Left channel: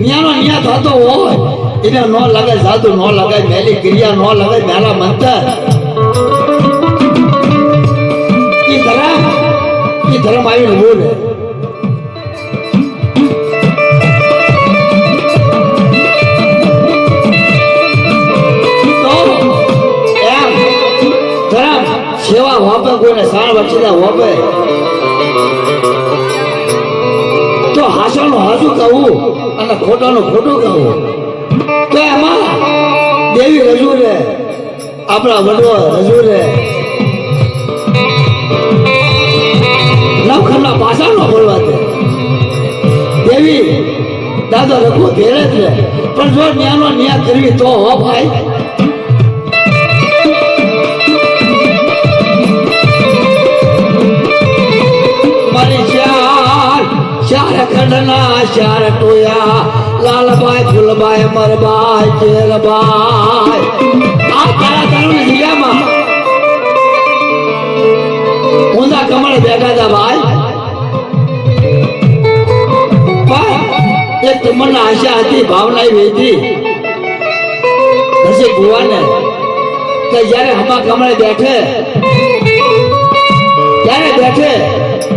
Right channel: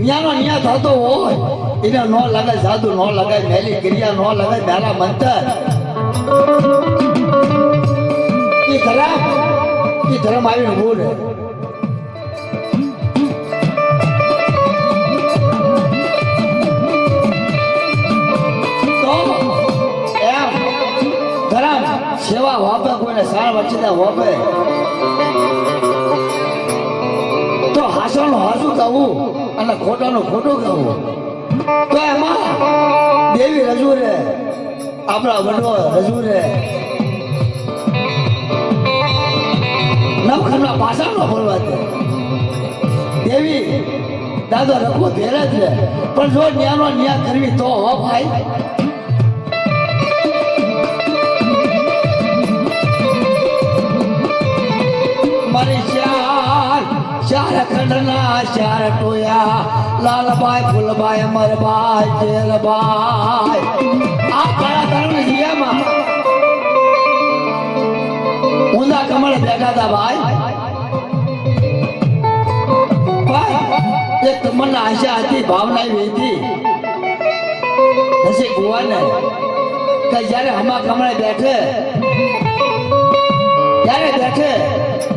ન્યાનો ન્યા થતો હોય એને ન લગાય સાધુ ન લગાય મેલી ક્રિયા ન લગાય મેલા મંતર ઈ ધર્મ આવીને બોલે સેવા હોપે કોઈને સાર વચ્ચે હોપે તો હાસાનું હાસું કહું અને ખોટાનું ખોટું કહું તો એમાં દેવી રજૂ રે આપણા વડવો રજૂ રે નવખમના પાછા ન બોલવા દે દેવી દાદો લખો ઘેરે જ રે પણ જો ન્યાનો ન્યા કરવી તો હો ભાઈ ચાર ટોયા લાલભાઈ ફૂલભાઈ અમરભાઈ જેલભાઈ આ તારા તારું જીયામાં ઊંધા કમળ બેઠા હતા ભાઈ એક તમન્ના આશા હતી ભાવના હતી પછી ભુવાને કે જયારે હમા કમળે બેઠે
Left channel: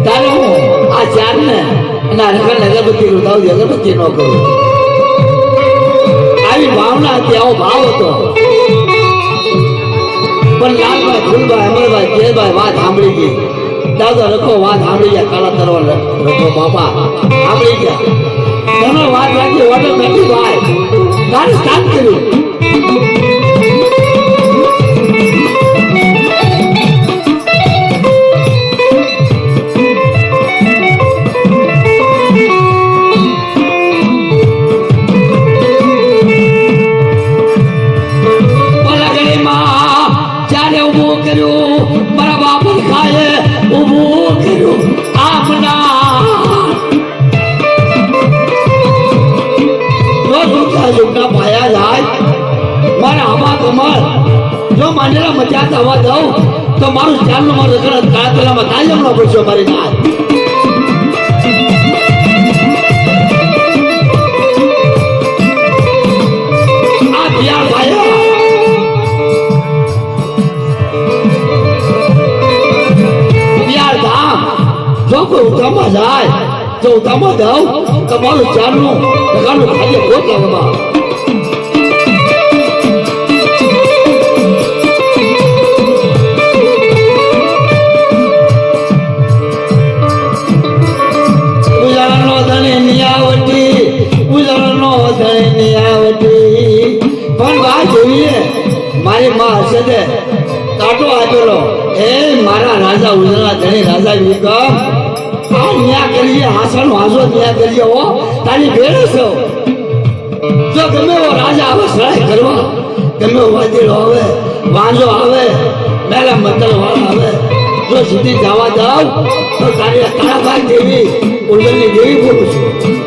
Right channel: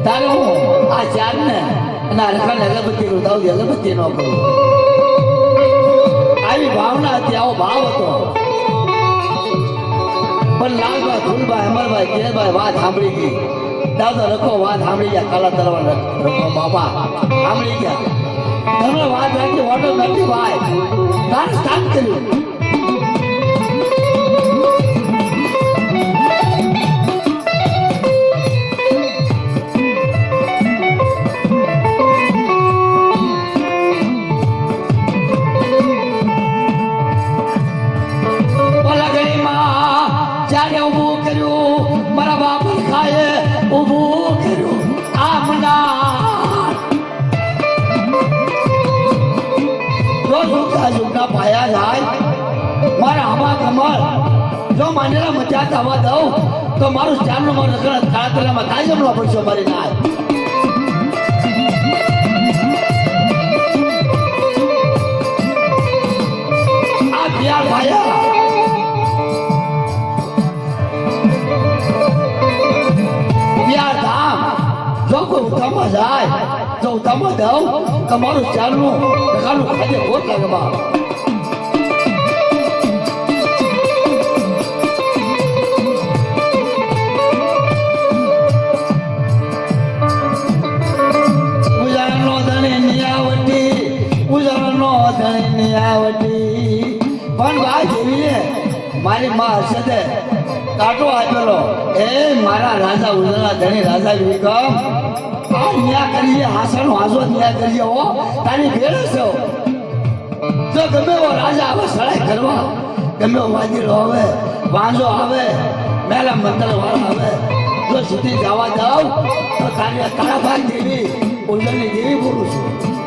તારે હું આ ચાર ને ના રખડ અગરબત્તી રૂદાવું અગરબત્તી ન કરું આવી ભાવના હતી આવો ભાવ હતો પણ લાલભાઈ ફૂલભાઈ અમરભાઈ કેરભાઈ વાત સાંભળી ગઈ દાદો રખો વાત સાંભળી ગયા કાળા તરવા રખો બાપા સાંભળી ગયા તમે વાત રાખી ઓર્ડર નથી ભાઈ તારે સ્ટાર્ટ કર્યું મજા થવા દઉં તો મારું ચાલનું મારું રગડ કાળા તલામાં કાંઈ જમણો પડશો મારી ના આ બિયાર ભાઈ બિયાર ધામ જો કોઈ ઉતામાં જાય તો ઉતામાં દઉં તો મારું ચાલનું રગડનું ખાલી ખોટ લાગવા મારી માં હશે તે કાંટો આપેલો એ મારા રાજા ઉજળા ધણી રાજા વિકમ આ ન્યા કરીએ હાસાનો હાસો ન્યા કરીએ હો તારી ભેળ છો જો ગમે એવો રાજા આવે સળાઈ કરવા ગમે એવો વાદીલો આવે વાંજો આવે મેલા મંડળ વાળા આવે જો સુધી જવા દઉં તો તારી તારાભાઈ દેવી ઉજળની દેવી બોલું છું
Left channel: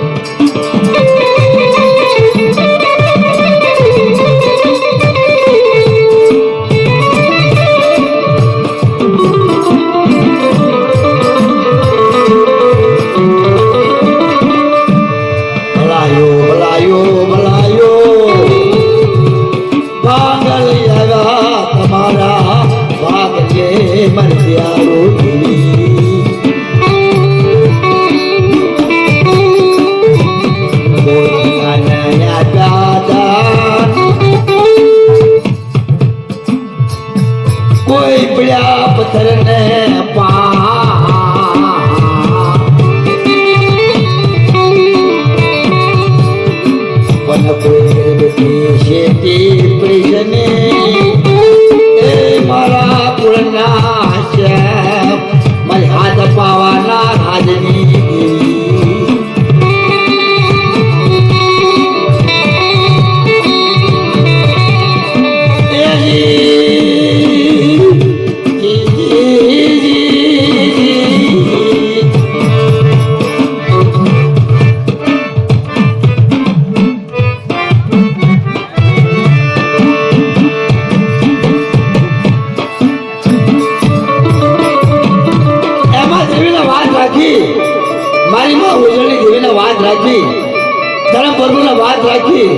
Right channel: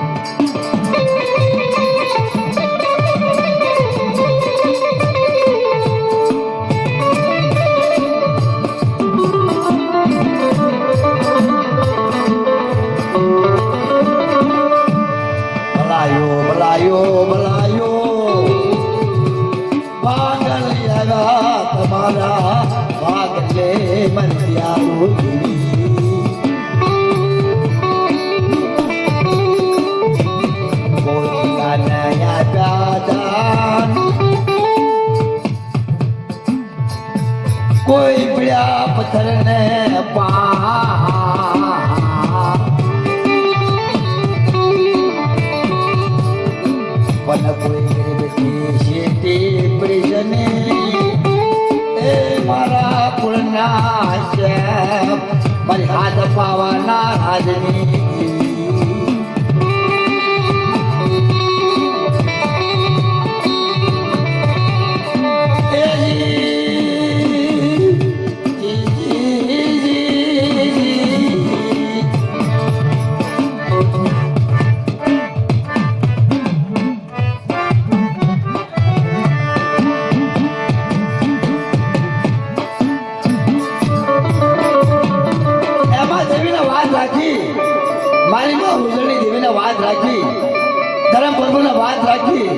રાખી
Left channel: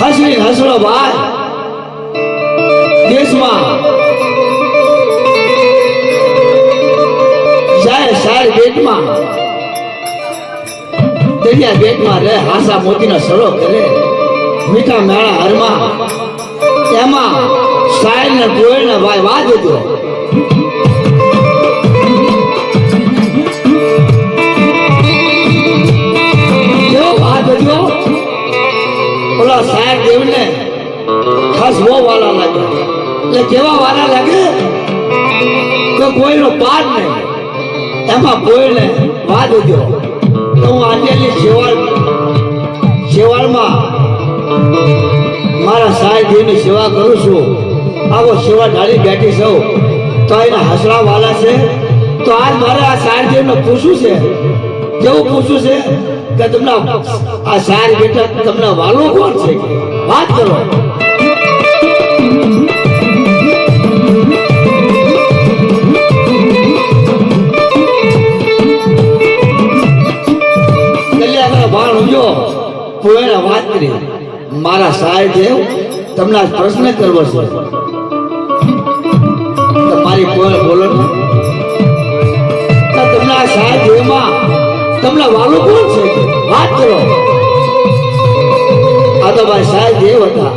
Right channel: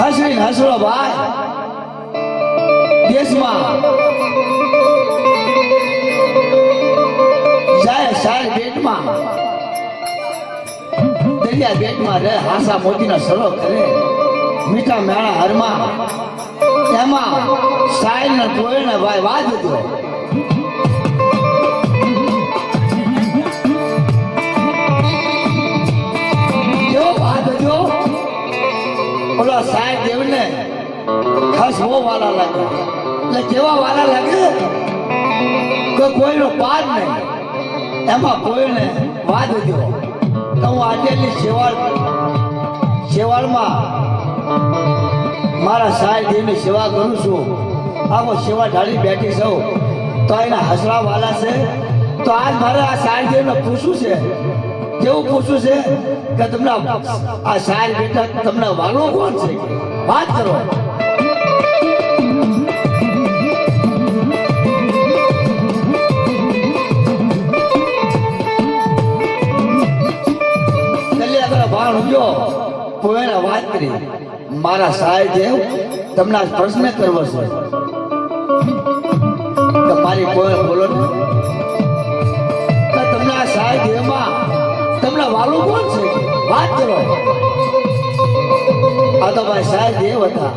હસરી હસરો ભાઈ દેશમાં જાય સાર બેટમાં દરિયા બેટમાં રહે હાસા મોતીના સરો કરે મીઠા મેળા હરમાં એમાં સાયર ને પોયર ને ભાઈ વાત હતો ઓલા સાહેબ દેવને ખાસ બહુ વાલા લાગે એટલે કેવા વાલા લાગે તો કોઈનો પાર નહીં એમાં કોઈને વાત ઉદ્યો તો હું આજની સેવાળમાં મારા સાહેબ દેવની સેવા કરું છું આવો સેવા ઢાળી બેઠી છું તો એના હસરા વાલા છે તો આજ મારે આ સાહેબ દેવને પૂછવું છે કેવું પૂછવું છે કે તમને આ સાર બેટા તમને વાલો કોણ છે વાત કરો વાત કરી મારા સાહેબ દેવ તમને પ્રશ્ન કરવો છે તમારી કોઈ બોલો તમને આ સાહેબ દેવમાં તમને વાલો કોણ છે વાત કરો આ તો ભાઈ સાહેબ દેવ હતા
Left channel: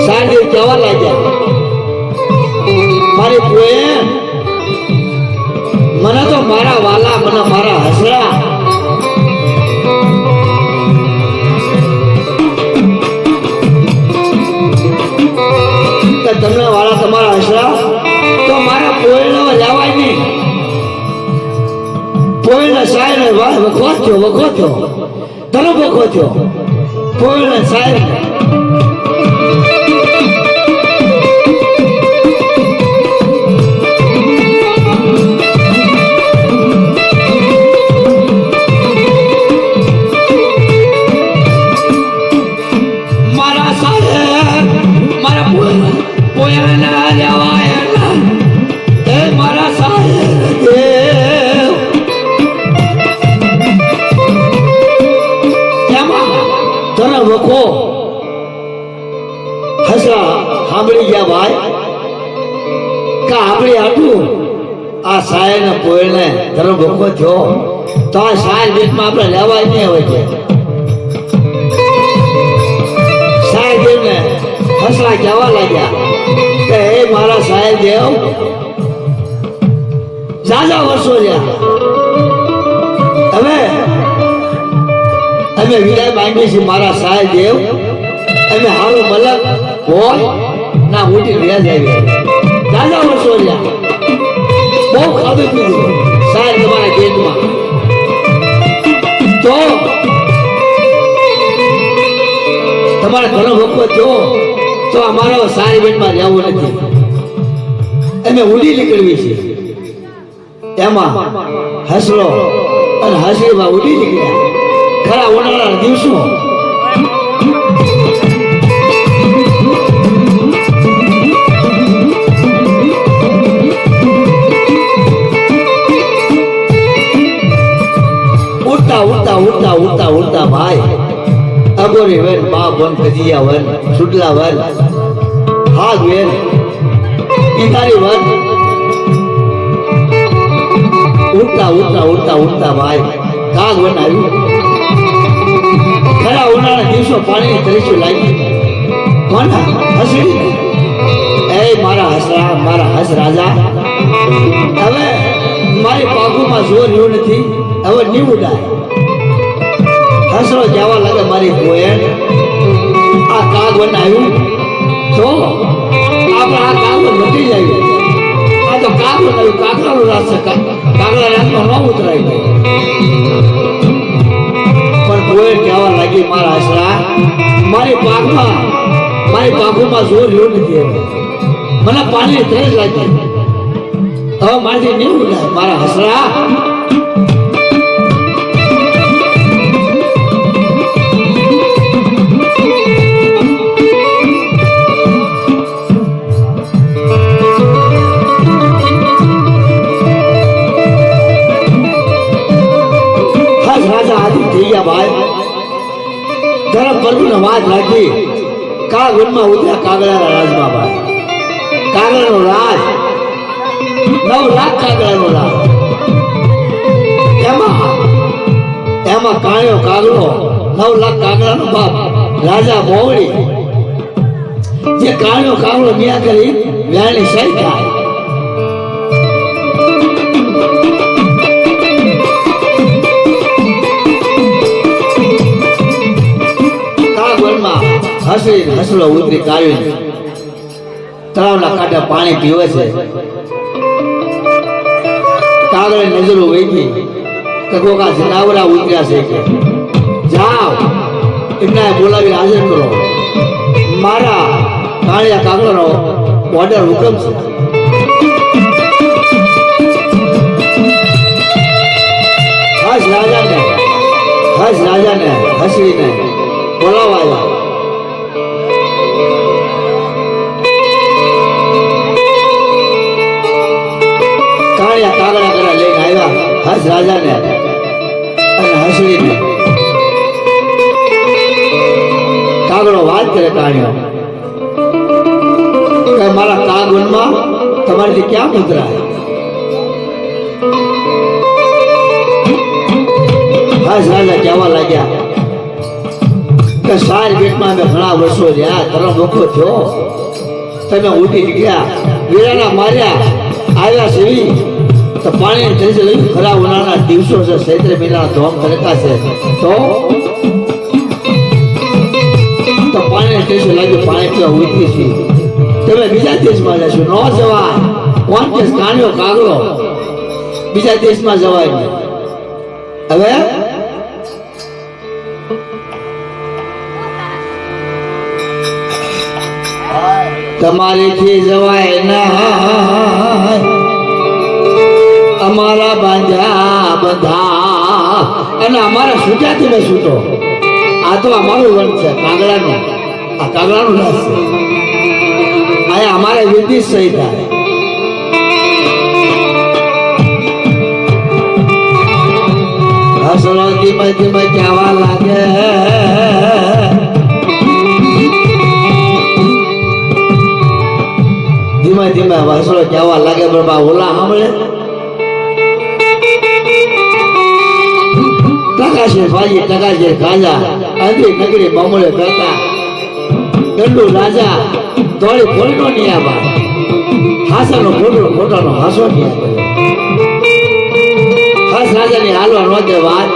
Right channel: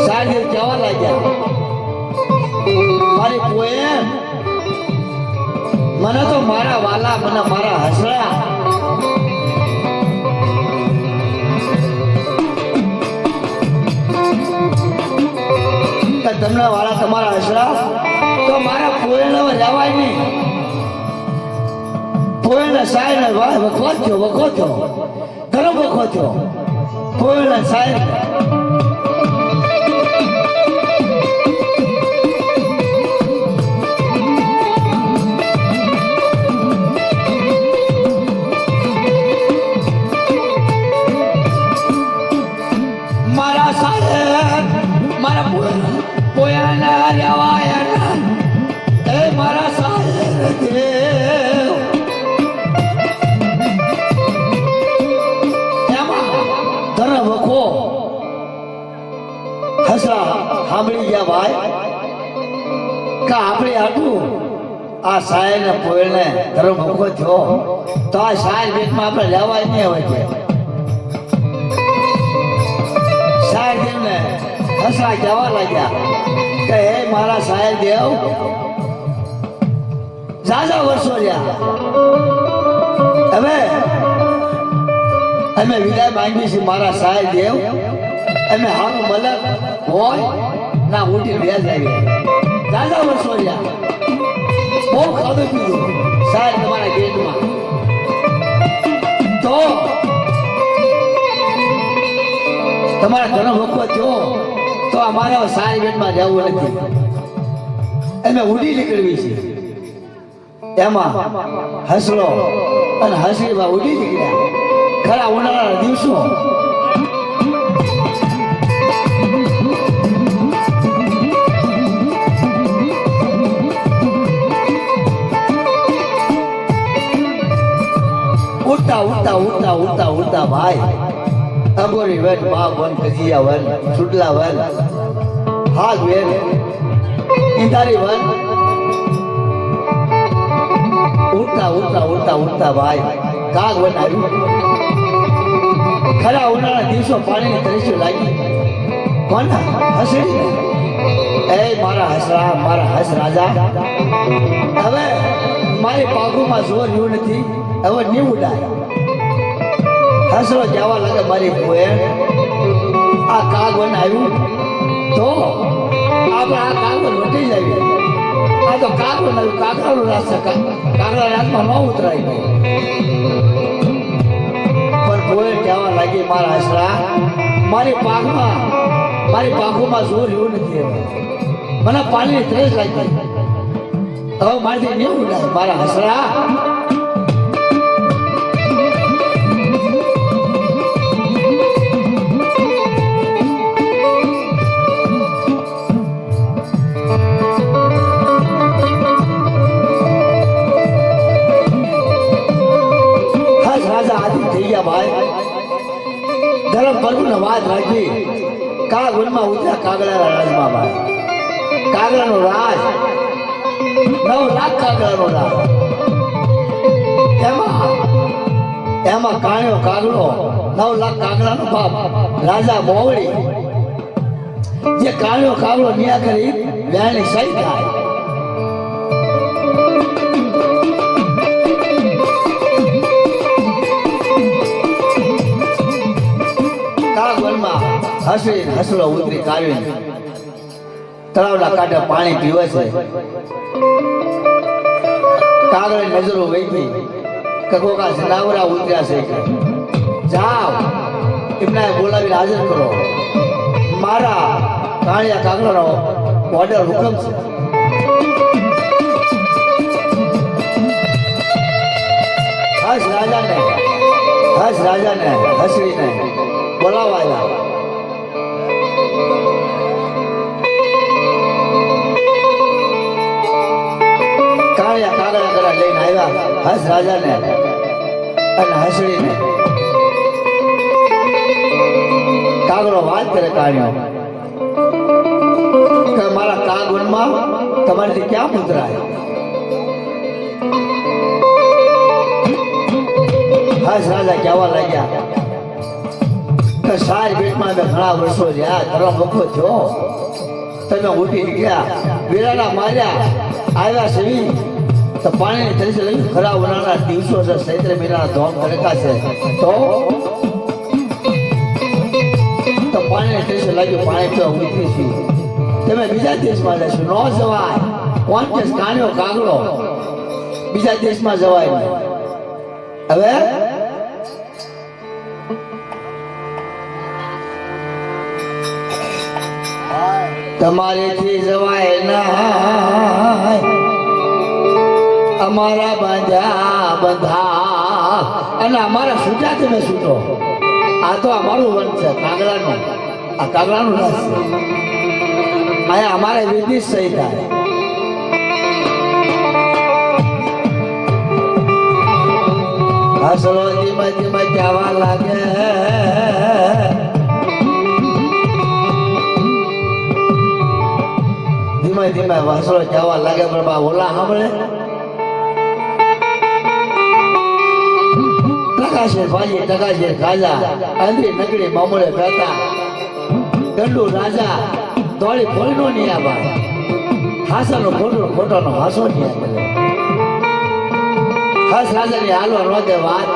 સાહેબ દેવ કહેવા લાગ્યા મારી પોએમ મને તો મારા વાલા મને મારા હસરા તમને વાલા તમારા હસરા તો મારા પોએમ લેવાય નહીં પોયને સાહેબ ભાઈ વખો થયો ઘણો વખો થયો પોયને સાહેબ મારા સાહેબ મારા પોયના લેવાય એ મારા સાહેબ સાંભળી ગયા ભાઈ કા આપણી આટલું આ સાહેબ ને પોયને ધર્મ ભોખો થયો તો આ સાહેબ દેશમાં આપણે લેવાય નહીં હવે છે સાહેબ દેવને હસરા કહેવા લાગ્યા કે હે મારા સાહેબ દેવ ઝાઝા વર્ષો રહ્યા હવે અમે વિદાય માંગીએ છીએ મારા સાહેબ દેવ અમે હારું મલક હોય ના મોટી વ્યાજ આવી દાદા વર્ષો રહ્યા બહુ ખાધું પીધું સાહેબ તમારા પેટમાં તો તમારા ઘણો ભોગવો થયો તો અમારા સારી પેટમાં જવું નથી અમે ઉડી નીકળવી છે એમાં હસલો અને હસરીમાં ઉડી નીકળ્યા ખરા ઉનાળાના દિવસો ઉડતા ભાઈ અગોરી વન બા વન કજિયા વન સુડલા વન હાગ વન ઇંધારી વન ઉડતા ભાઈ કાગ વન આવ્યું ખરા ઉનાળા દિવસો પાણીની તરીસું લાગી કોના હસડી એ મારા હસરા મારા હસ રાજા હવે મારી પાગુમાં જોર રહ્યું નથી હવે નીવડાય હસરો જવા લાગે મારી બોયણ આ કાગ વન આવ્યું તો આપણે આ કાગ લૂટી જાય આ તો કાગ વન આવ્યું કાગડાનું રાજ કાગડા રાજમાં ન ઉતરાય પણ બોયણ કહેવા લાગી મારા હસરા મારી પાગુમાં જોર રહ્યું નથી મને પાણી ત્રેસ લાગી હવે મારાથી નહીં ઉડાય મારા હસરા વાતથી કા વનમાં ઉતર્યા કાગડાના રાજમાં ભાઈ. કાગડાનો રાજ 9 લાખ કાગડાનો રાજ. એમાં કાળ્યો કાગડો 9 લાખ કાગડાનો બાપ રાજા મોવડી જે કાળ્યો કાગડો ન્યા કરી વ્યાણી સહી થાય. હસલો ઉતરી કાઢીને તળાવના કાંઠે પાણી પીવે છે. કાગળે નજરો વેચી કે કોકા જનાવરા ઉતર્યા છે કે જાઓ એમને બોલાવી હાજર કરો. મારા કાળિયા કાગળનો ઓર્ડર હુકમ છે. હસ રાજાને હસરીને બોલાવાયા. હસ રાજાને અને હસડીને કાગડો વાત કરે કાઢ્યો કે મારા કાગવનમાં તમારીથી ક્યાં ઉતરાય. હસ રાજા કહેવા લાગ્યા કે સાર પેટમાં અમે ઘણા વર્ષો રહ્યા તરફ વખો થયો તમે ઉઠી નીકળ્યા વીરાના માર્યા આવ્યા સેવી તો પાણી તરીકે લઈ ખરા ઉનાળાના દિવસો છે. ચૈત્ર મહિનાના ધોમ કરતા છે તો પાણી તરીકે લાગ્યું પાણી પીવા ઉતરી છે. તમે બીજા દેશમાં જશો ન જવાય. કોણ દેશ કાંડ્યો કાગડો બીજા દેશમાં જવાય નહીં. હવે તમારેથી જવાય ના અમારા બાંધ્યા બંધા અને અમારા છૂટ્યા તમે છૂટો. આ તો અમારું વન છે કાગડાનો. આ કાગડાનું રસ છે. અહીંયા અમારે વિધિ સહી થાય. હસરો ધીમે ધીમે કહેવા લાગે ધીમે હસરો કહેવા લાગે બાબા ઓલા સાંભળે ટકાશે ભાઈ ટકાશે ખાજા અંધી નગરી બમળે કરતા ગંડુ રાજા તોડી ફોડીનો નહીં આવા હાસાનો ખોટાનો હાસો નહીં આવે. હસ રાજાની હાલવા નો દે વાત.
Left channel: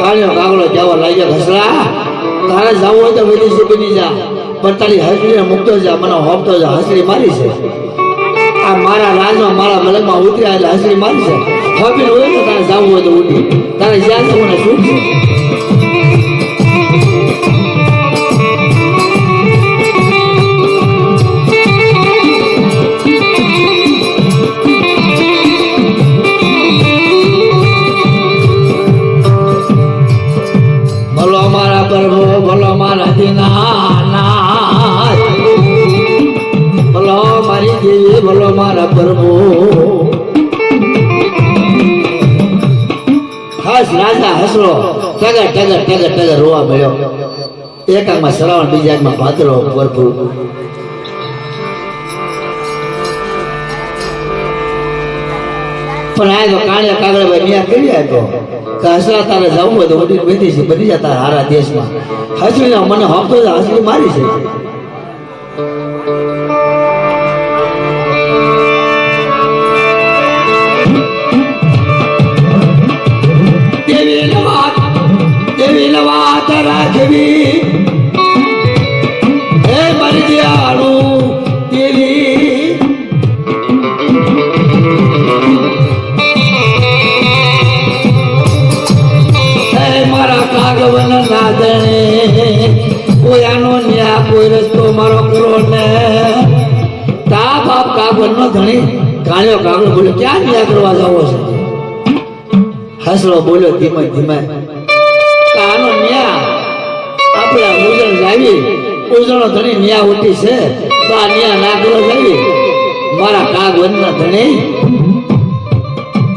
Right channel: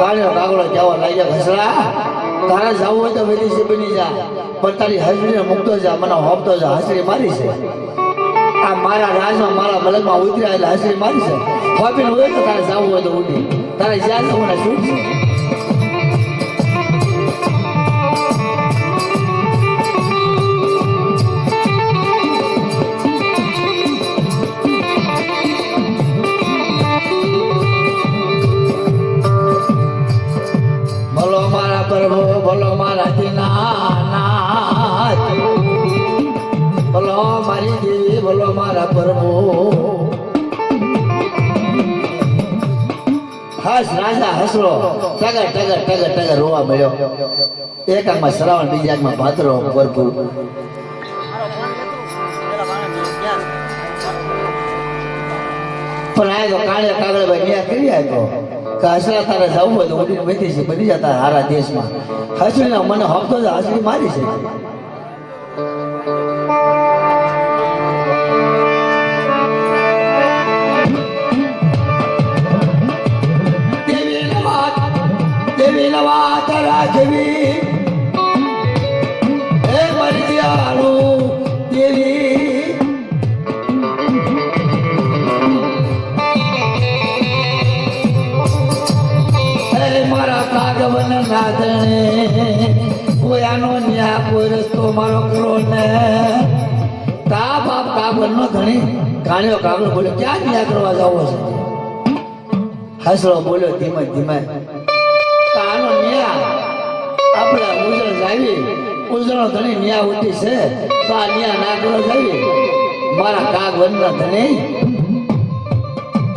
કાળિયો કાગડો જવા લાગ્યો હસરા તારે જવું હોય તો વિદેશી બની જા પણ તારી હસડીને મૂકતો જા મને હોપતો જા. હસડી મારી છે આ મારા રાજમાં મારા મલકમાં ઉતર્યા એટલે હસડી મારી છે. હોપીને હોય તો તારે જવું હોય તો ઉઠી તારે જ્યાં જવું ને શું છે. ભલો મારા પ્રભુ ભલો મારા દીનાનાથ ભલો મારી દેવી ભલો મારા પ્રભુ. હસ રાજા હસરો ટગર ટગર ટગર ટગર રોવા મળ્યો. એક આંખમાં શ્રાવણ બીજા આંખમાં ભાદરો ભરપૂર. પણ આ તો કાણે કાગળ ભાઈ ન્યા કરી આપ્યો કે હસરા તારે જવું હોય તો ઉઠી બેઠી છે બધી જતા હારા દેશમાં. હસરી મને હફતો હસરી મારી છે. દેવી વાત રાખવી હે મારી દયાળુ દેવી મારા કાગવન નાદણે કોઈ આનો ન્યા કોઈ રસ્તો મારો કરો ને તા બાપ કાગવન નો ધણી કાળિયો કાગડો બોલ્યો ક્યાં ન્યા કરવા જાવો છે. હસરો બોલ્યો ધીમે ધીમે આનો ન્યા આપણે ઉજણ જાવી ઉજણો ધણી ન્યા ઉઠી છે તો આ ન્યા ના કરો જાવી મારા કાગવન ના ધણી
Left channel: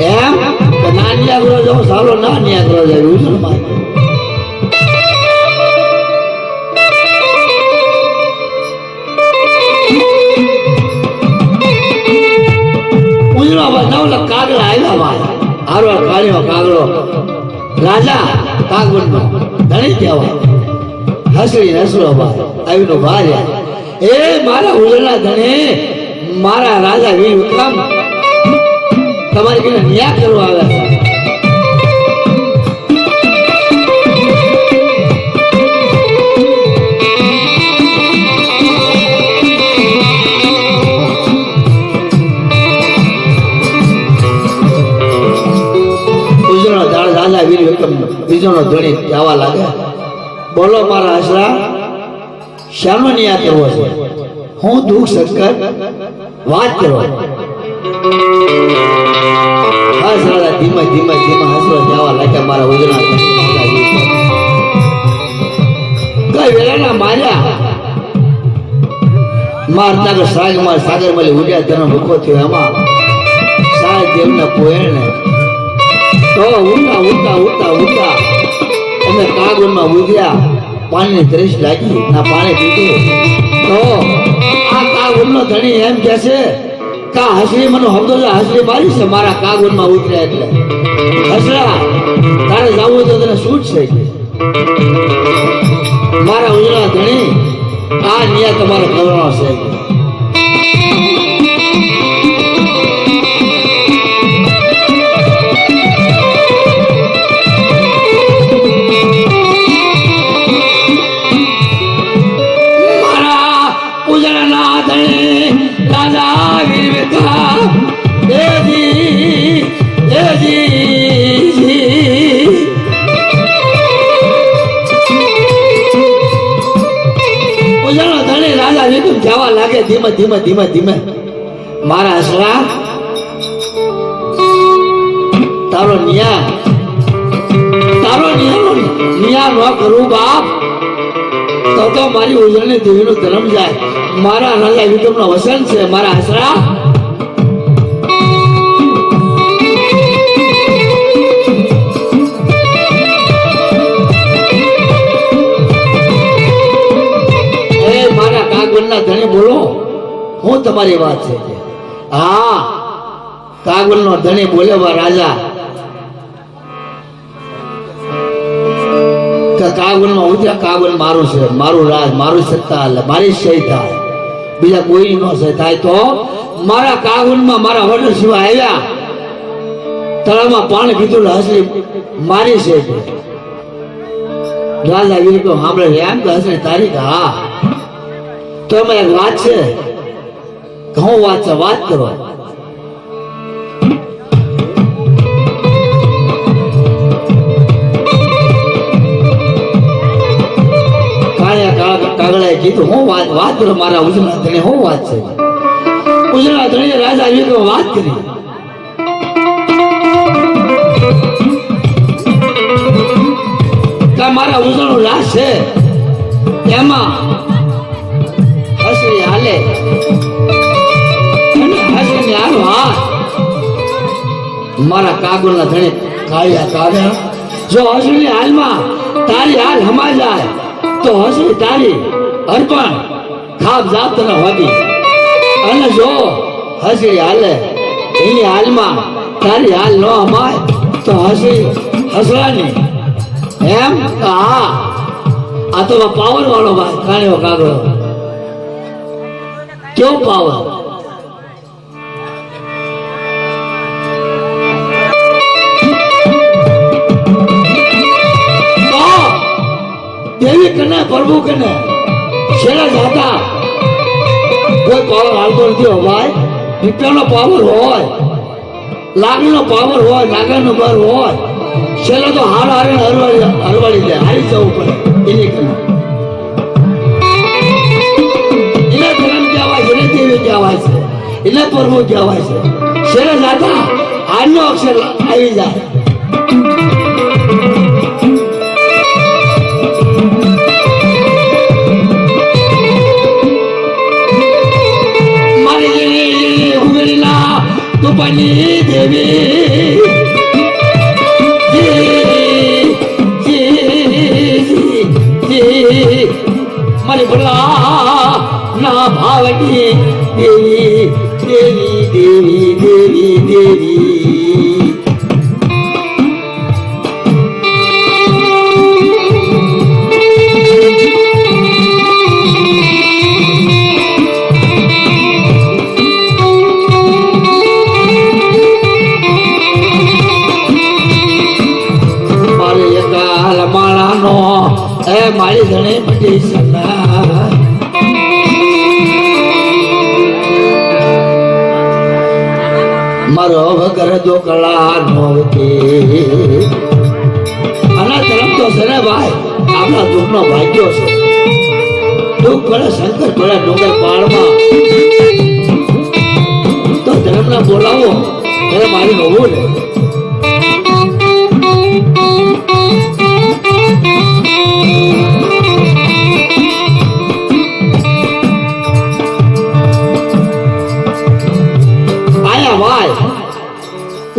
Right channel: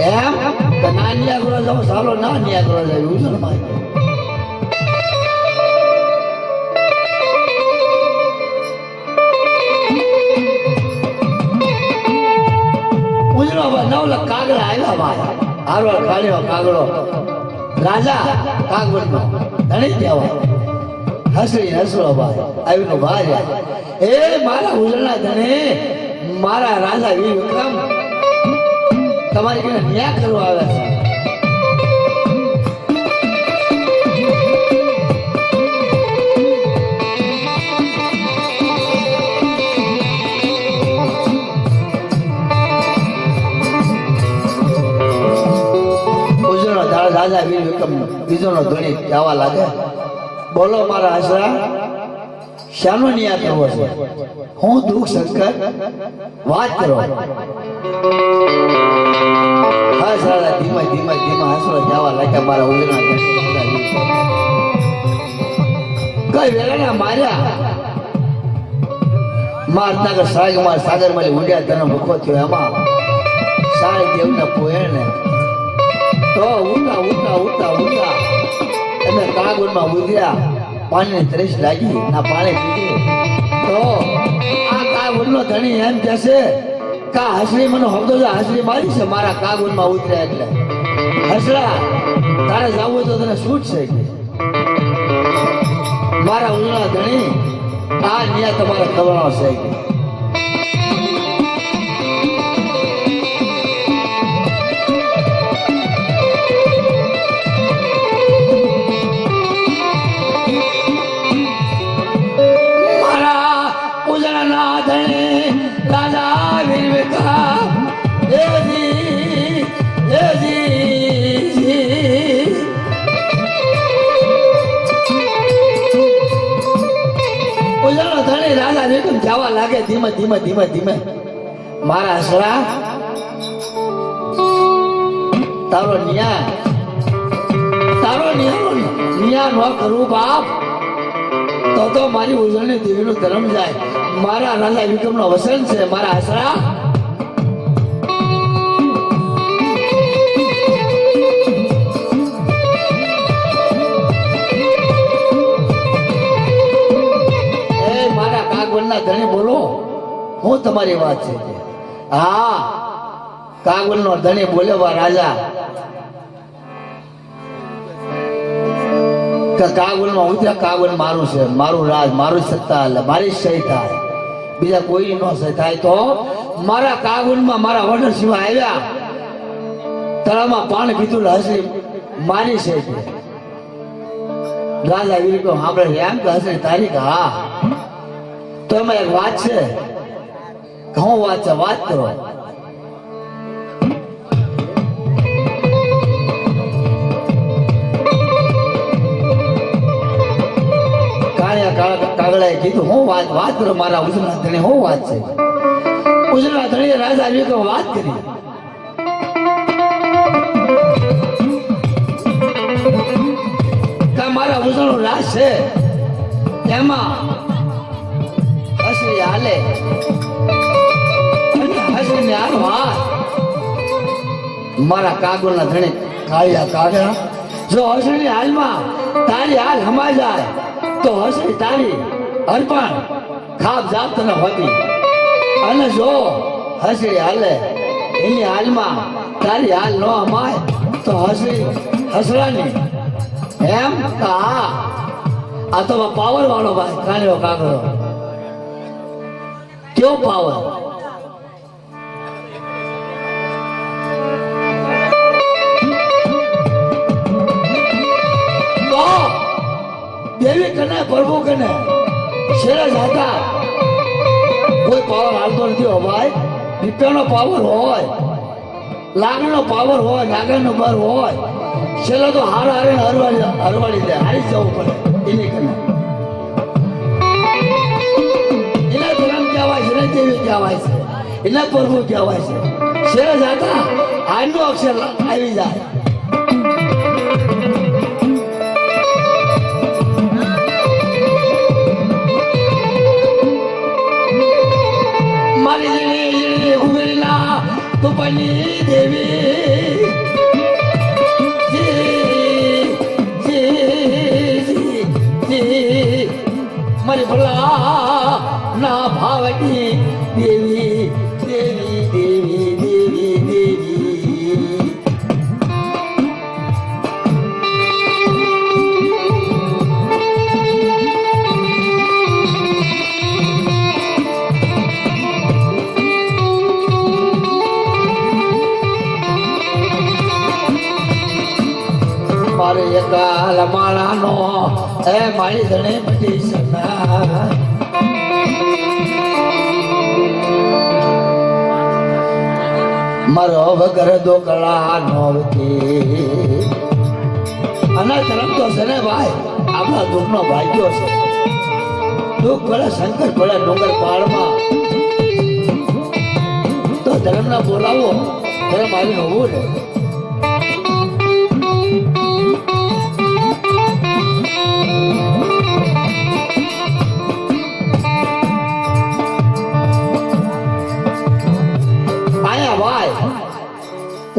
એમ ના ન્યા કરો જાવ સાલો ના ન્યા કરો જાવી ઉજણ માં ભાઈ આરવા કાળિયો કાગડો રાજા કાગવડનો ધણી કહેવાય હસરી હસરો ભાઈ આવીનો ભાઈ એ મારા ઉજળના ધણી મારા રાજા વીર વિક્રમ તમારી કને ન્યાય કરવા આવે છે રાજા વીર વિક્રમ બીજોનો ધણી ગાવા લાગે બોલો મારા આશરા શાનો ન્યાય કરવો છે હું દુઃખ સંકટ વાત કરો હા રાજા ધીમે ધીમે ધીમે હસરો જવા લાગ્યા મારા ઉજળા કઈ વેળાના માર્યા મારના સાગર સાગરમાલી ઉડ્યા તેનો ભૂખો થયો એમાં સાહેબ દેવના પોયણે તો ઉઠા ઉઠા ઉઠા ઉઠા અમે કાગળમાં ઉધ્યા પાણીની ત્રેસ લાગી ના પાણી પીધું તો આ કાગળનો ધણી એમ કે છે કા હસરી મને હમદો હસરી મારી છે મારા કાગળમાં ઉતરે એટલે હસરા તારે જવું તો તને છૂટ છે મારા ઉજળા ધણી આ ન્યાય તમારો કરવાનો છે ધીમે ધીમે ધીમે ધીમે મારા હસરા તારો ન્યા ન કરું બાપ તો મારી ઉજળની દેવીનો ધર્મ જાય મારા રાજા વિક્રમનો વસન છે મારા હસરા ધણી બોલો હું તમારી વાત છે હા કાગવડનો ધણી બોલે બા રાજા કાગવડમાં ઉતર્યા કાગવડ મારું છે મારું રાજ મારું સત્તા મારી સહી થાય બીજા કોઈ નો સહી થાય તો મારા કાગવડમાં મારા ઓર્ડર સિવાય આવ્યા તળાવમાં પાણી પીધું હસરી મારી છે રાજા વીર તો સાંભળે એમ કે હસરી તારીખ હા તો એમાં એક વાત છે ઘઉં વાત છે વાત કરો કાગડાએ કીધું હું વાત કરો મારા ઉજળા ધણી હું વાત છે ઉજળા ધણીએ રાજા વિક્રમ વાત કરી મારા ઉજળું રાજ છે એમાં હાલે મારા કાગળના ધણે કાળિયા કાઢ્યા જો હસરી હાલમાં તારી હાલ હમાઈ જાય તો હસરી તારી અર્પણ ખાપ જાત ન હોતી અને જો હસરી હાલે એની હાલમાં તારી હાલ ન હમાય તો હસરી હસવાની એમ હા આ તો પાવર વાળો ભાઈ કાળિયો કાગળો क्यों पावर तो देवी कने प्रभु कने छेड़ा जाता कोई पावर हालतो नहीं हो भाई विक्रमનો પાવર હોય લાગણીનો પાવર હોય નાગરનો બર હોય છેલ્લે તો હારે હરવાડી જાય હારી જવું પડે એની કને કહેવાય છે એટલે પ્રભુ કહેવાય છે શેરે જાતા આનો અક્ષર આવી જાય મારી જેવી ઉગડીના તુપની દેવી મારી ભલા ના ભાવની દેવી દેવી દેવી દેવી દેવી મારી ધણે મટી સના મારો વગર દો કલા નોવતી અનાથ રમતો છે ને ભાઈ આપણા દુઃખનો ભાગ્યો છે દુઃખ પડે શંકર પડે નોકર પાળમાં તો ધર્મને બોલાવો ત્યારે મારી હોવું ને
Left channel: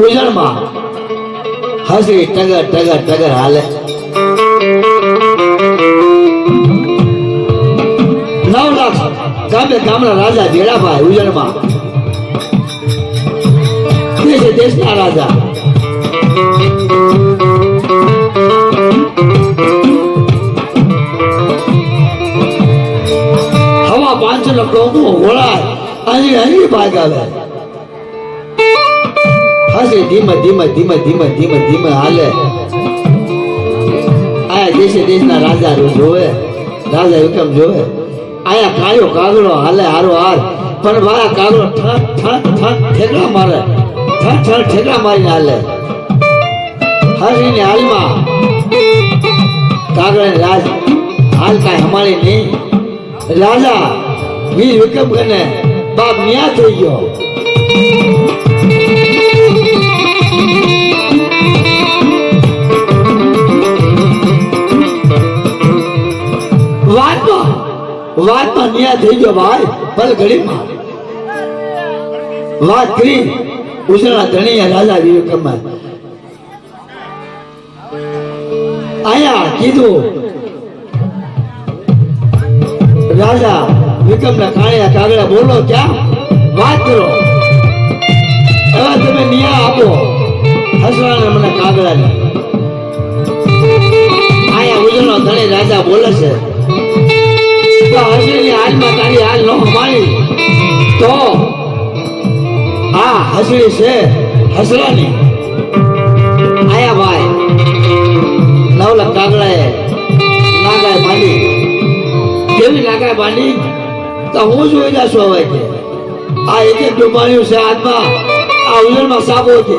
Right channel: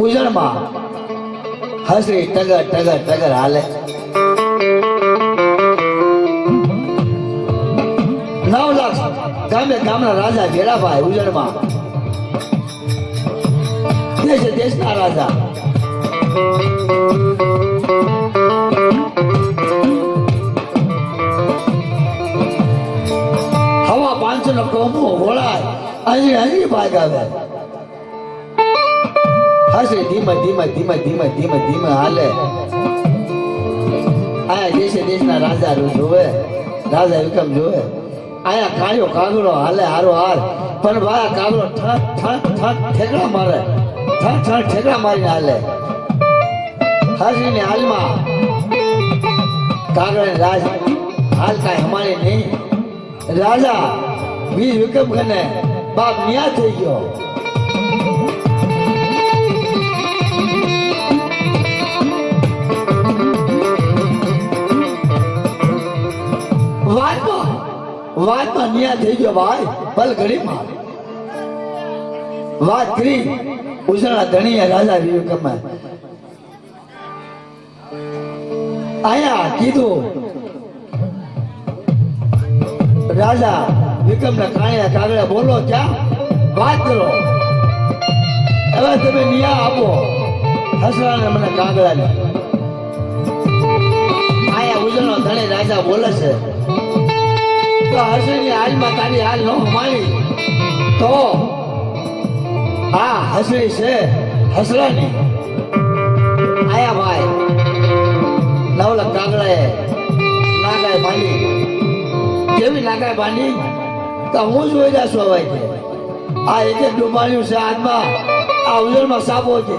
ઉજળમાં હસી ટગર ટગર ટગર હાલે 9 લાખ ગામે ગામના રાજા ભેડાભાઈ ઉજળમાં દેશે દેશના રાજા હવા 5 નો ટોપો ઘોડા અહીં ભાગ આવે હસે ધીમે ધીમે ધીમે ધીમે ધીમે ધીમે હાલે આયા દેશે દેશના રાજા જોવે રાજા વિક્રમ જોવે આયા કાળો કાગડો હાલે હારો હાર પણ ભાઈ કાગડો ઠેકડા મારે ઠેકડા મારીને હાલે હસીને હાલમાં કાગડાની રાજ હાલ કાંઈ હમારે નહીં રાજા વીર વિક્રમ કને બાપ ન્યા થઈ ગયો વાતમાં ન્યાય થઈ ગયો ભાઈ ભલે ઘડીમાં વાત કરી ઉસળના ધણીયા રાજા વિક્રમ આયા કીધું રાજા વિક્રમના કાળિયા કાગડા બોલો ક્યાં વાત કરો હવે તમે ન્યાય આપો હસવાના મને કાગડાને આયા ઉજળનો ધણી રાજા બોલે છે હસની હાલમાં તારી હાલ ન માની તો આ હસડી છે હસરાની આયા ભાઈ 9 લાખ કાગડાએ નાગાએ બાંધી કેવી નાગાએ બાંધી તો હું જોઈ જાશું હવે કે આ એક ડુબાડ્યું છે હાથમાં આ ઉજળમાં સાબો છે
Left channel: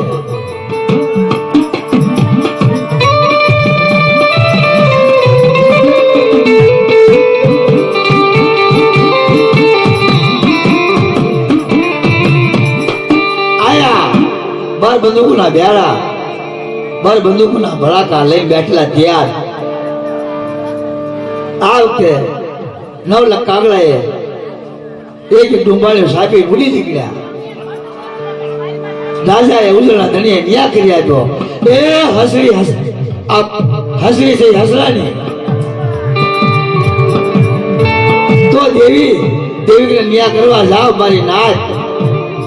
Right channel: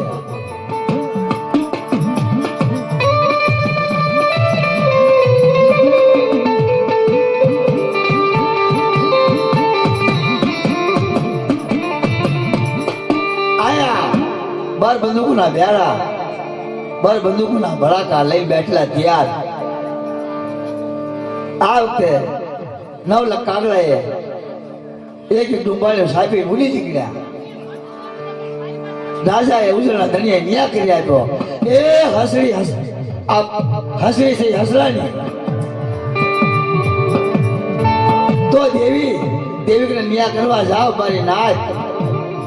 બંદૂકના બેડા બર બંદૂકના ભડાકા લઈ બેઠેલા તૈયાર આ વખતે 9 લાખ કાગડાએ એક ડુંબાળ્યો સાપી ભૂલી નીકળ્યા રાજાએ ઉજળના ધણીએ ન્યા કર્યા તો એ હસરી છે હસરાની તો દેવી ન્યા કરવા જાવ મારી નાચ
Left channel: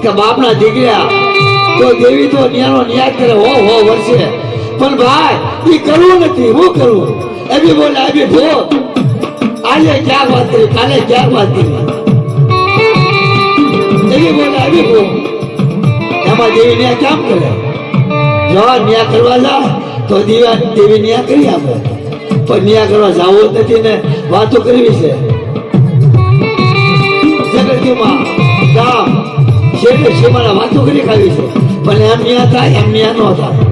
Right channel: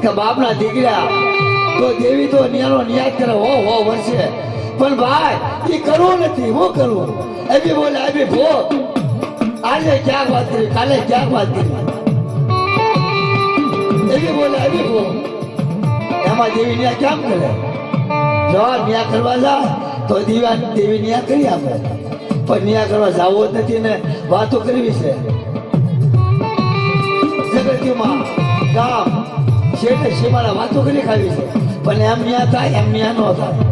કે બાપના દીકરા તો દેવી તો ન્યાનો ન્યાય કરે હો વર્ષે પણ ભાઈ એ કરવું નથી હું કરવું એવી બોલે આવી જો આજે ક્યાં વાત કરી કાલે ક્યાં વાત કરી એવી બોલે આવી જો એમાં દેવી ન્યાય કેમ કરે જો ન્યાય કરવા જાય તો દેવી ન્યાય કરી આપે પણ ન્યાય કરવા જવું જ નથી ને વાતો કરવી છે જગતમાં ગામ શેઠે શેમાના વાતો કરી ખાવી છે પણ એમ ન્યા થાય એમ ન્યા ન થાય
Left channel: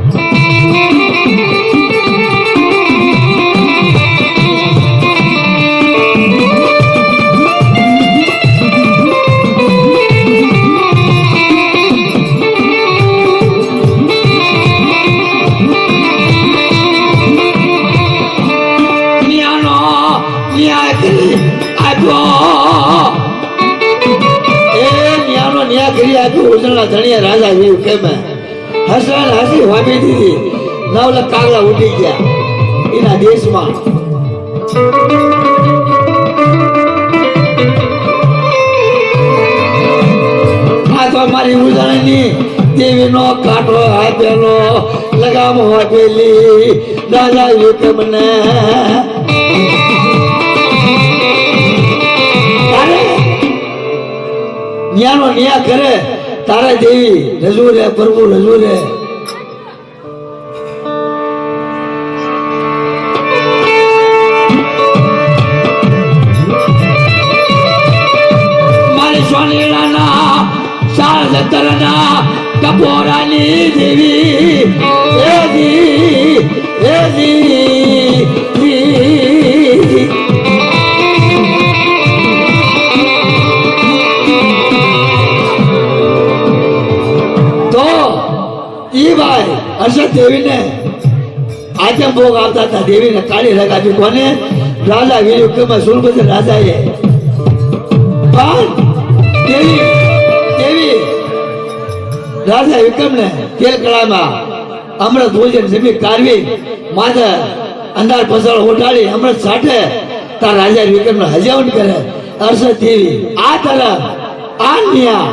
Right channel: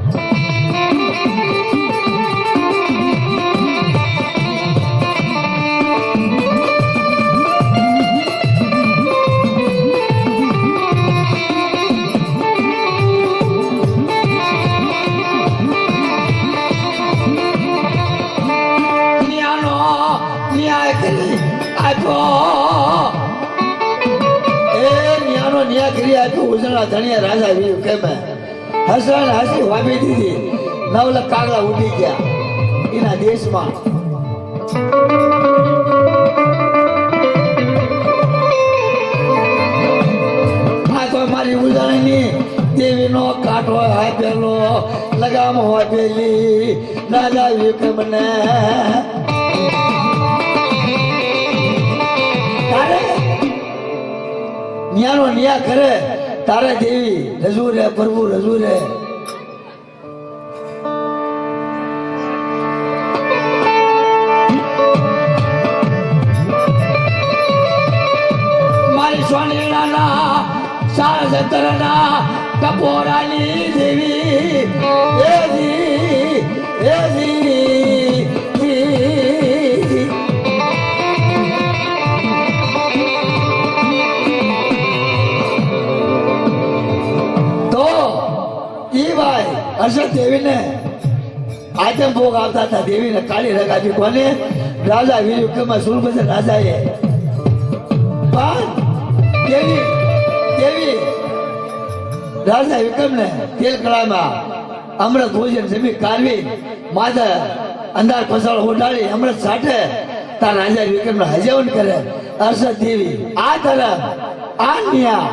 ધણીયા રાજા એવું કેમ હસવાને હસી વાગી દીધી 9 લાખ કાગડા ઉડી ગયા એના દેશમાં આ તો મારી ઉજાણી દેવીનો કાંટો આપેલો લગામ આપેલી રાજા વિક્રમને ન્યાનો ન્યા કરે તારા દેવી રજૂ રે પ્રભુ રજૂ રે સતરના ટપોરાની દેવી તો ઈ ભાઈ હર્ષદ દેવીને આજે ભોગ આવતા હતા. દેવીને તાળી લગાવી કોને? રાજા વીર વિક્રમ સુરપતિ રાજાએ. પણ દેવી રાજા વિક્રમને તેલ કળામાં અમૃત ભોજન જમી કાઢવી માથે અંધાર પસળ ઉઠાડી અમૃત સાઠે તાર રાજા વિક્રમને હજાવન કરે. હર્ષદ દેવી આ તરફ આ ન્યા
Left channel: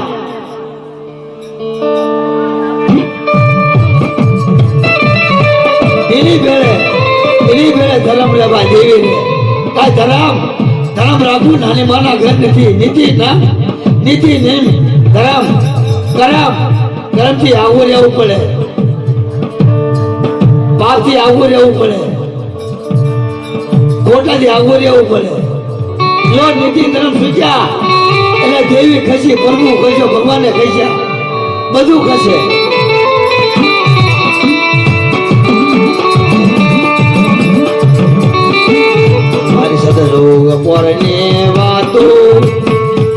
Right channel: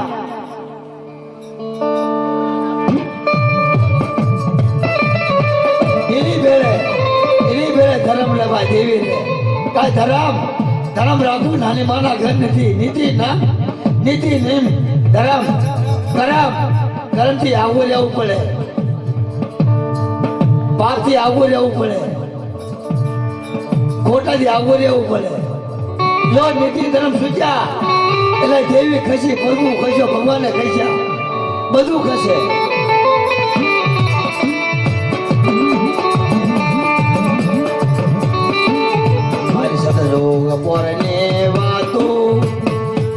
એની બેડે ધર્મ લેવા દેવીને કાંઈ ધર્મ રાખવું નાની માના ઘર નથી. નીતિ ના નીતિ નિયમ ધર્મ કરમથી આવું રહેવું પડે, પાપથી આવું રહેવું પડે, ખોટાથી આવું રહેવું પડે. જો નીતિ ધર્મ શીખ્યા એટલે દેવી ખસી, પ્રભુ ખસ્યો, ભગવાને ખસ્યા, બધું ખસે. મારી સાથે પોરની વાતો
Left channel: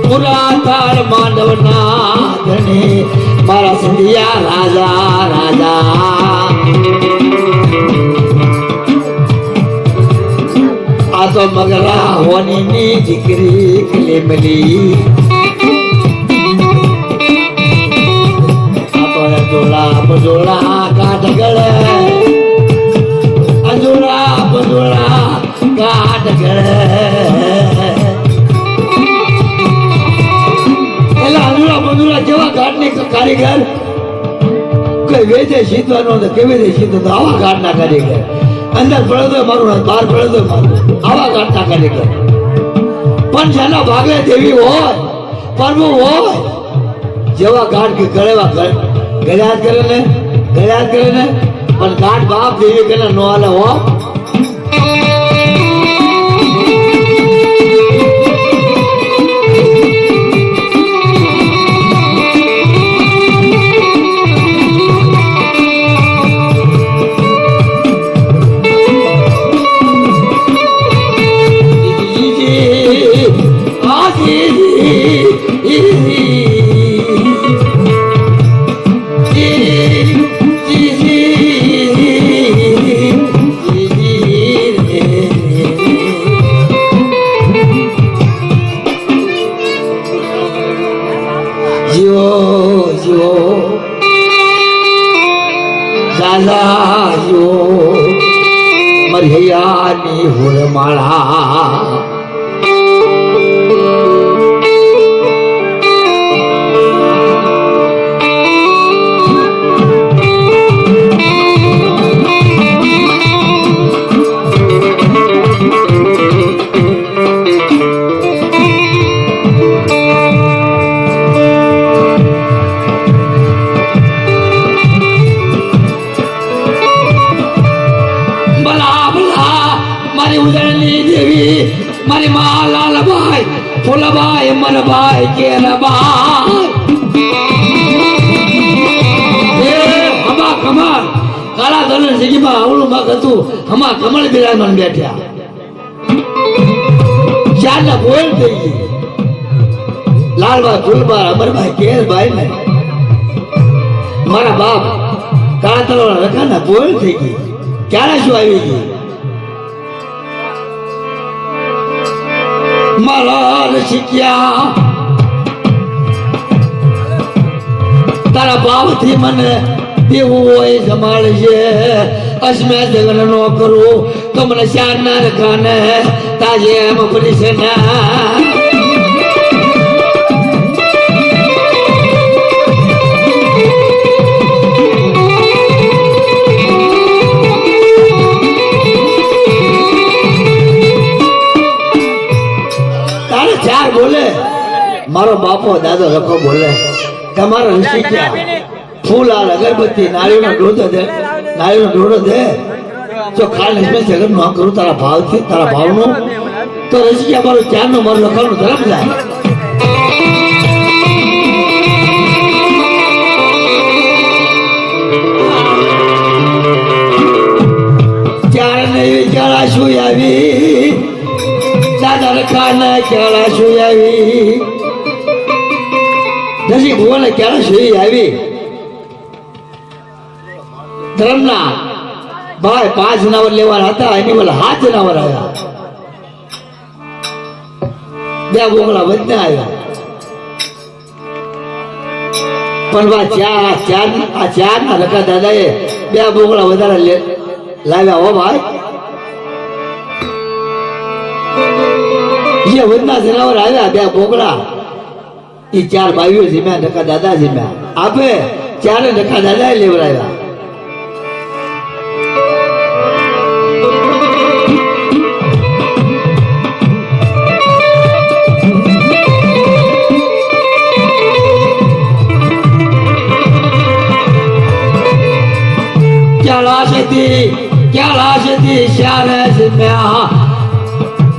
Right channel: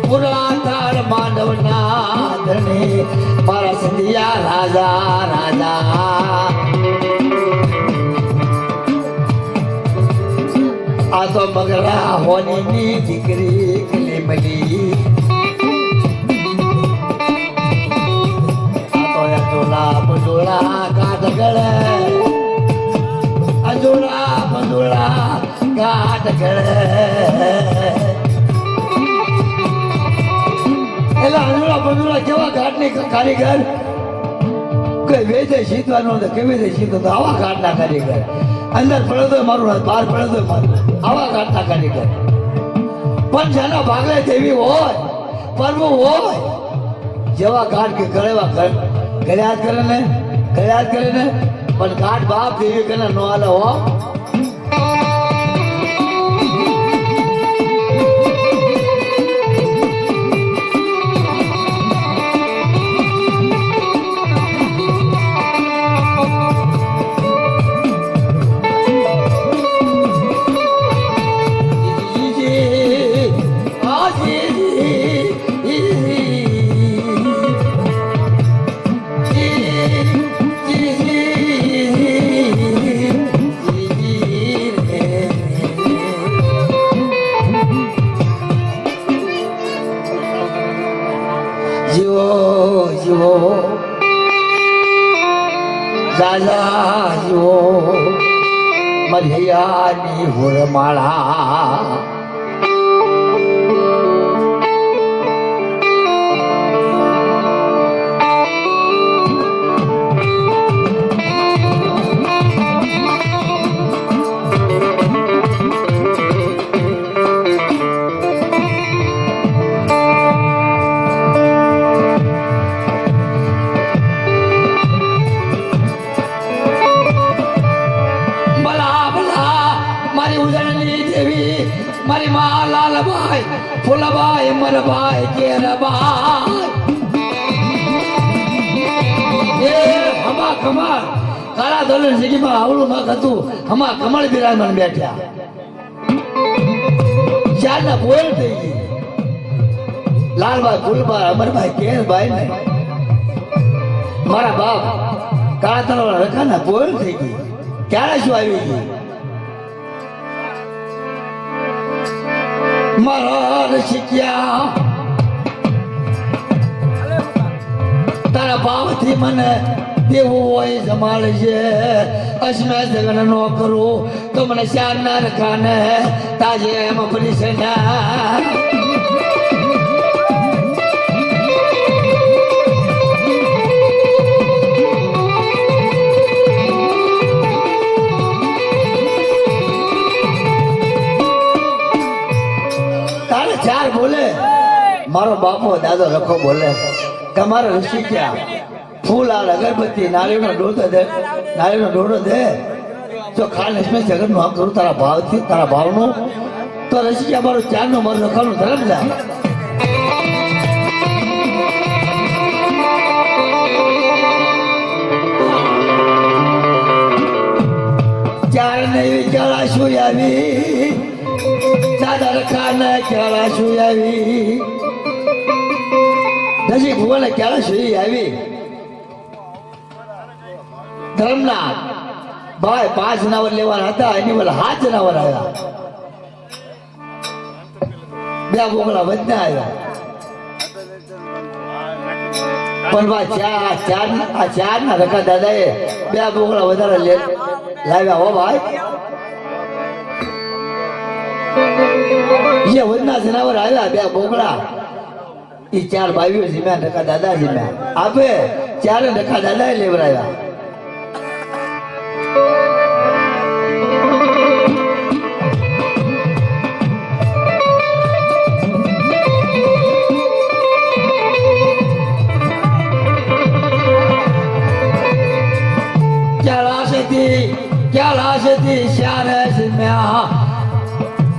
પૂરા થાળ માંડવના ધણે મારા સંધિયા રાજા આ તો મગરા હોની દીકરી કલેમલી જોડા કાઢ ગળે અંજોડા કાઢ ગળે એટલે અંજોડા કેવા કાઢની કારીગર કોઈ વેચે સીધવાનો ને કેવી રીતે સીધો તો આવા કાઢના કારીગર. અંદર પડે તો મારું બહાર પડે તો મારું આવા કાઢના કારીગર. પણ જેના ભાગે દેવી હોય પ્રભુ હોય જેવા કાઢ કે ગળેવા ગળ્યાત કરે ને પણ કાઢ બાપ દેવી કે નો હાલે હો. મરિયાની હુરમાળા મારી મા લાલભાઈ ફૂલભાઈ મરભાઈ કેરભાઈ હમા કમળ કાળા દોલન જગ્યામાં આવડું મગ હતું. હમા કમળ બિરાજમાન બેઠ્યા. ચારના ગોળ થઈ ગઈ. લાલભાઈ ફૂલભાઈ અમરભાઈ કેરભાઈ ને મારા બાપ કાળા તળાવ રખાના ગોળ થઈ ગઈ. ક્યારે શું આવી ગઈ? મારા શીખ્યા તારા ભાવથી મને દેવું હોય જમાડશે. અસમે જગન નો કરું તો મને શાર ના રખાને તાજે એમ પડી છે ના. મારો બાપો દાદો રખો બોલે તમારો ઋષિ ક્યાં? ફૂલ આ અગરબત્તી નાળીનો ડોડો દે જો ખાલી લક્ષ્મી જગત નું કરું તારા ભાવથી તારા ભાવનું તો ઋષિ ક્યાં મારું ચારનું મારું લખવાનું ધર્મ જાય. ક્યારે શેરી આવી ધર્મના ભાઈ 5 જનાવર લેવાના હતા એની વલ 7 જનાવર આવ્યા 2 બોકડા વધને આવ્યા પણ આ ચાર ના રકા દાદાએ 2 બોકડા વધારે લાવ્યા હો ભાઈ જે વધના જનાવર આવ્યા 2 બોકડા એ 4 ભાઈઓ જીમ્યા રકા દાદા જીમ્યા આપે 4 રકા દાદાએ લેવડાવ્યા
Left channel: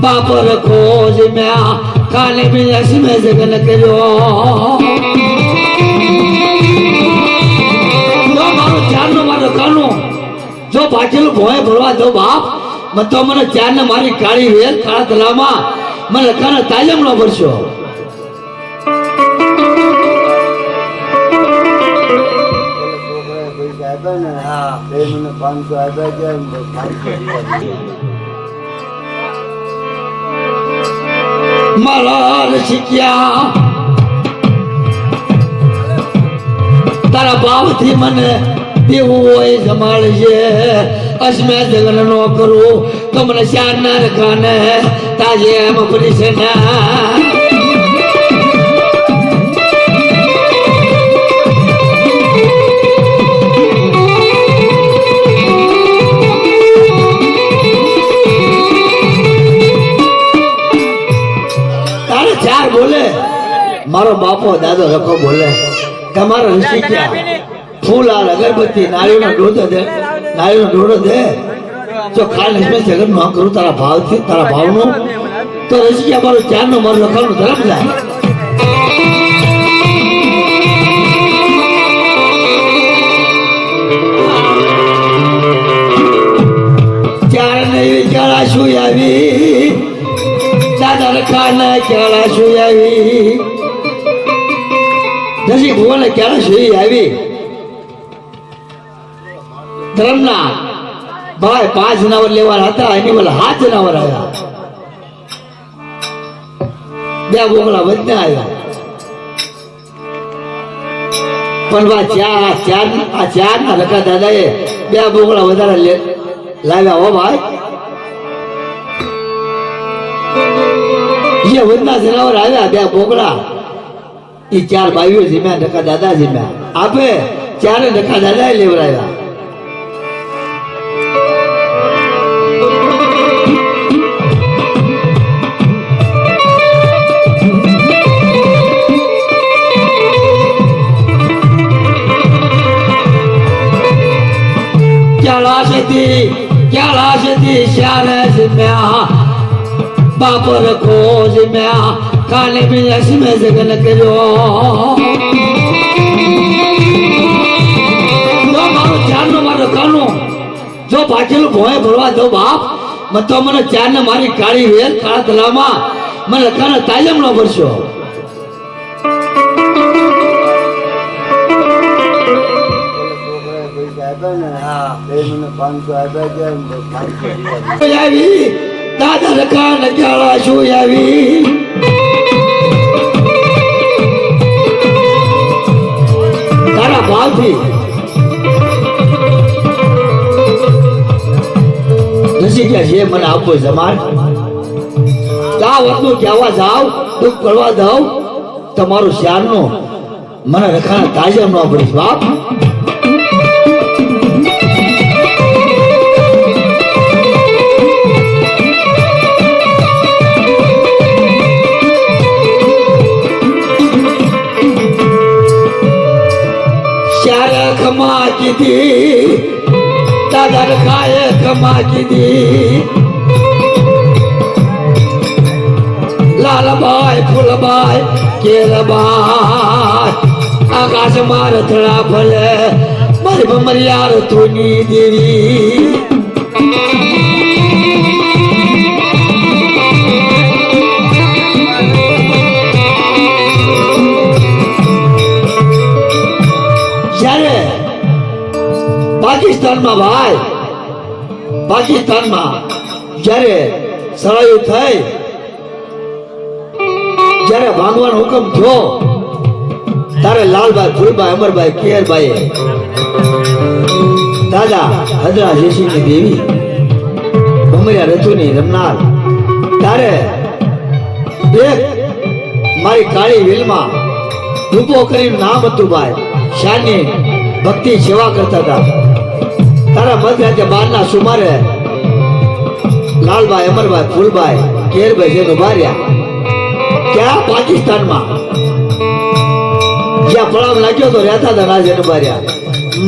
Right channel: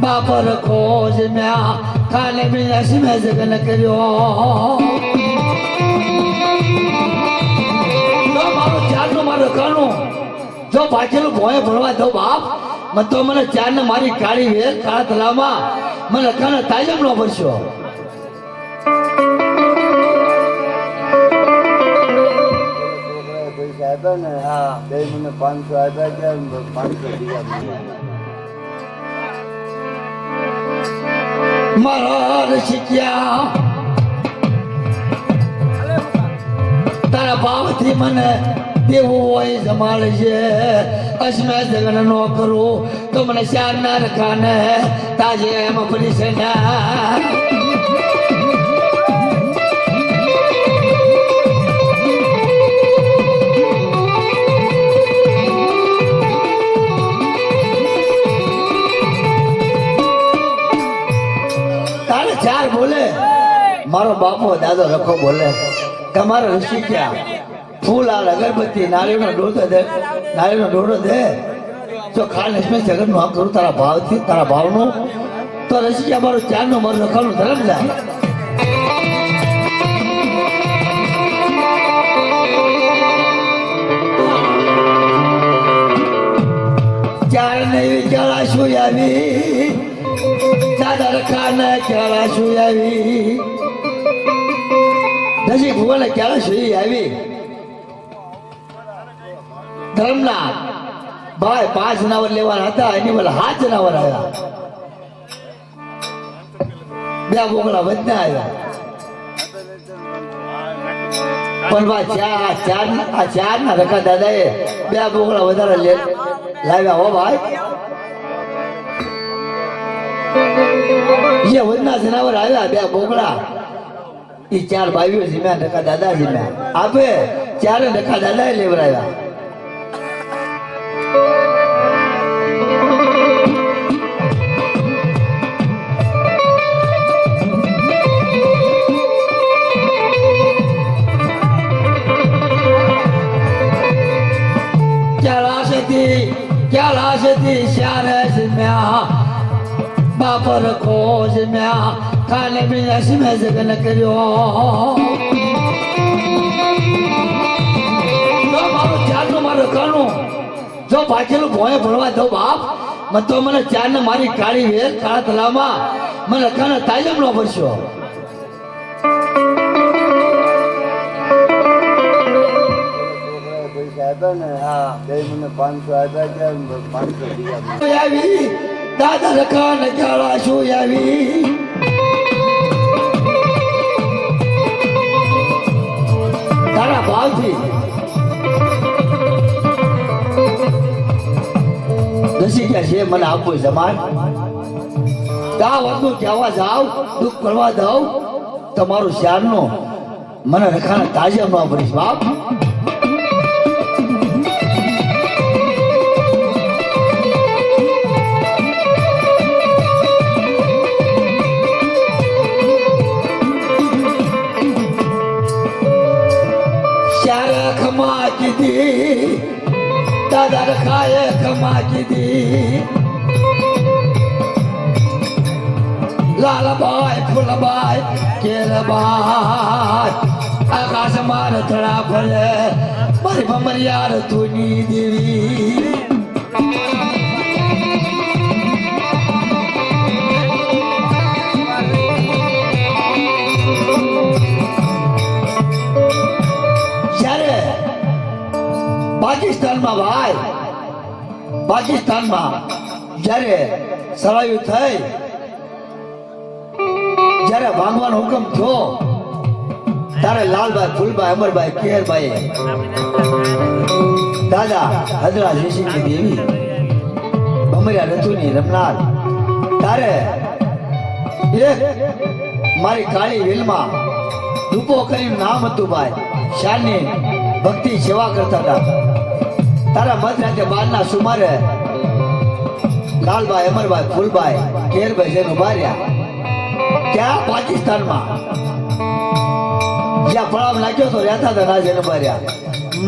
બાપર ખોજ મ્યા કાલે બી અસમે જગન કર્યો જો મારું ચારનો મારો કાનો જો પાછળ ભોય ભરવા દો બાપ તો મને ચારને મારી કાળી વેલ કાળા તલાવમાં મને કાને તાલીમ નો ભરશો મને 500 આપ્યા કે 500 મારા શીખ્યા તારા ભાવથી મને દેવું હોય જમાડજે અસમે જગન નો કરું તો મને 4 ના રખાને તાજે એમ પડી છે ના મારો બાપો દાદો રખો બોલે તમારો ઋષિ ક્યાં ફૂલ આ અગરબત્તી નાળીનો ડોડો દે જો ખાન હસમે જગન નો કરું તારા ભાવથી તારા ભાવનું તો ઋષિ ક્યાં મારો ચારનો મારો રખવાનું ધર્મ જાય ચાર ને વિચારા શું આવી દાદા રખાને ક્યારે શું આવી નજીક ભુવને ક્યારે શેરી આવી ધર્મના ભાઈ 5 જનાવર લેવાના હતા એની વલ 7 જનાવર આવ્યા 2 બોકડા વધને આવ્યા પણ આ ચાર ના રકા દાદાએ 2 બોકડા વધારે લાવ્યા હો ભાઈ જે વધના જનાવર આવ્યા 2 બોકડા એ 4 ભાઈઓ જીમ્યા રકા દાદા જીમ્યા આપે 4 રકા દાદાએ લેવડાવ્યા બાપર ખોજ મ્યા કાલે બી અસમે જગન કર્યો જો મારું ચારનો મારો કાનો જો પાછળ ભોય ભરવા દો બાપ તો મને ચારને મારી કાળી વેલ કાળા તલાવમાં મને કાને તાલીમ નો ભરશો મને 500 આપ્યા કે 500 આવી દાદા રખાને ક્યારે શું આવી તારા ભાવથી નસી ગયા છે મને આપો જમાન આ વખતું કહેવા જાવ દુઃખ કરવા દઉં તમારું શ્યારનો મને રખાને તાજમ ન પડીશ બાપ દાદા રખાએ ખમા કીધી લાલબાઈ ફૂલબાઈ કેલબાઈ આકાશ માર થળા ફલે મારી ભમરિયાર તુની દેવી પાકિસ્તાનમાં ભાઈ, પાકિસ્તાનમાં જ્યારે સળાયું થઈ, જ્યારે ભાંગવાનો હુકમ થયો, તારે લાલભાઈ, ફૂલભાઈ, અમરભાઈ, કેરભાઈ, દાદા હદરા જેસીની દેવી, ભમરિયા રતુની રમનાર, તારે એક મારી કાળી વેલમાં રૂપો કરીને નામ હતું ભાઈ, શાની ભક્તિ સેવા કરતા હતા. તારા મધરાતે 12 ના સુમારે લાલભાઈ, અમરભાઈ, ફૂલભાઈ, કેરભાઈ જેને ઉભા રહ્યા ક્યાં પાકિસ્તાનમાં, જ્યાં પડાવ લાગ્યો તો રહેતા હતા રાજન ઉભા રહ્યા.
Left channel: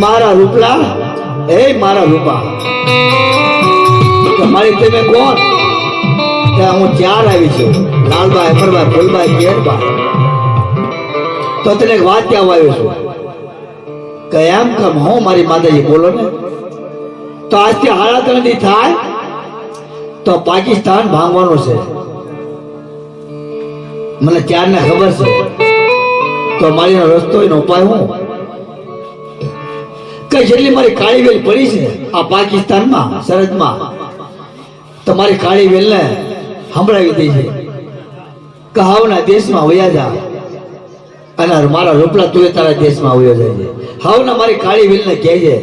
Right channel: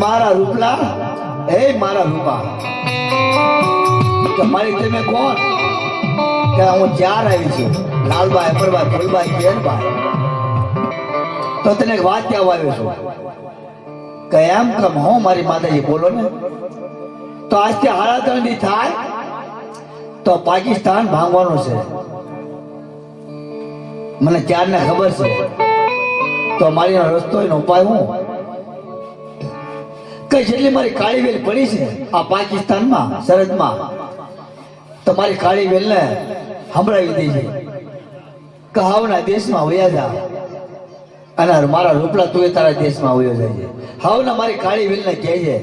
મારા રૂપલા, એ મારા રૂપા, તમારી તમે કોણ? કે હું 4 આવી છું, લાલભાઈ, અમરભાઈ, ફૂલભાઈ, કેરભાઈ. તો તને એક વાત કહેવા આવ્યો છું કે એમ કેમ હું મારી માતાજી બોલો ને. તો આજથી 3.5 દી થાય તો પાકિસ્તાન ભાંગવાનું છે, મને ત્યારને ખબર છે. તો મારી રસ્તો એનો ઉપાય હું કઈ, જેટલી મારી કાળી વેલ પડી છે આ પાકિસ્તાનમાં સરહદમાં, તો મારી કાળી વેલને સંભળાવી દઈ છે કે હાવના દેશમાં વયા જા, અને મારા રૂપલા તું તારા દેશમાં આવ્યો જાય છે. હાવના મારી કાળી વેલને કહે છે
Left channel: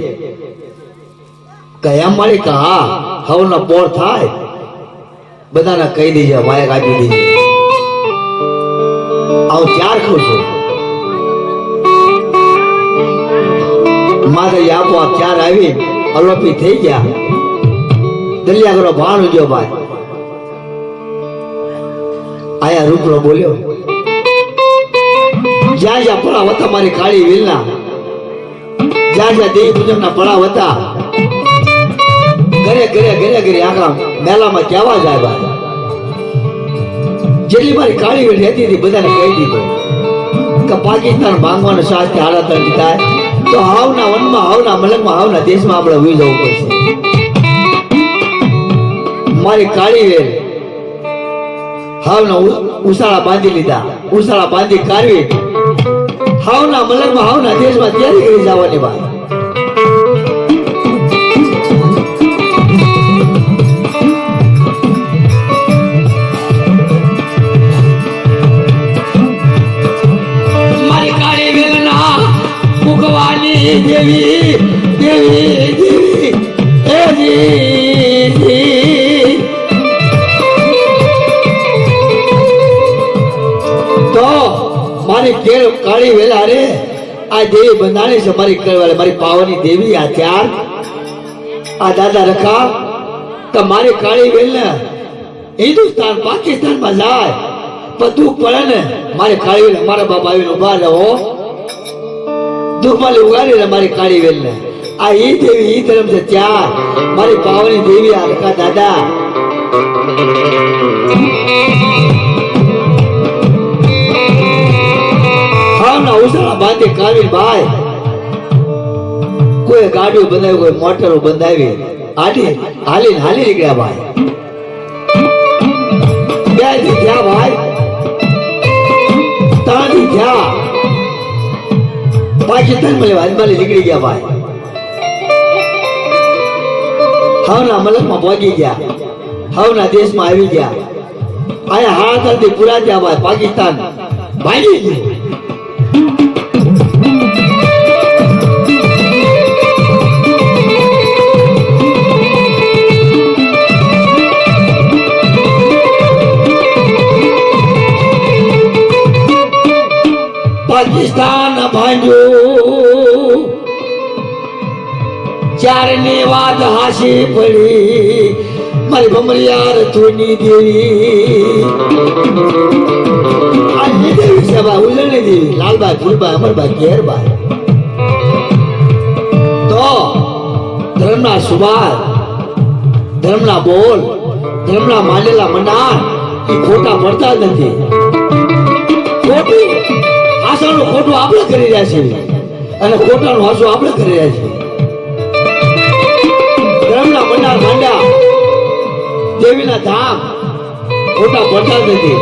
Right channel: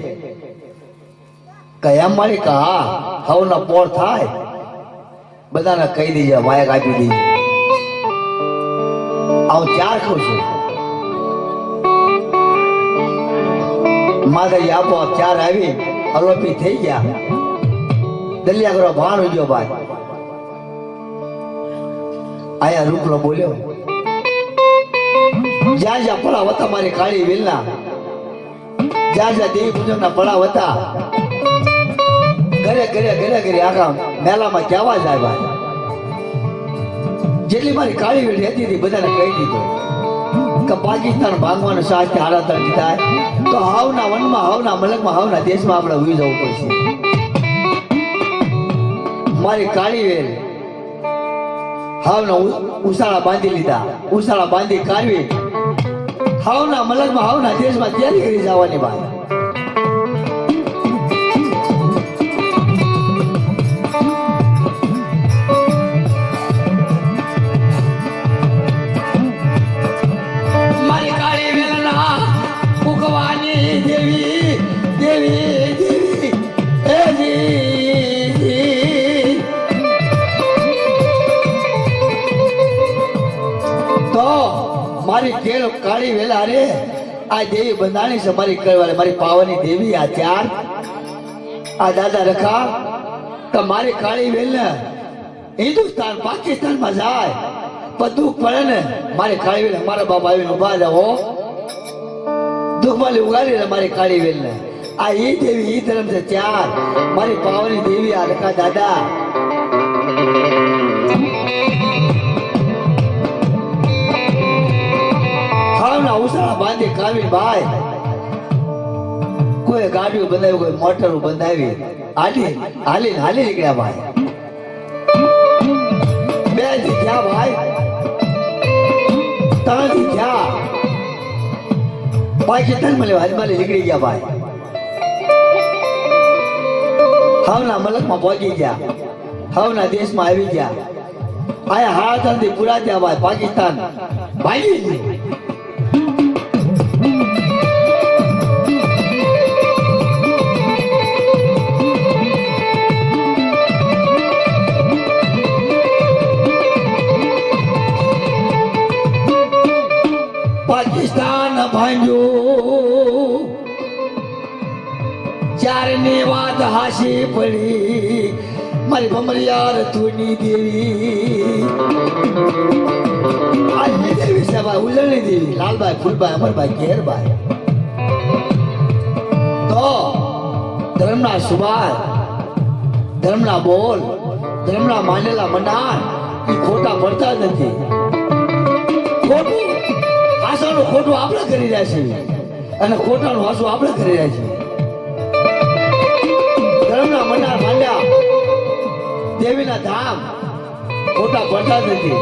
કે એમ મારી કે હા હાવના પોળ થાય, બધાને કહી દેજે, માયક આપી દેજે. હું 4 ખાઉં છું, માતાજી આપોઆપ 4 આવી અલોપી થઈ ગયા. દલિયા કરો ભાણ ઉજો ભાઈ. આયા રૂપલો બોલ્યો, જ્યાં જ્યાં પડાવ હતા મારી કાળી વેલના, જ્યાં જ્યાં દેવી પૂજનના પડાવ હતા, ઘરે ઘરે ઘરે ઘરે આખા મેલામાં કહેવા જાય ભાઈ. જેટલી મારી કાળી વેલ રહેતી હતી બધાને કહી દીધું કે પાકિસ્તાન ભાંગવાનો સાથ 3.5 દી થાય તો હાવના વનમાં, હાવના મલકમાં, હાવના દેશમાં આપણે ઉઈ જવું પડશે. મારી કાળી વેલ હાવના ઉસાળા બાંધી લીધા, ઉસાળા બાંધી કાઢવી, હાવના મલકમાં, હાવના દેશમાં તૈયારી કરી જવાની ભાઈ. મારી કાળી વેલના ભગવાની દેવી, દેવી, દેવી, એ જી. તો મારી કેર કાળી વેલા રે આ દેવી બંધાણી છે, મારી કરવાલે મારી પાવાની દેવી. આ 4 આ દાદા રખા કે મારી કાળી વેલ ને હિન્દુસ્તાન પાકિસ્તાનમાં જાય પણ દુઃખ પડે ને મારી કાળી વેલ મારા બાપ આવીને ઉભા રહે હો, દુઃખમાં ઉગાડી ને મારી કાળી વેલ ને. આ ઈ દેવી ઈ ધર્મ છે 4 મારી પાવાની દેવી. આ રખા દાદા ઉસાળા બાંધી કાઢી ભાઈ, કોઈ ગાડીઓ બંધાવી, કોઈ મોટરો બંધાવી, આડી હાલી હાલી નીકળ્યા ભાઈ. 2 દી થયા ભાઈ, 3 દી થયા, પાકિસ્તાનમાં લેવા અજમાલી નીકળી ગયા ભાઈ. હાવના મલકમાં પહોંચી ગયા, હાવના દેશમાં આવી ગયા. આયા 3.5 દી પૂરા થયા ભાઈ, પાકિસ્તાન ભાગી ગયું. પાકિસ્તાન ભાંગ્યું, 4 ની વાત હાસી પડી, મારી ભમરિયા રતુની દેવી. આ દેવી છે ભાઈ, ઉલણી દેવી, લાલભાઈ, ફૂલભાઈ, અમરભાઈ, કેરભાઈ. તો ધર્મના સુભાર, ધર્મના બોલ, ધર્મના માનેલા મનાર એ ખોટા પડતા જ નથી. ખોટું હાસાનું ખોટું આપણે કરી રહ્યા છીએ અને ખોટાનું હાસું આપણે કરી રહ્યા છીએ. ધર્મના મનાર માંડ્યા, દેવીના ધામ ખોટા પડતા જ નથી.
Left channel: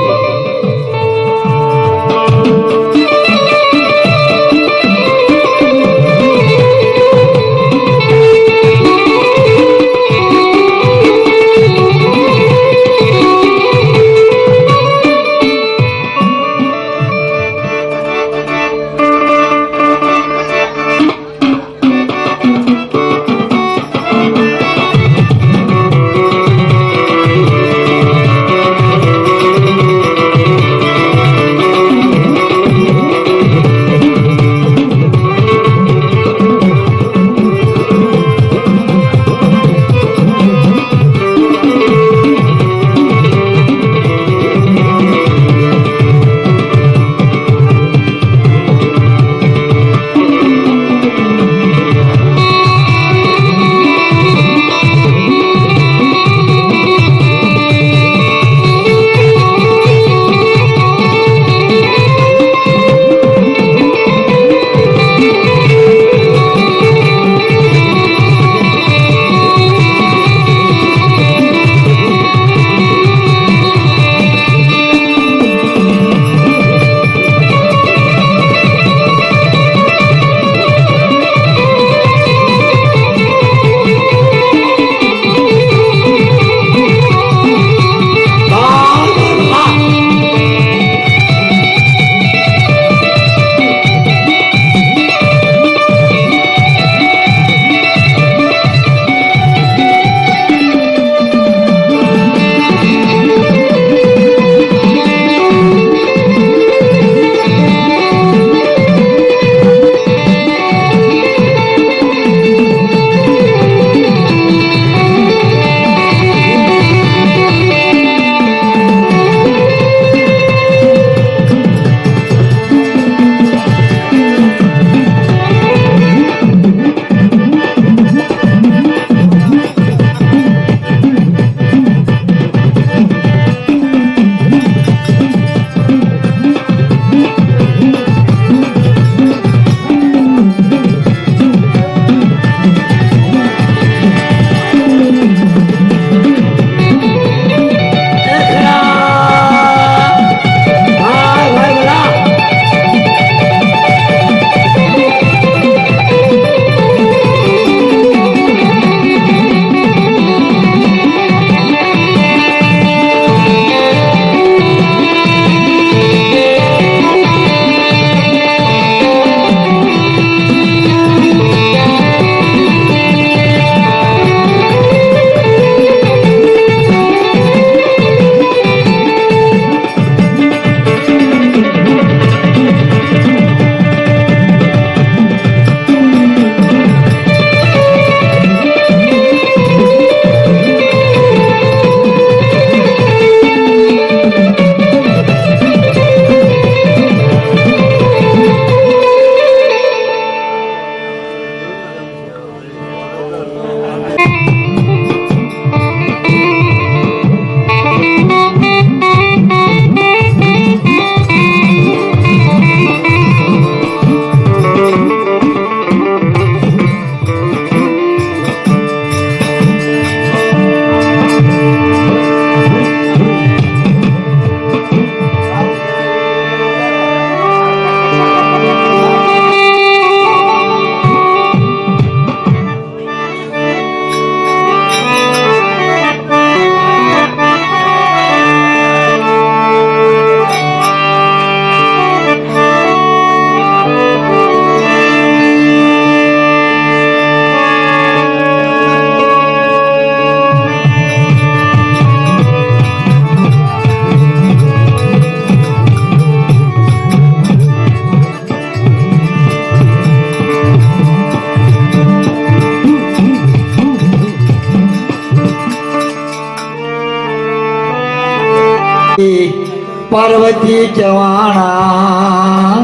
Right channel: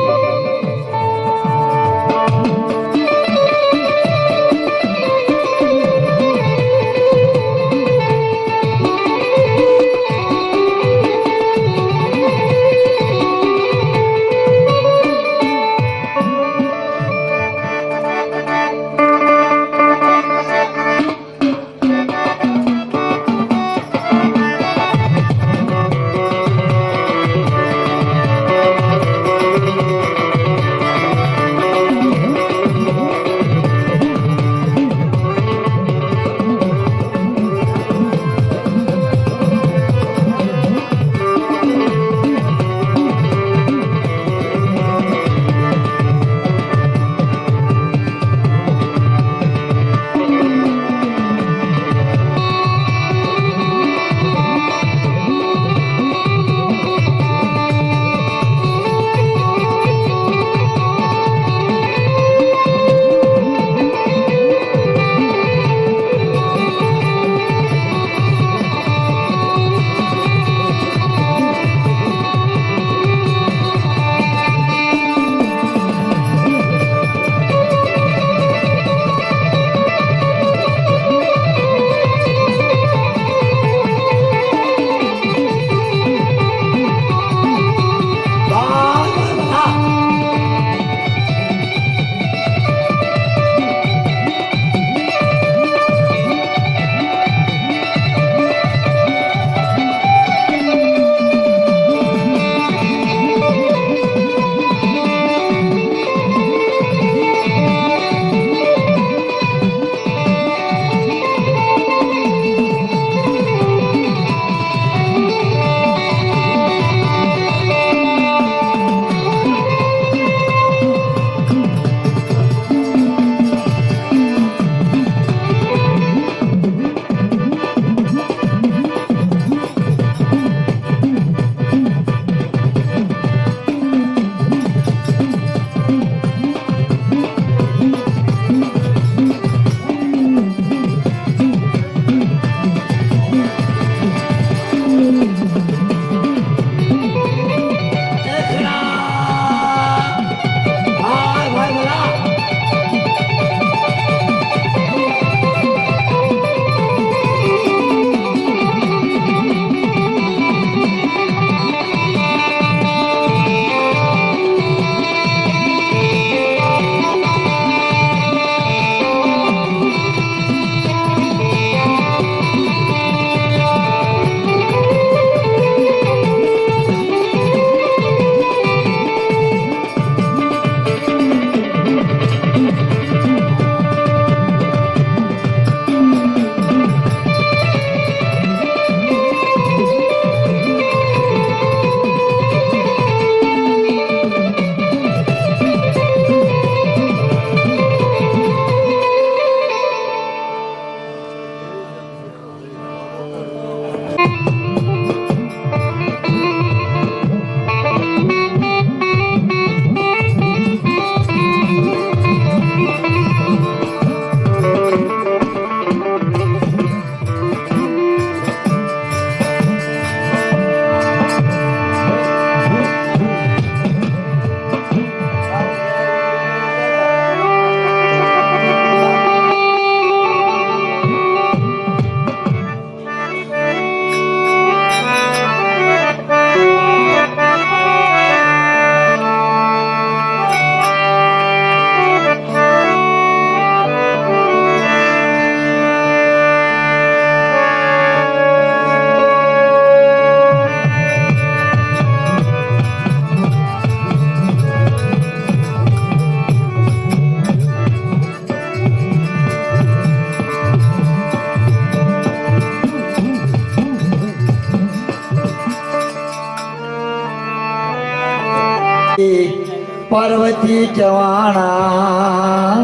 પાર્વતી જવાણા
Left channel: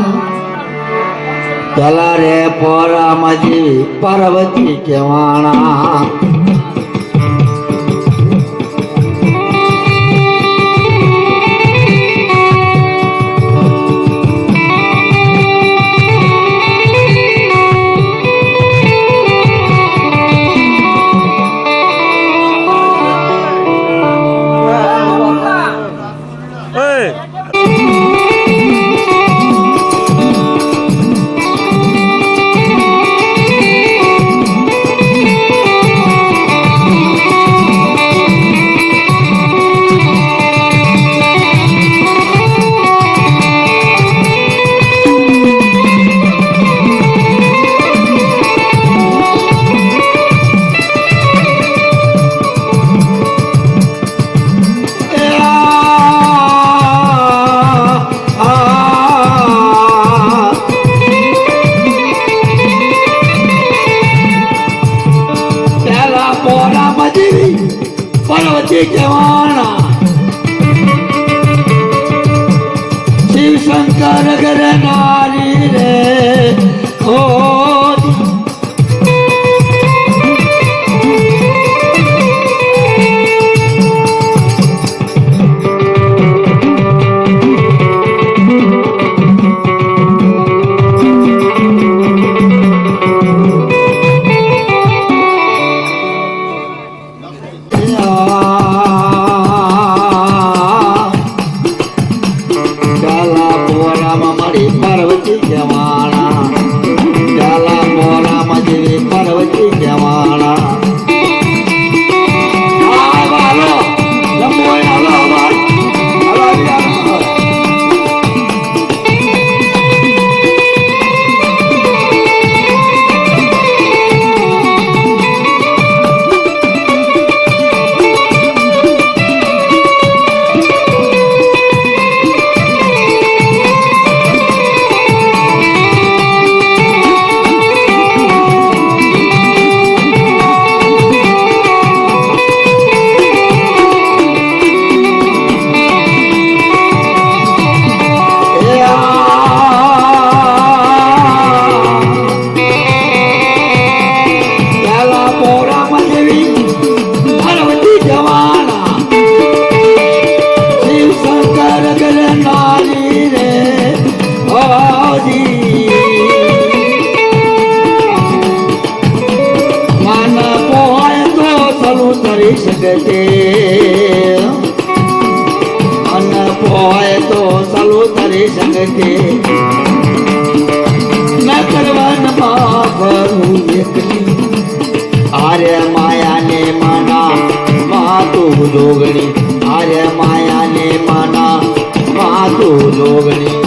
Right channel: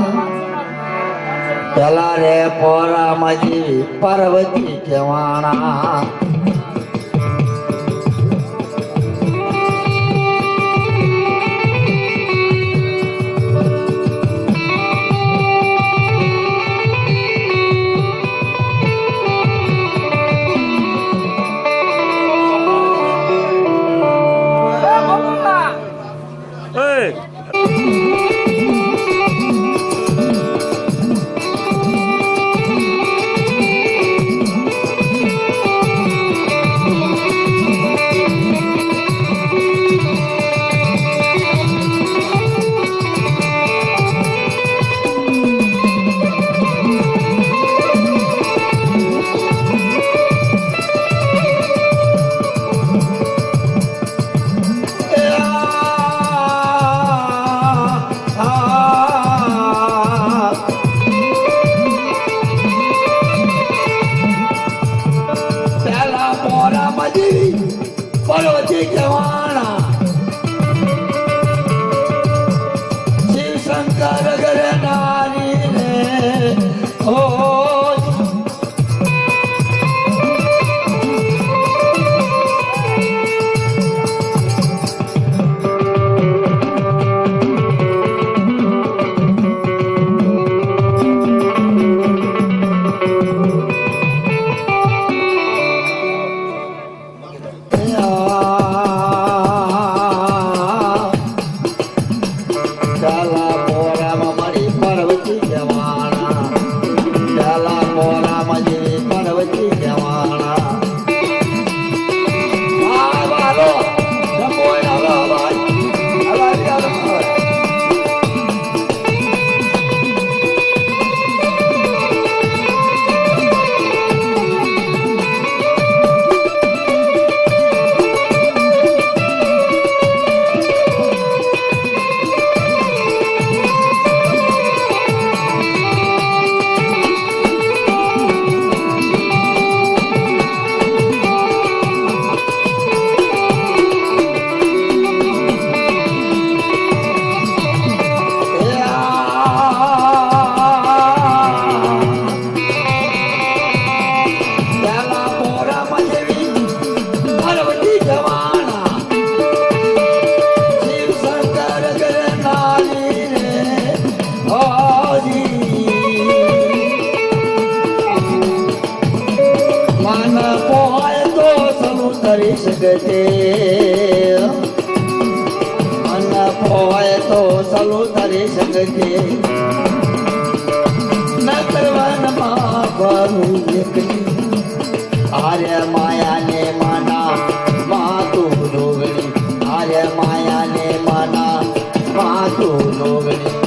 પેલા રે પોરામાજી પાર્વતી જવાણા પાર્વતી જવાણા શિવ શંકર ઘર નારી રે ઓ આર્ય માયાને માના માતું જોગણી આર્ય માયાને માના માતું જોગણી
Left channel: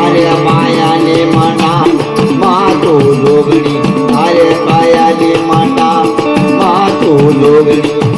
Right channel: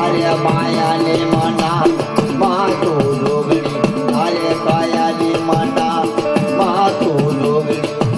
આર્ય માયાને માના માતો જોગણી આર્ય માયાને માના માતો જોગણી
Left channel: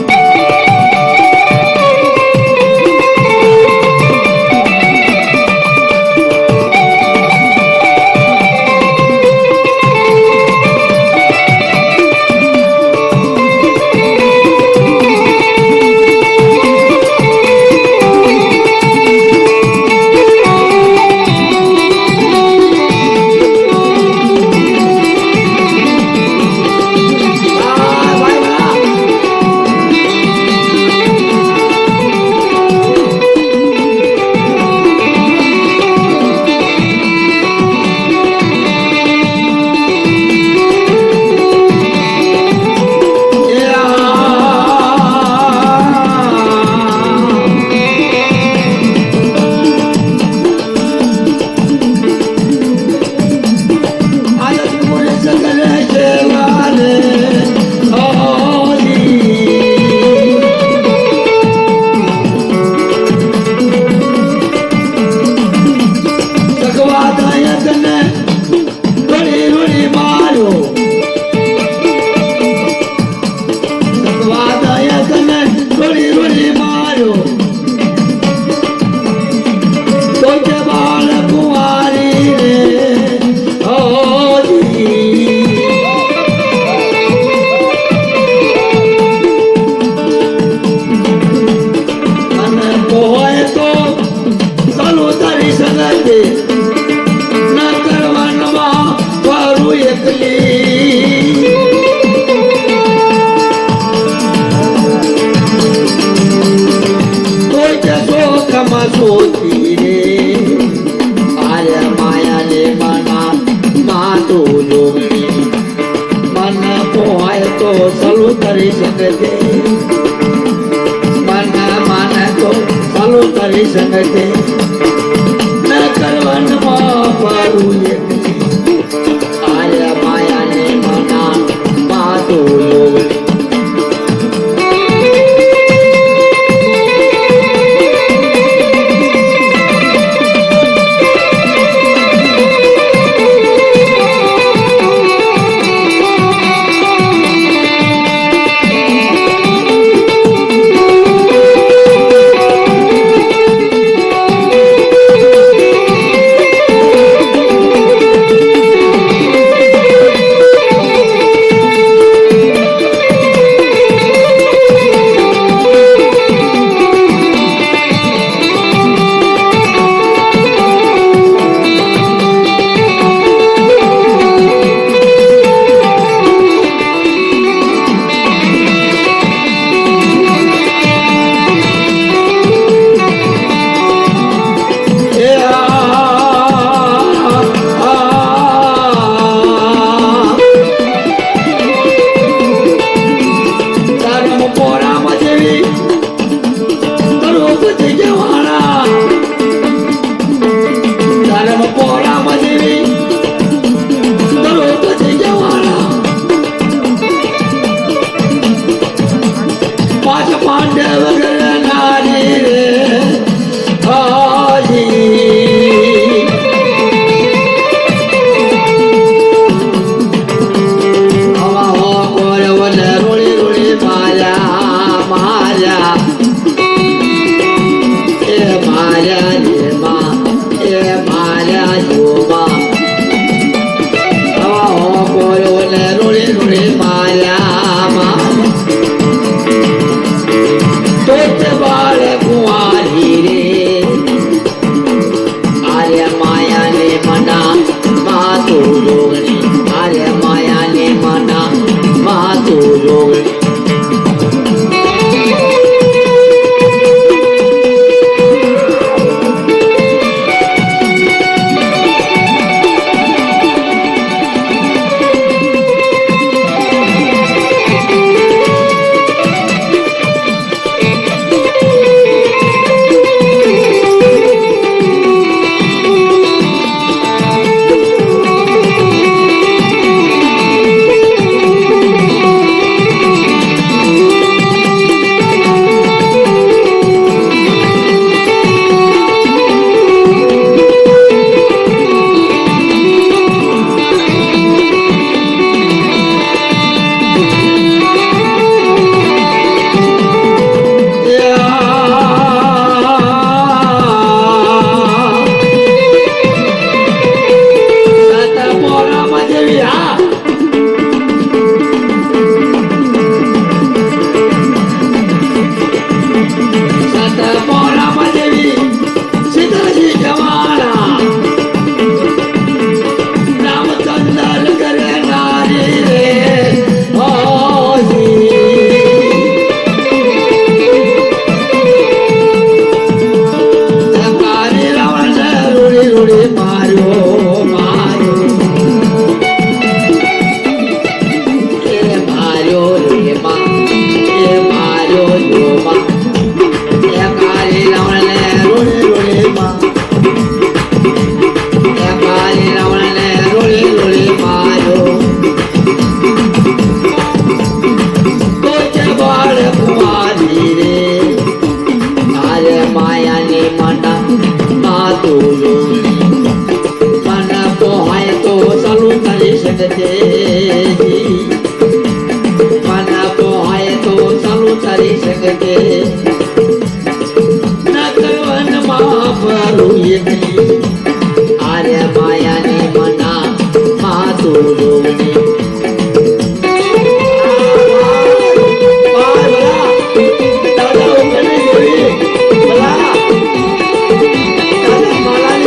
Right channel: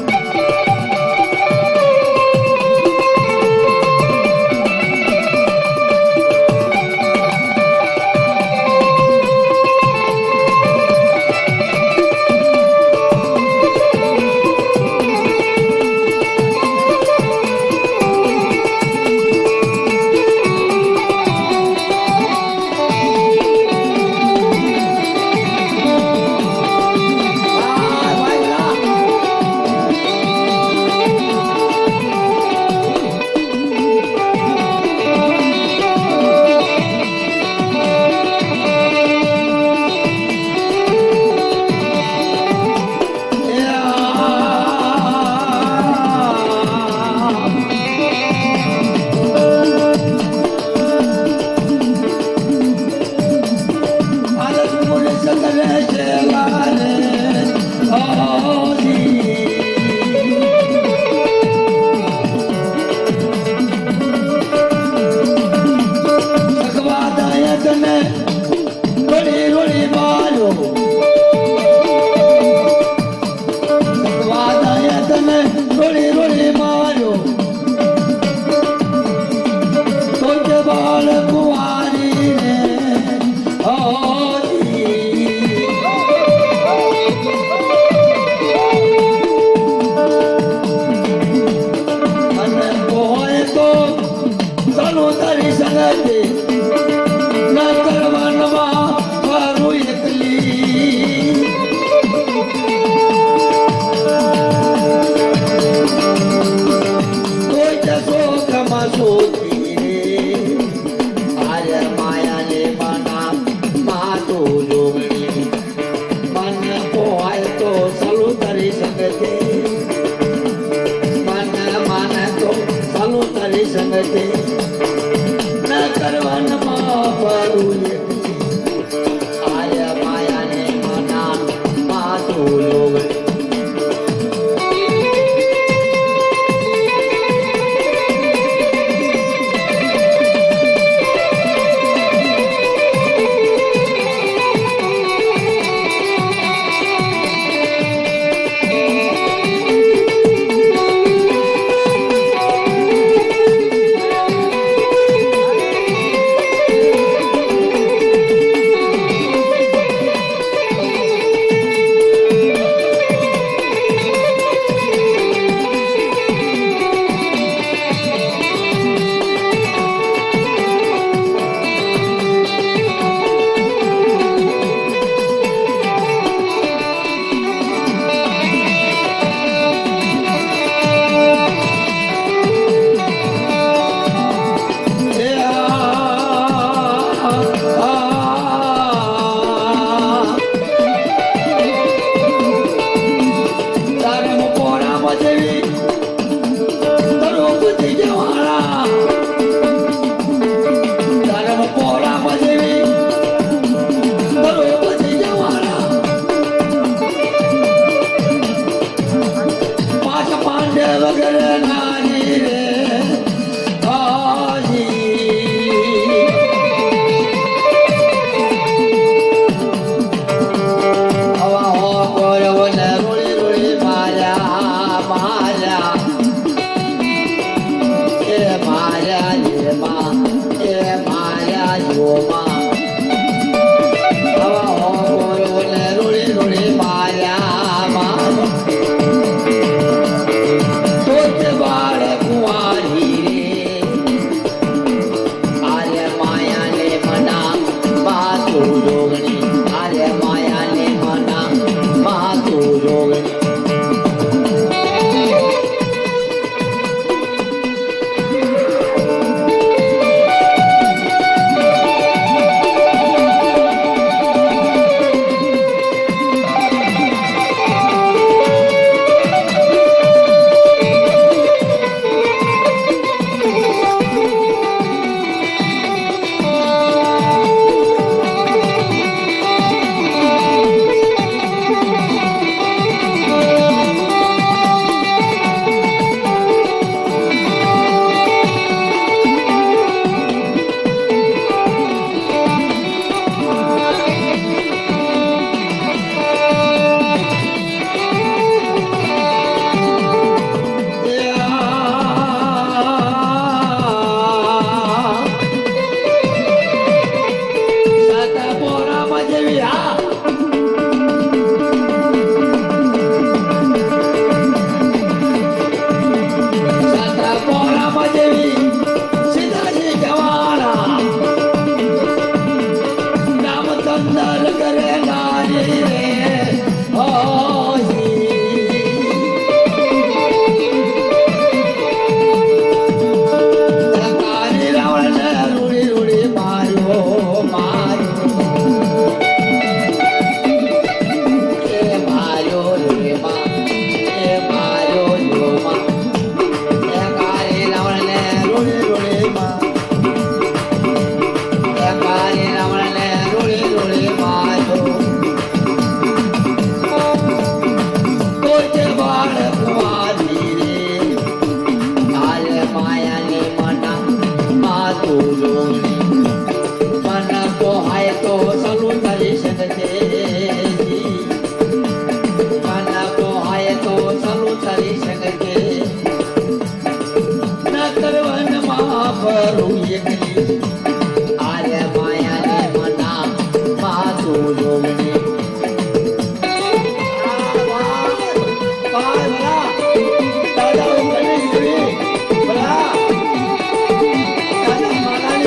નથી ન કરવાનમાં વારું એકલી કોઈ જશો ખમાસોતી રે આરે માયાને મના માતું જોગણી મન પોહાય તો સલું કરી શકે તે મન માને તો સલું કરી શકે તે ન કરવાનમાં વારું એકલી આરે માયાને મના માતું જોગણી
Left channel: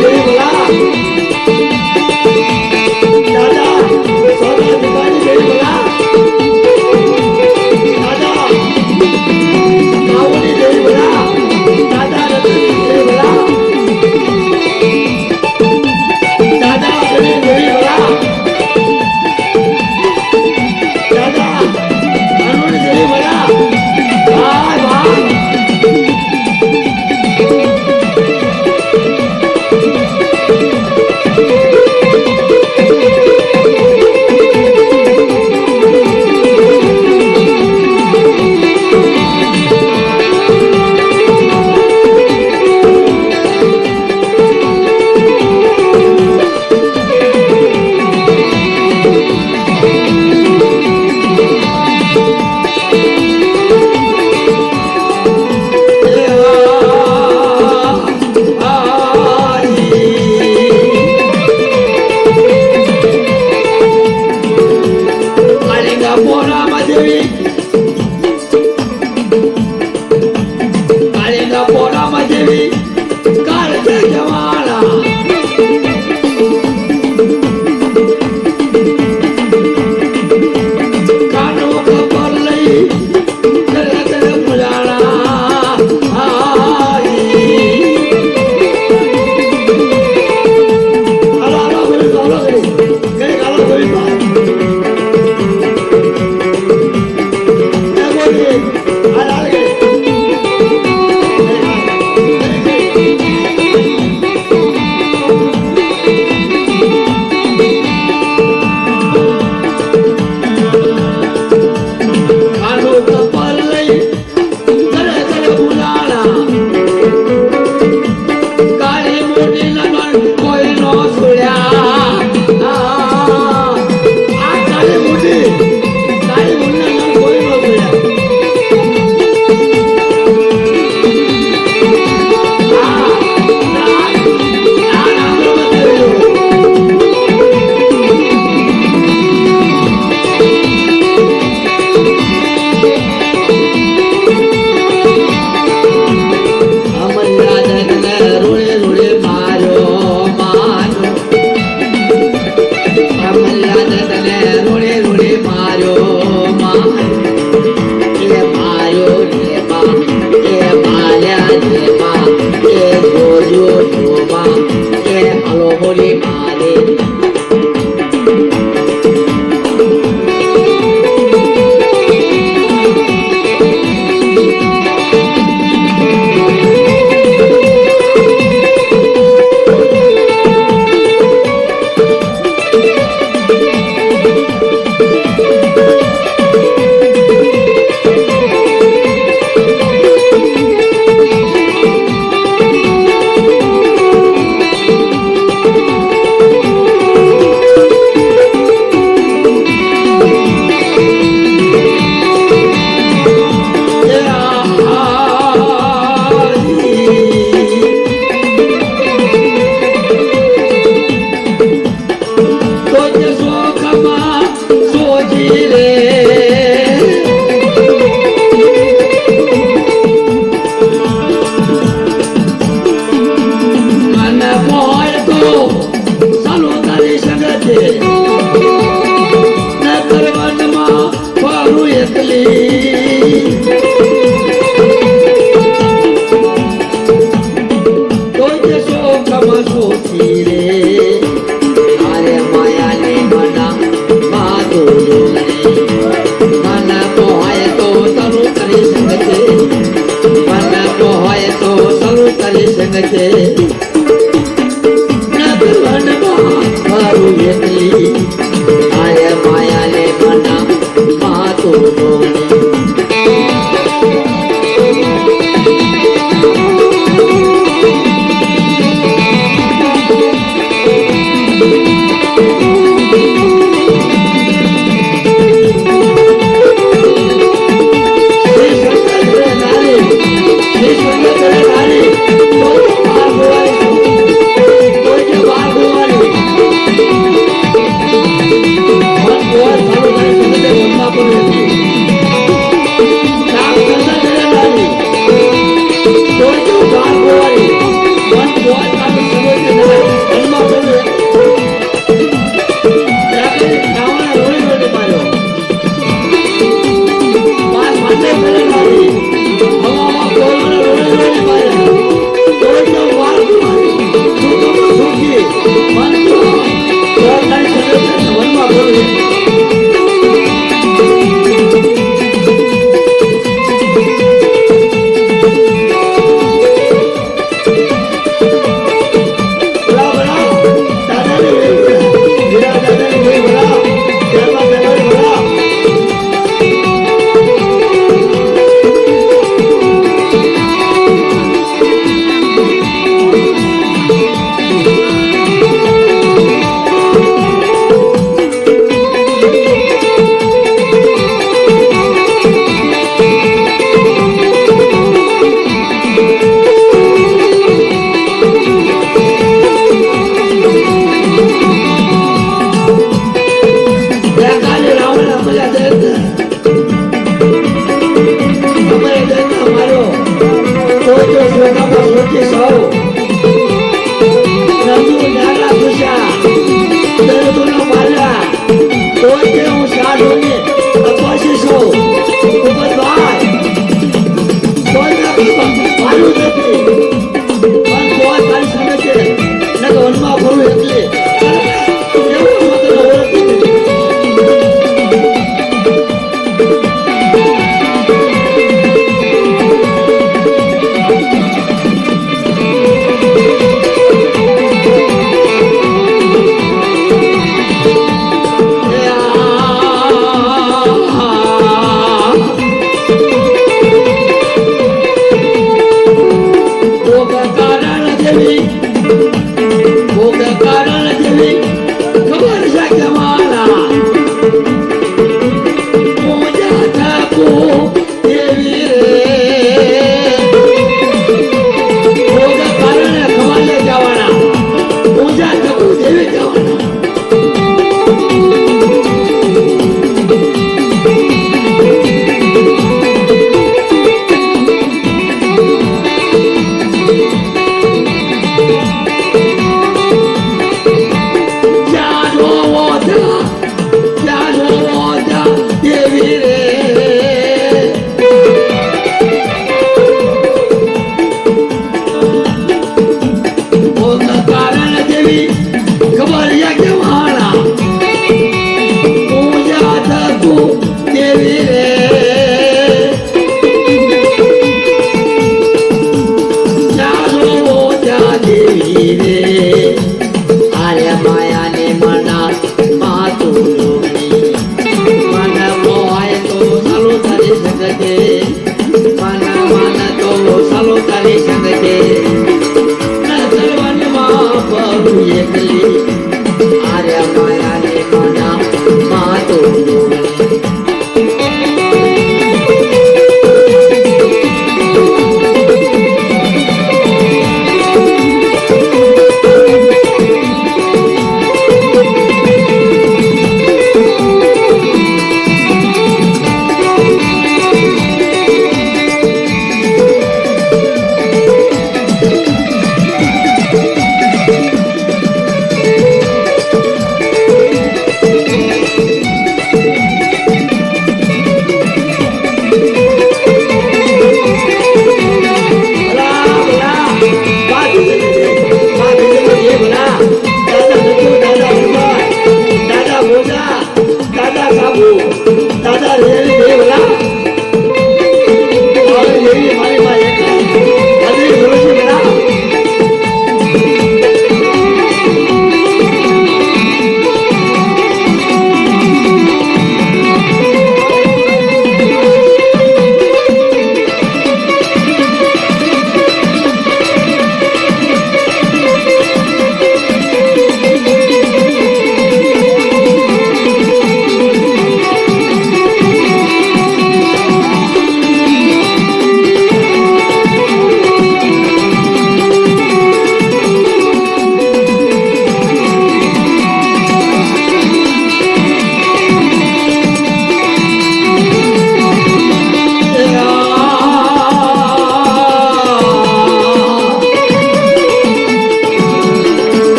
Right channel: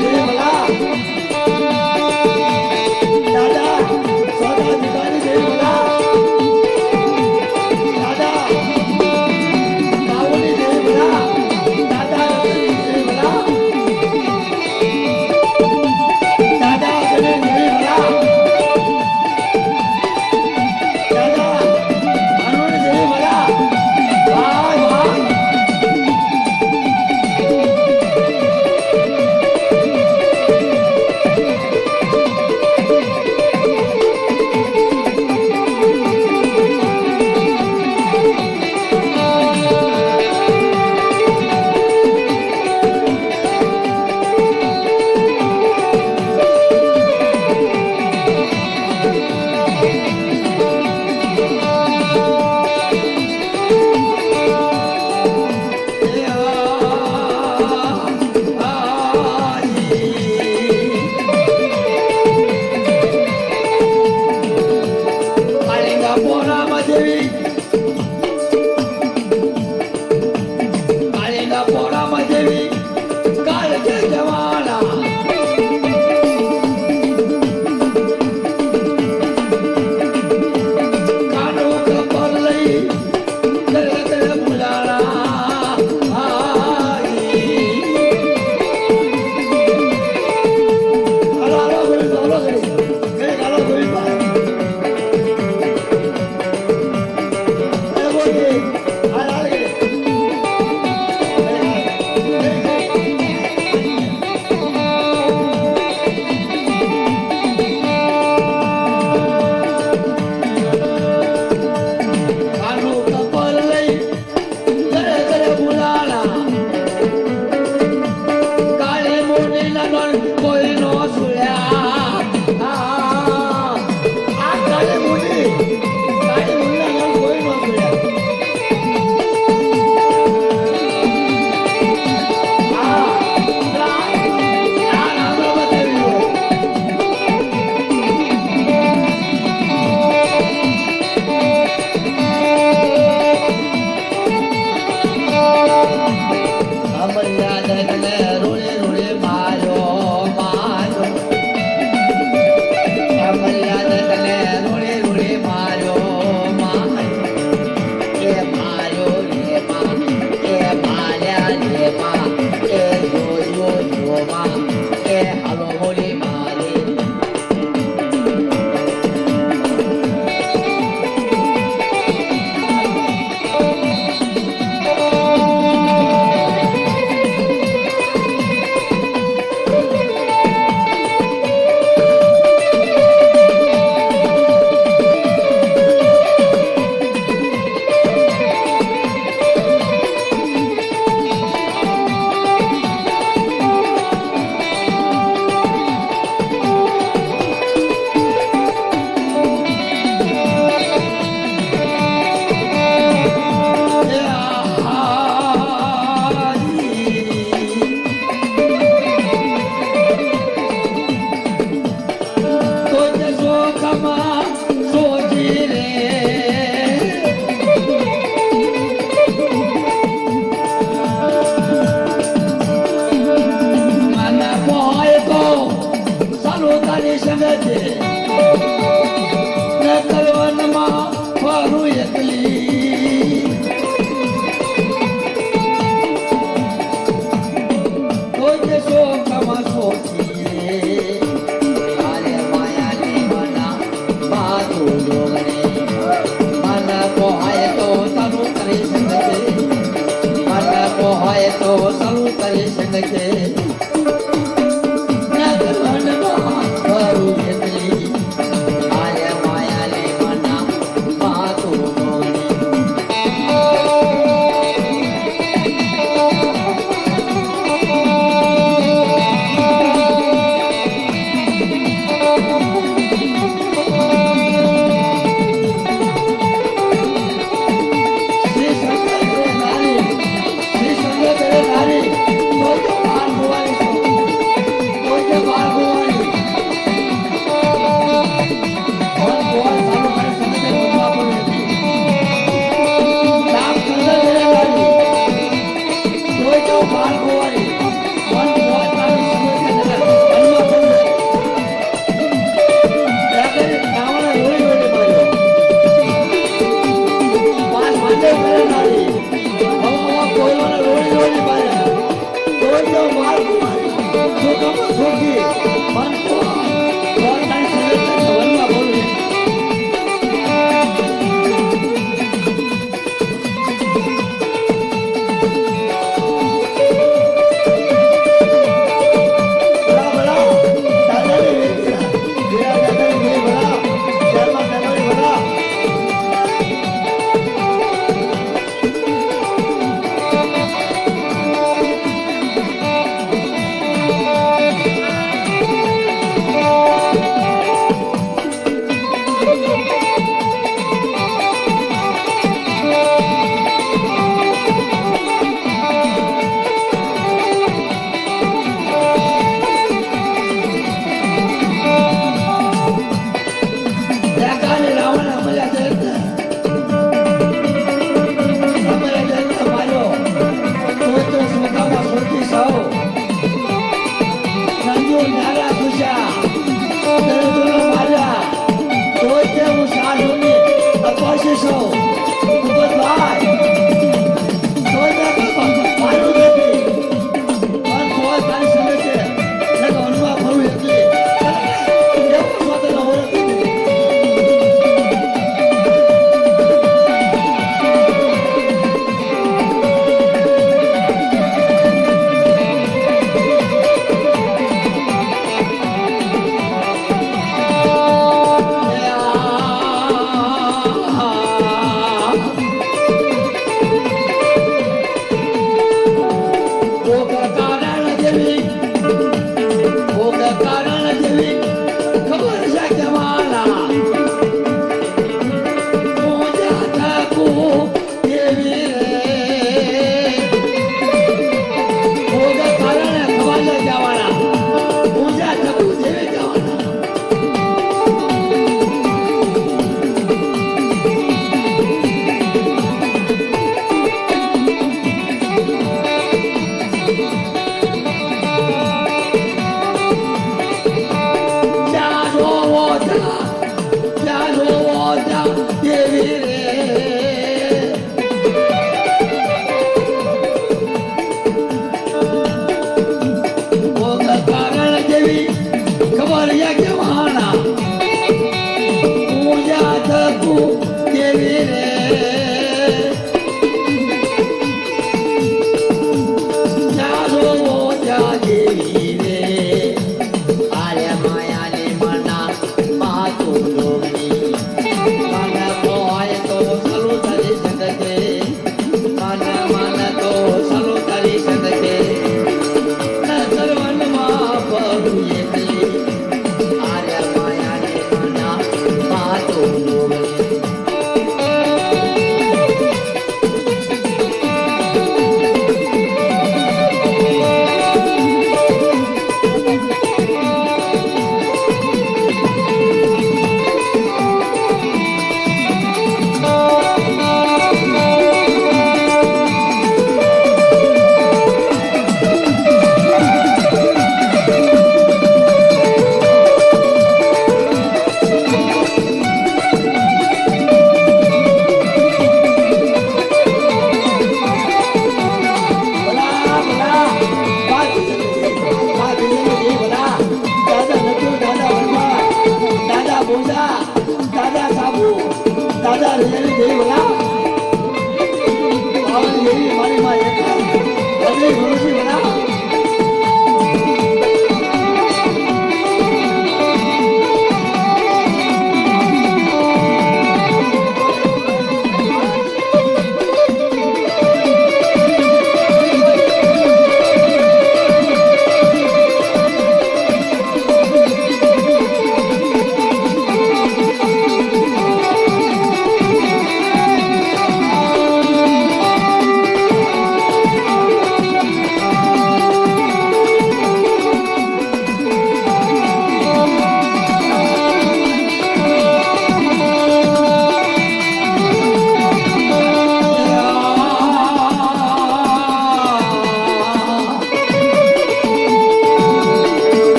Thank you.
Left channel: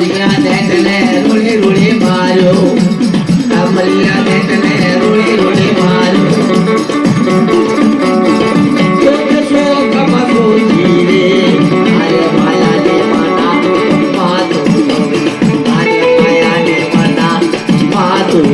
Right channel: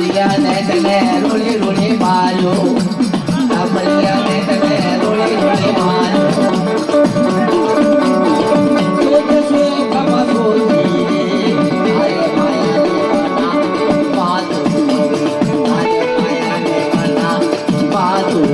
કમલિયા ને તને રૂડી રૂડી માર્યો કમલિયા ને તને રૂડી રૂડી માર્યો કસો કમસો ધીરે આરે માયા ને મના માતું આરે માયા ને મના માતું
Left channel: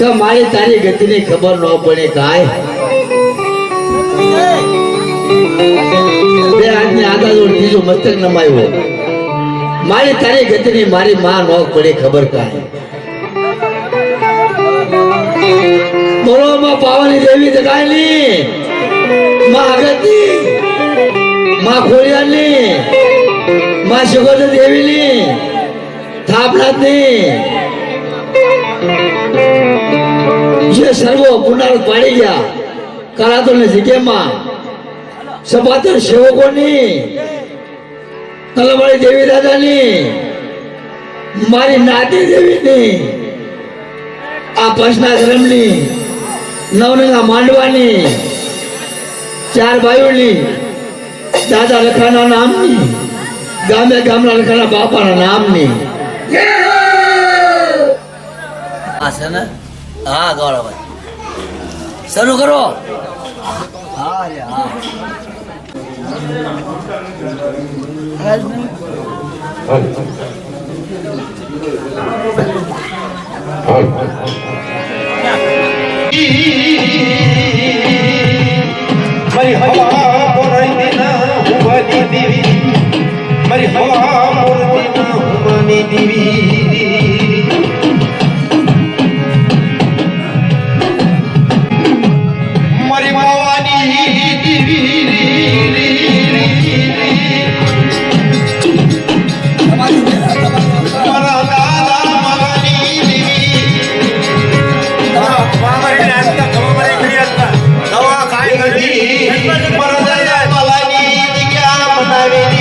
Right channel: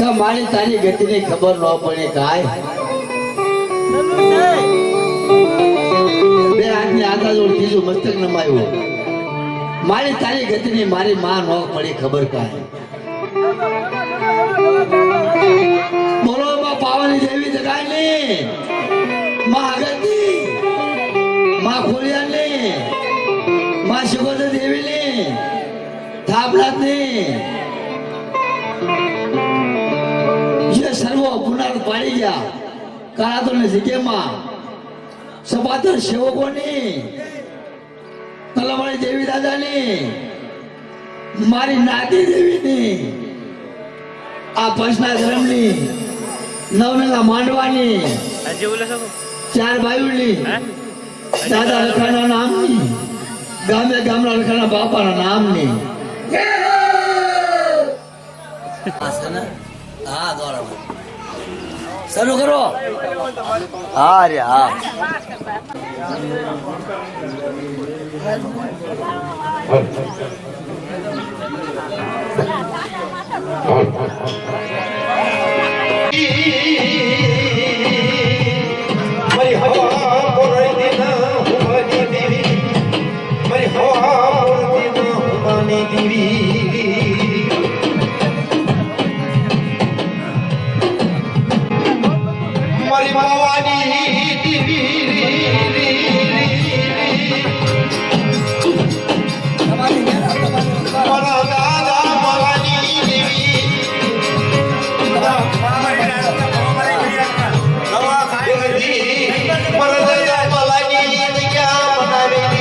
કે મારી તારી ગતિની ખબર ન પડે કાય બે હાથની આદા જોડ ત્રીજો મસ્તક નમાયો મારી તારી ગતિની મારી માં ન પડે ખબર કાય બોલો માં પાવાની દેવી જગાયની માં આગતી માં ખોડિયાની માં સુગોદ દેવીની થાપનાથની જે સર્વો પુનર પાડી ગયા કરાતોની જગ્યામાં સપાતર સેવકોની કલમળી દેવી દાદાની મારી નાતી દેવીની આ પંચના ધર્મની નવનંગા માંડવાની ચાર ભાઈઓની દાદા લખાના નામની ગામે ગામના લખાના બાપાના નામની હા છે ને હા ગૌરવભાઈ શરૂ કરો હા રે હા મારી હવા મોરતી ના હુવાની દેવી મારી હવા મોરતી ના હુવાની દેવી મારી માવાની દેવી મારા દાદા માવાની દેવી દવા ખાઈ ગઈ મલાની જગ્યા બનાવેલી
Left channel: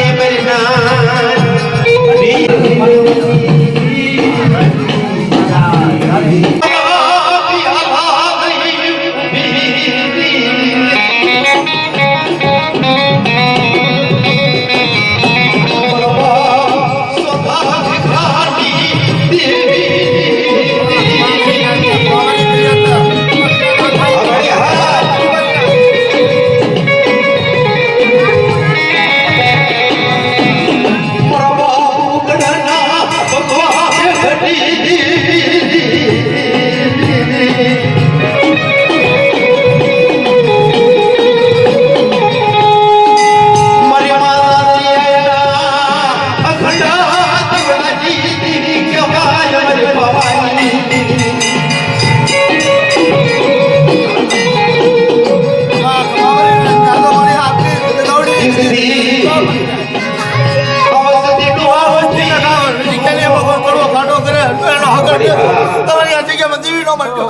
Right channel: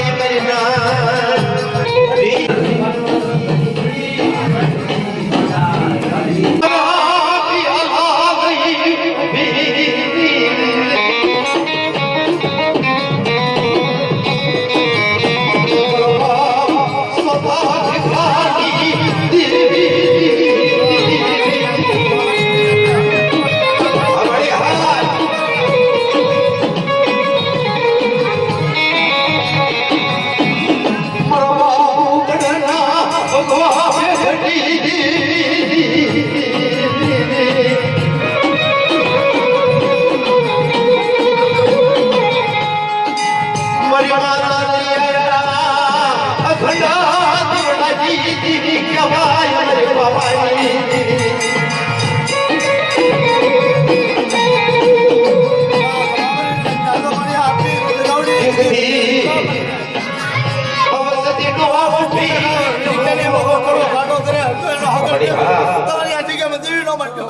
તમારી આ જગ્યામાં દેવી નો માટે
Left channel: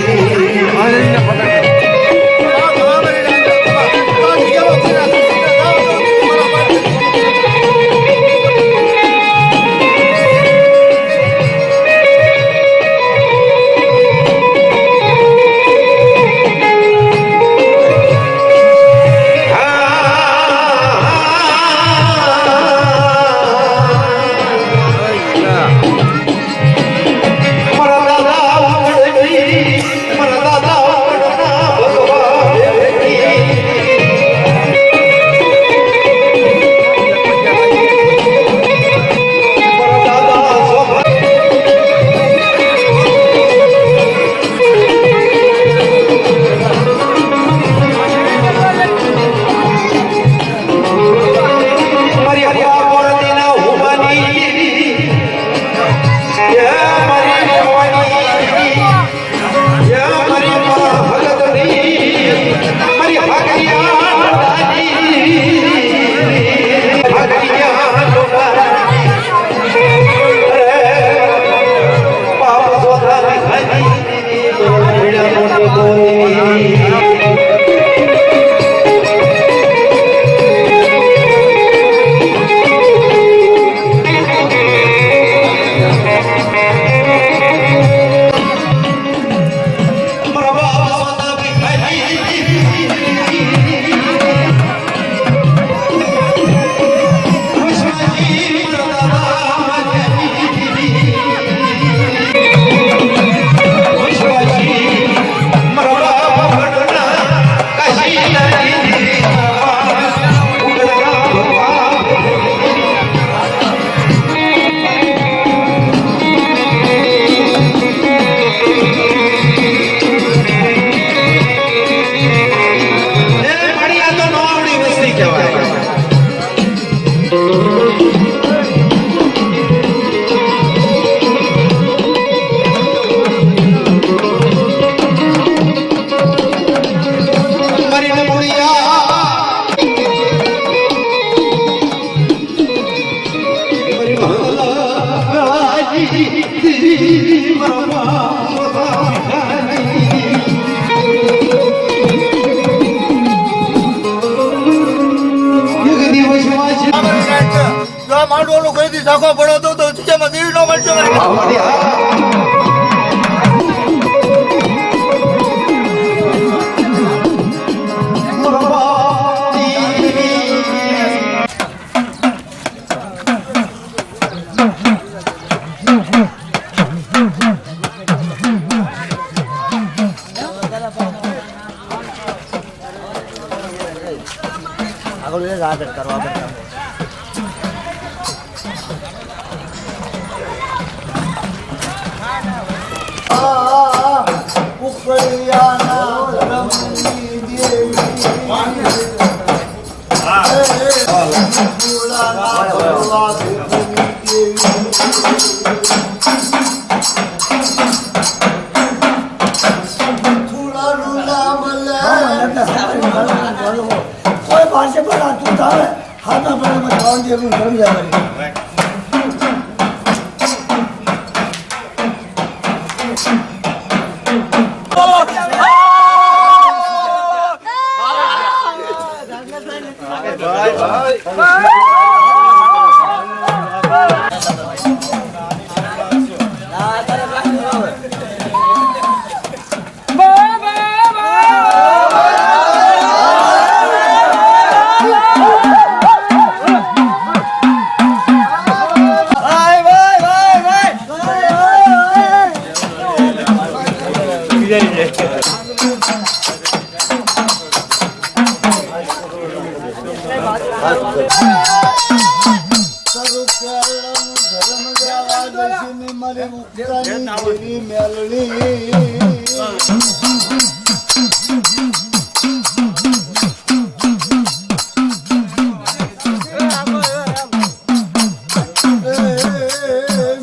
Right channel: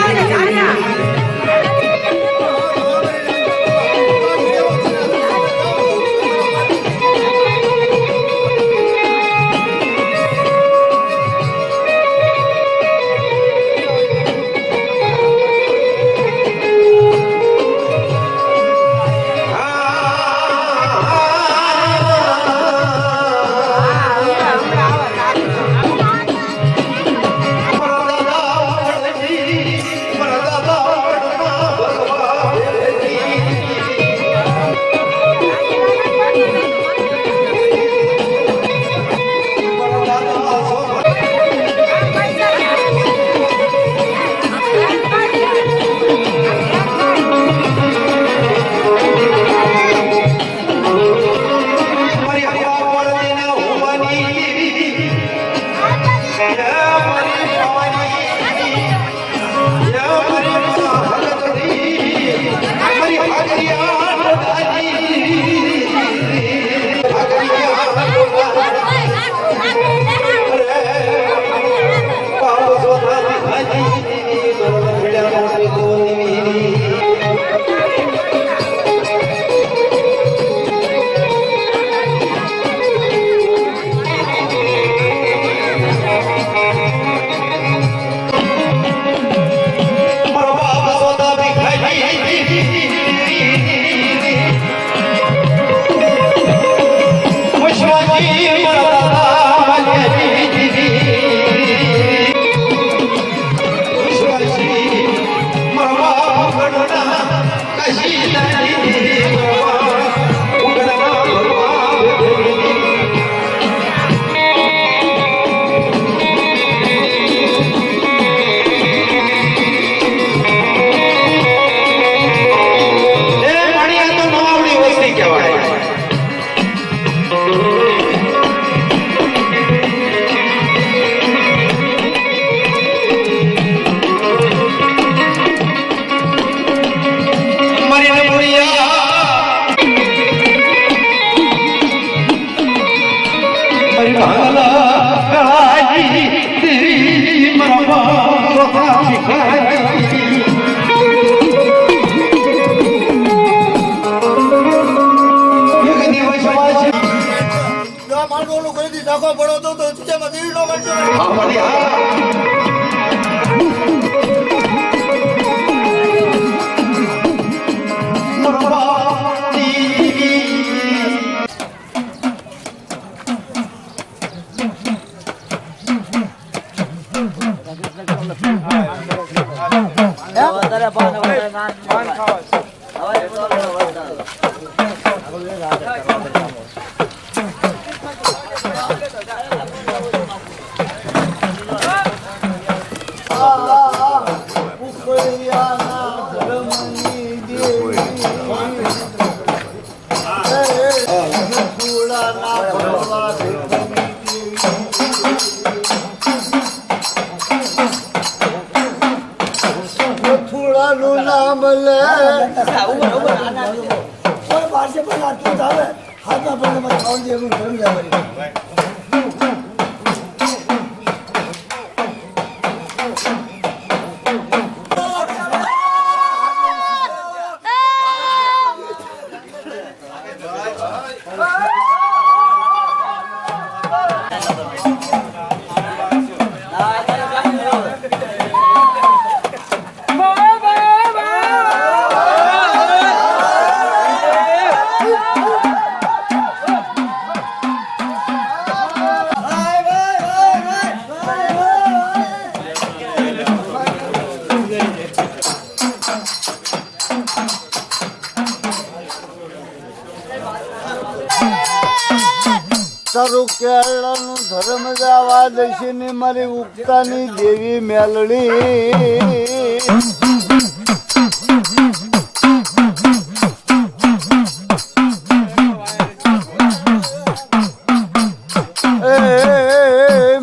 Thank you. ડોલો કહી દી સાખો પડો તો જગ્યામાં દેવી ન મળશે હા મારી હા ઉકળિયાના ધર્મની દેવી ફૂલાના ભરવા દેવની દેવી થોડાનું નામ લે કોઈ પાસે પણ તું આવે હાથા પડે ખાવાનું જેવું ધર્મ જાય કરી તારું કેળાનું ધર્મ જવા દેશે ને મારી ઉગતાની દેવી મેલડી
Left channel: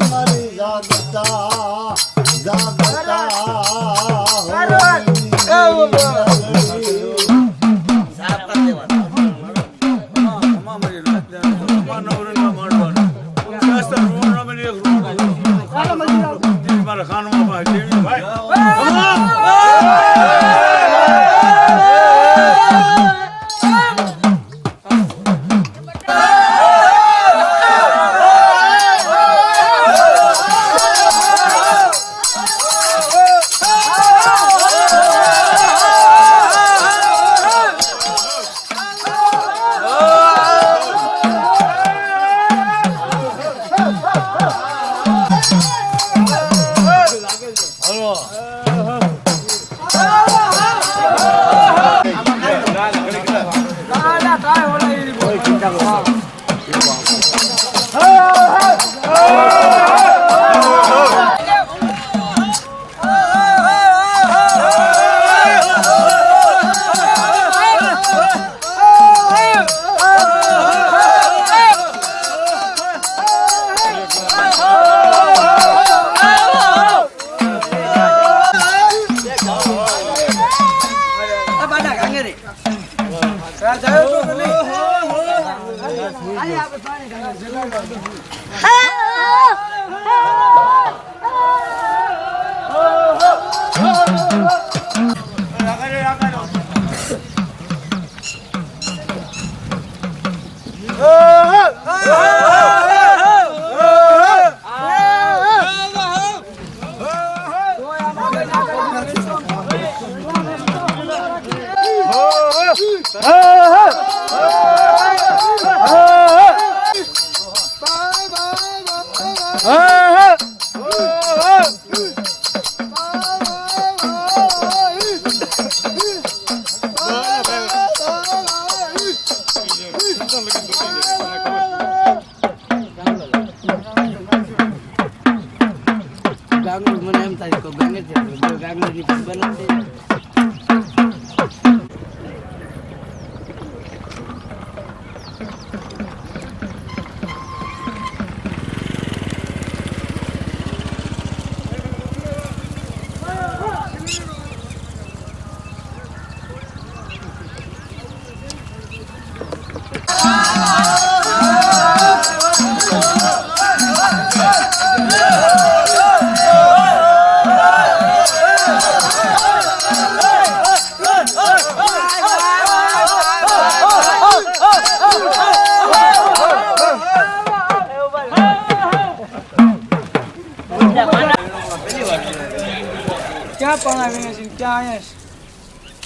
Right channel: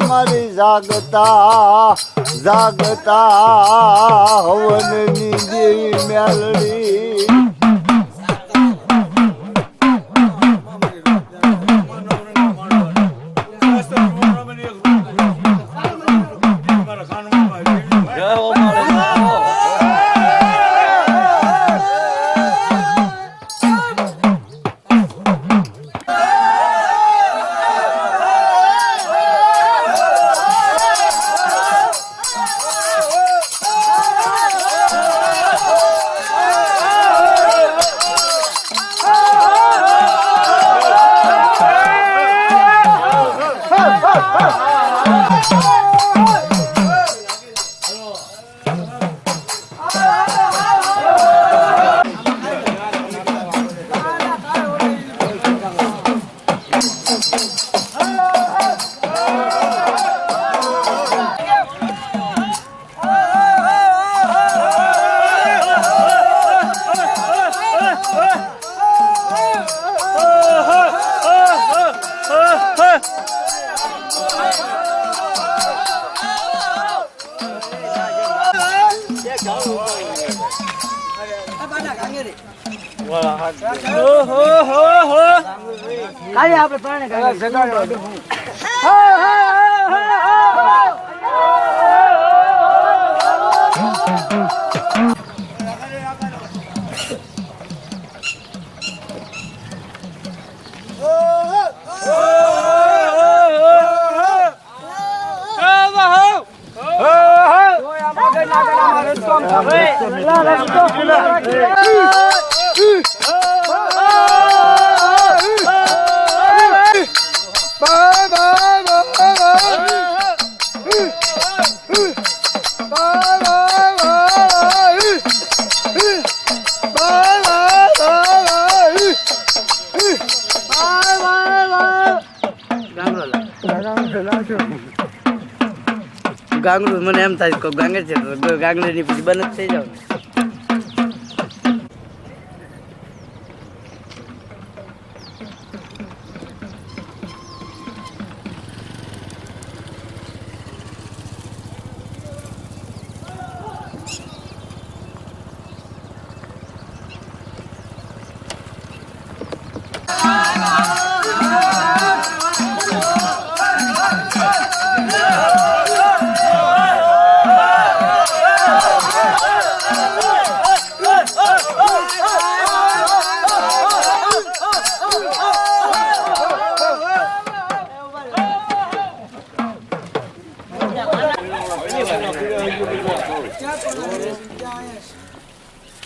મારી જાગતા જાગતા હોવાની દેવી મેલડી ગાંગડું મને એમ થાય કે ગાંગે છે ગાંગડીની બંધ જ થઈ જાવ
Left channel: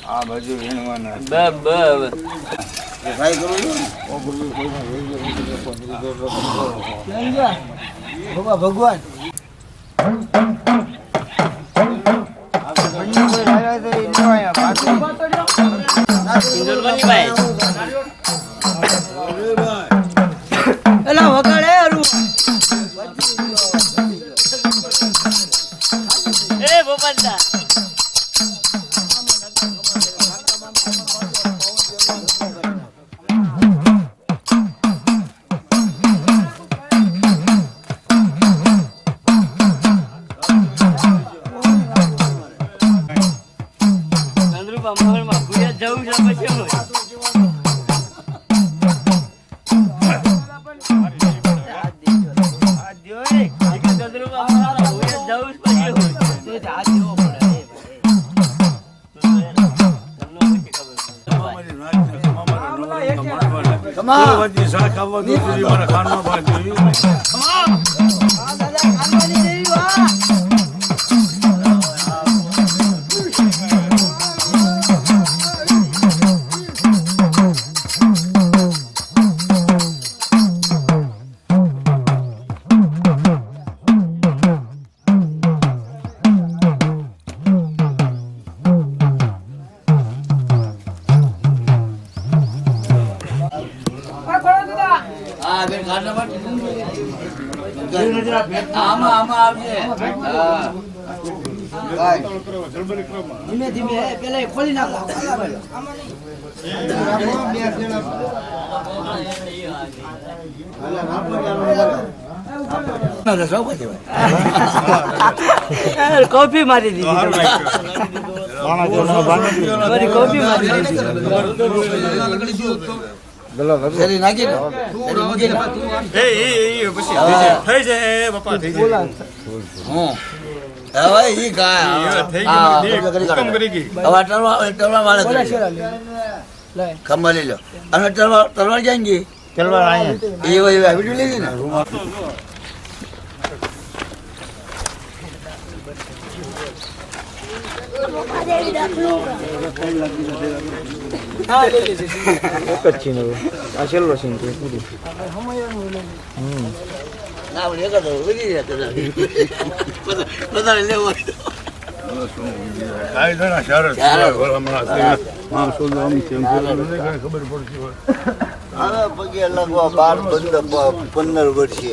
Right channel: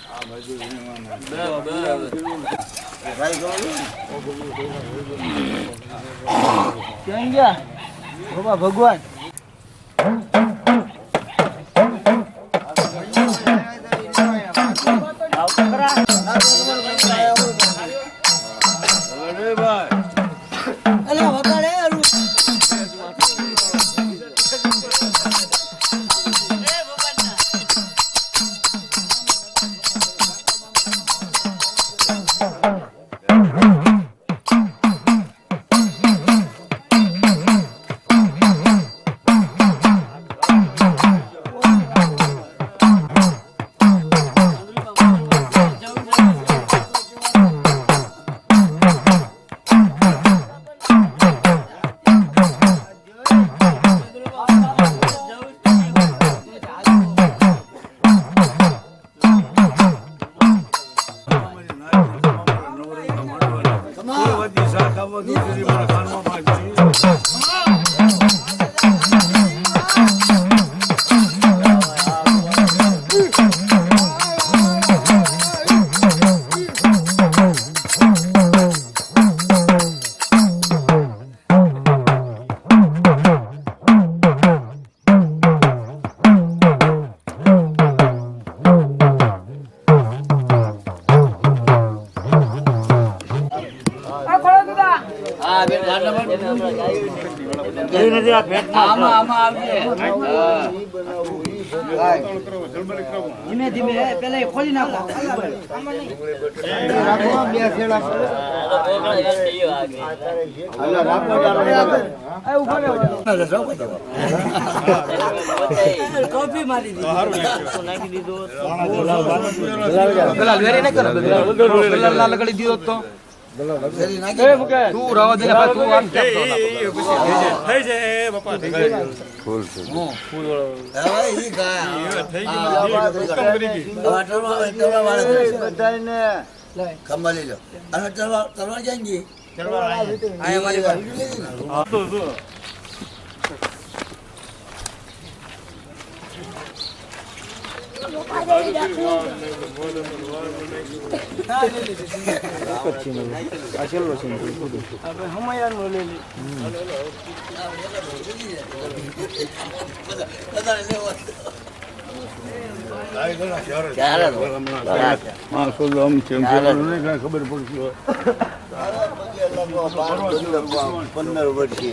આ બાજુ વીણવાના ક્યાં ગયા બાબા ભગવાન એલા વગાડે અરુ એ બોપંડા ધીમે ધીમે પેલા ખોલી નાખો કોફી મારી દીધી ખંભા લઈ લો અને તલવાર ક્યાં ગઈ વિડીયો લીધી ને ખબર પડશે 15 વર્ષે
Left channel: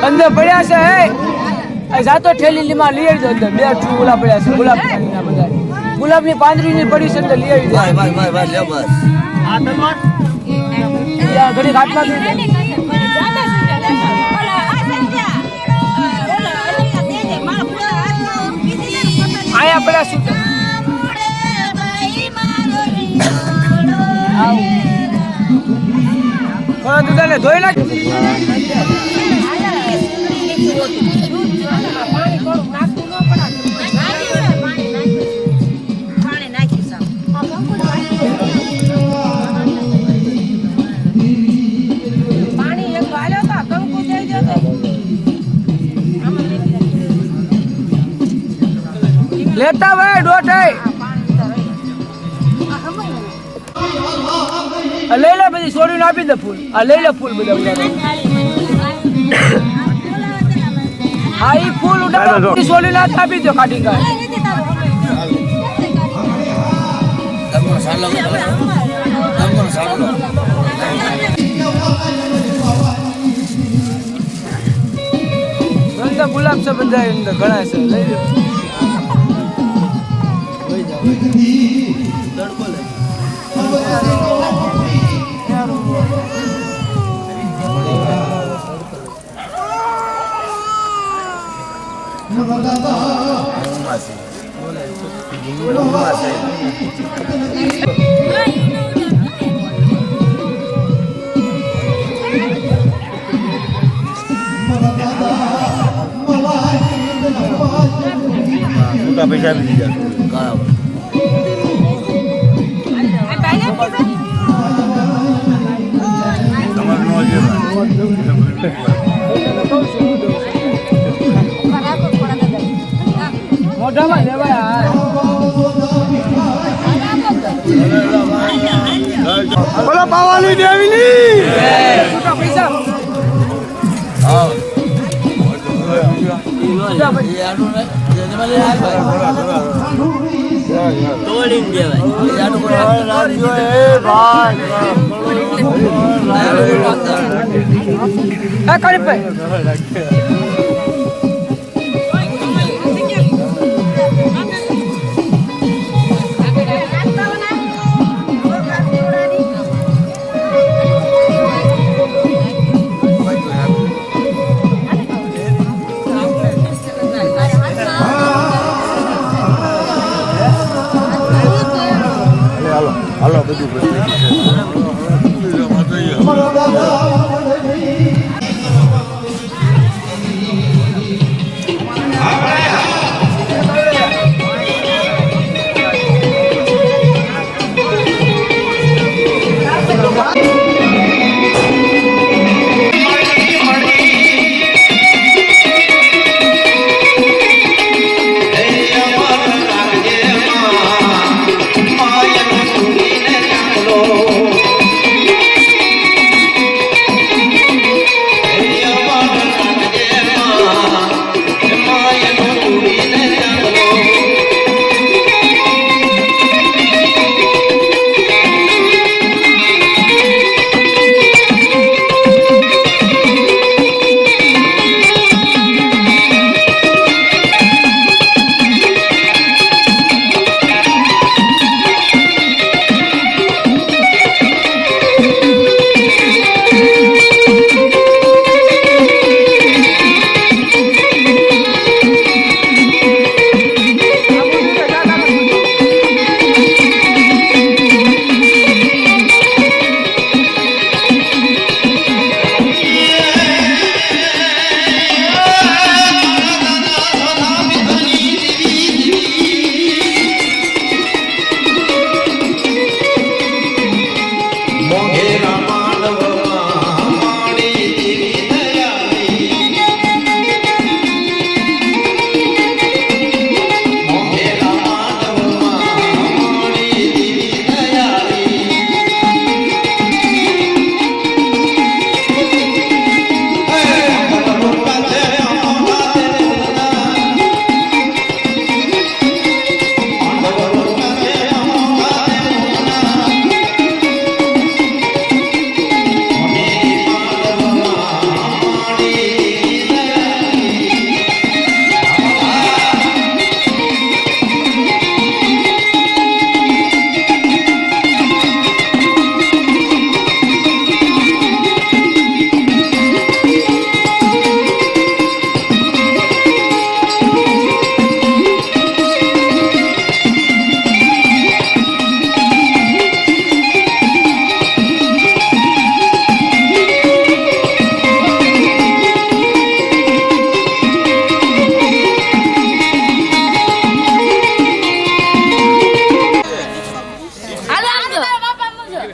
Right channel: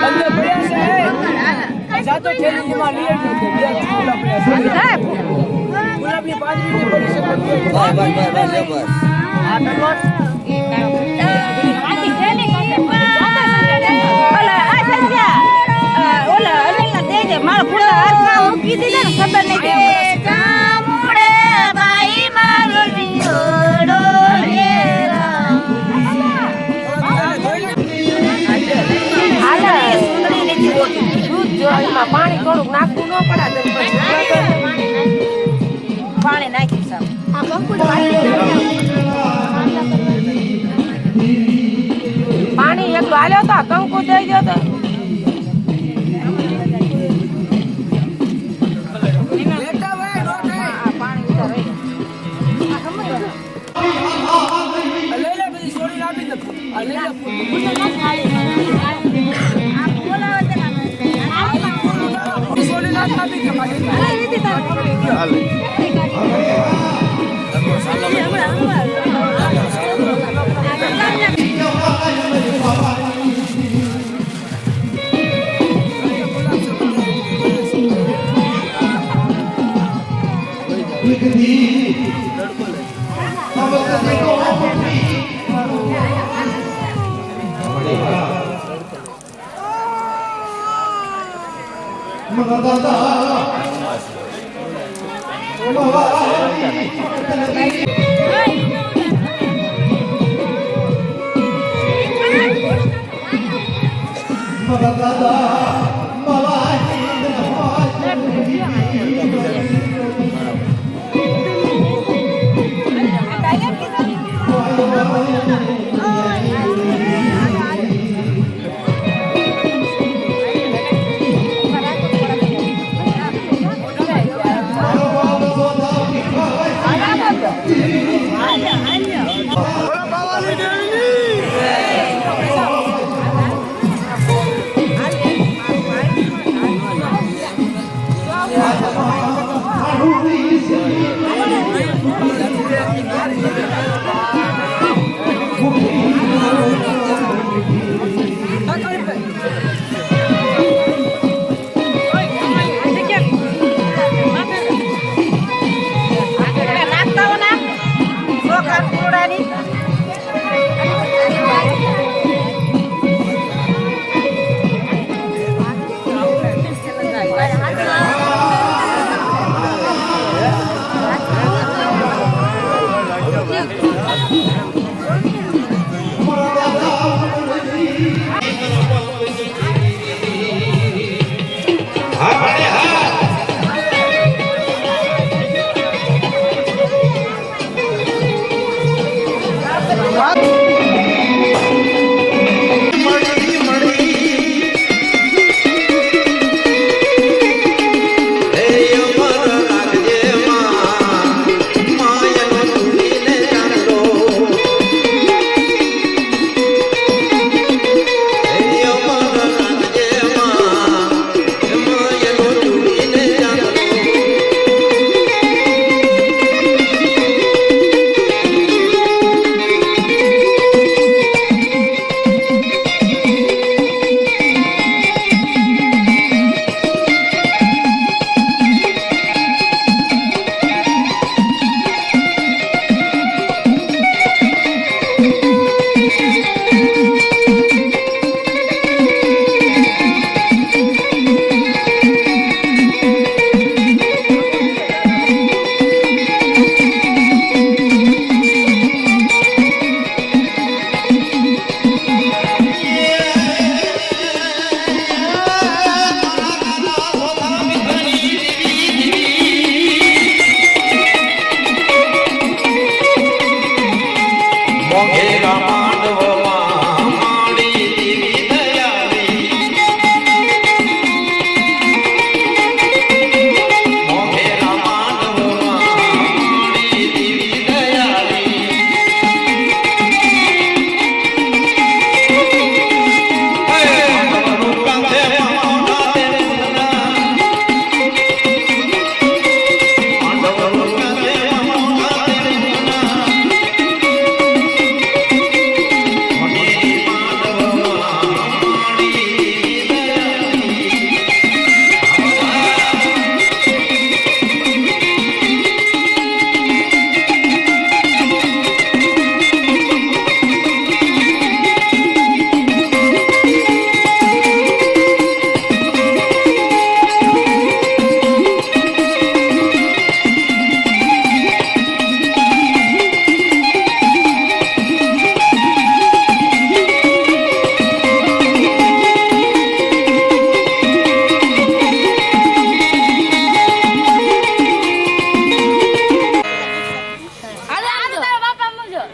અંદર પડ્યા છે હે જાતો ઠેલી માં લઈ આવજો બે ગુલાબ પડ્યા છે ગુલાબ ની પાંદડી ની પડી છે તો લઈ આવજો ભાઈ લે બસ આ તલવાર ઘડી ઘાટમાં ઓલા આ સંજ્યા ઓલા અનિલ દે દે મારા પૂરા હાથમાં હું કીધી ને ખબર નહીં આયા પડ્યા છે કામડે ભાઈ મારો જીડો રે રામ થોડા દૂધને ધોઈ નાખ પાણી થોડુંક નાખવું ન પડે પાણી નાખી સાહેબ પાણી એક હાલ્યો તો કંકુ દઈ દો તો લેતા ભાઈ ડોટે પાણી ઉતાર લઈ લે બધી છોડીને આપી દે ફૂલ આ લઈ લે ફૂલ બધા આ ઈ ફૂલ ઉડાડી છોડીને આપી દો કાઢી કાઢ ગુલાબ છે બધા ઘણા છે તડકો લે પૈસા આપી દીધા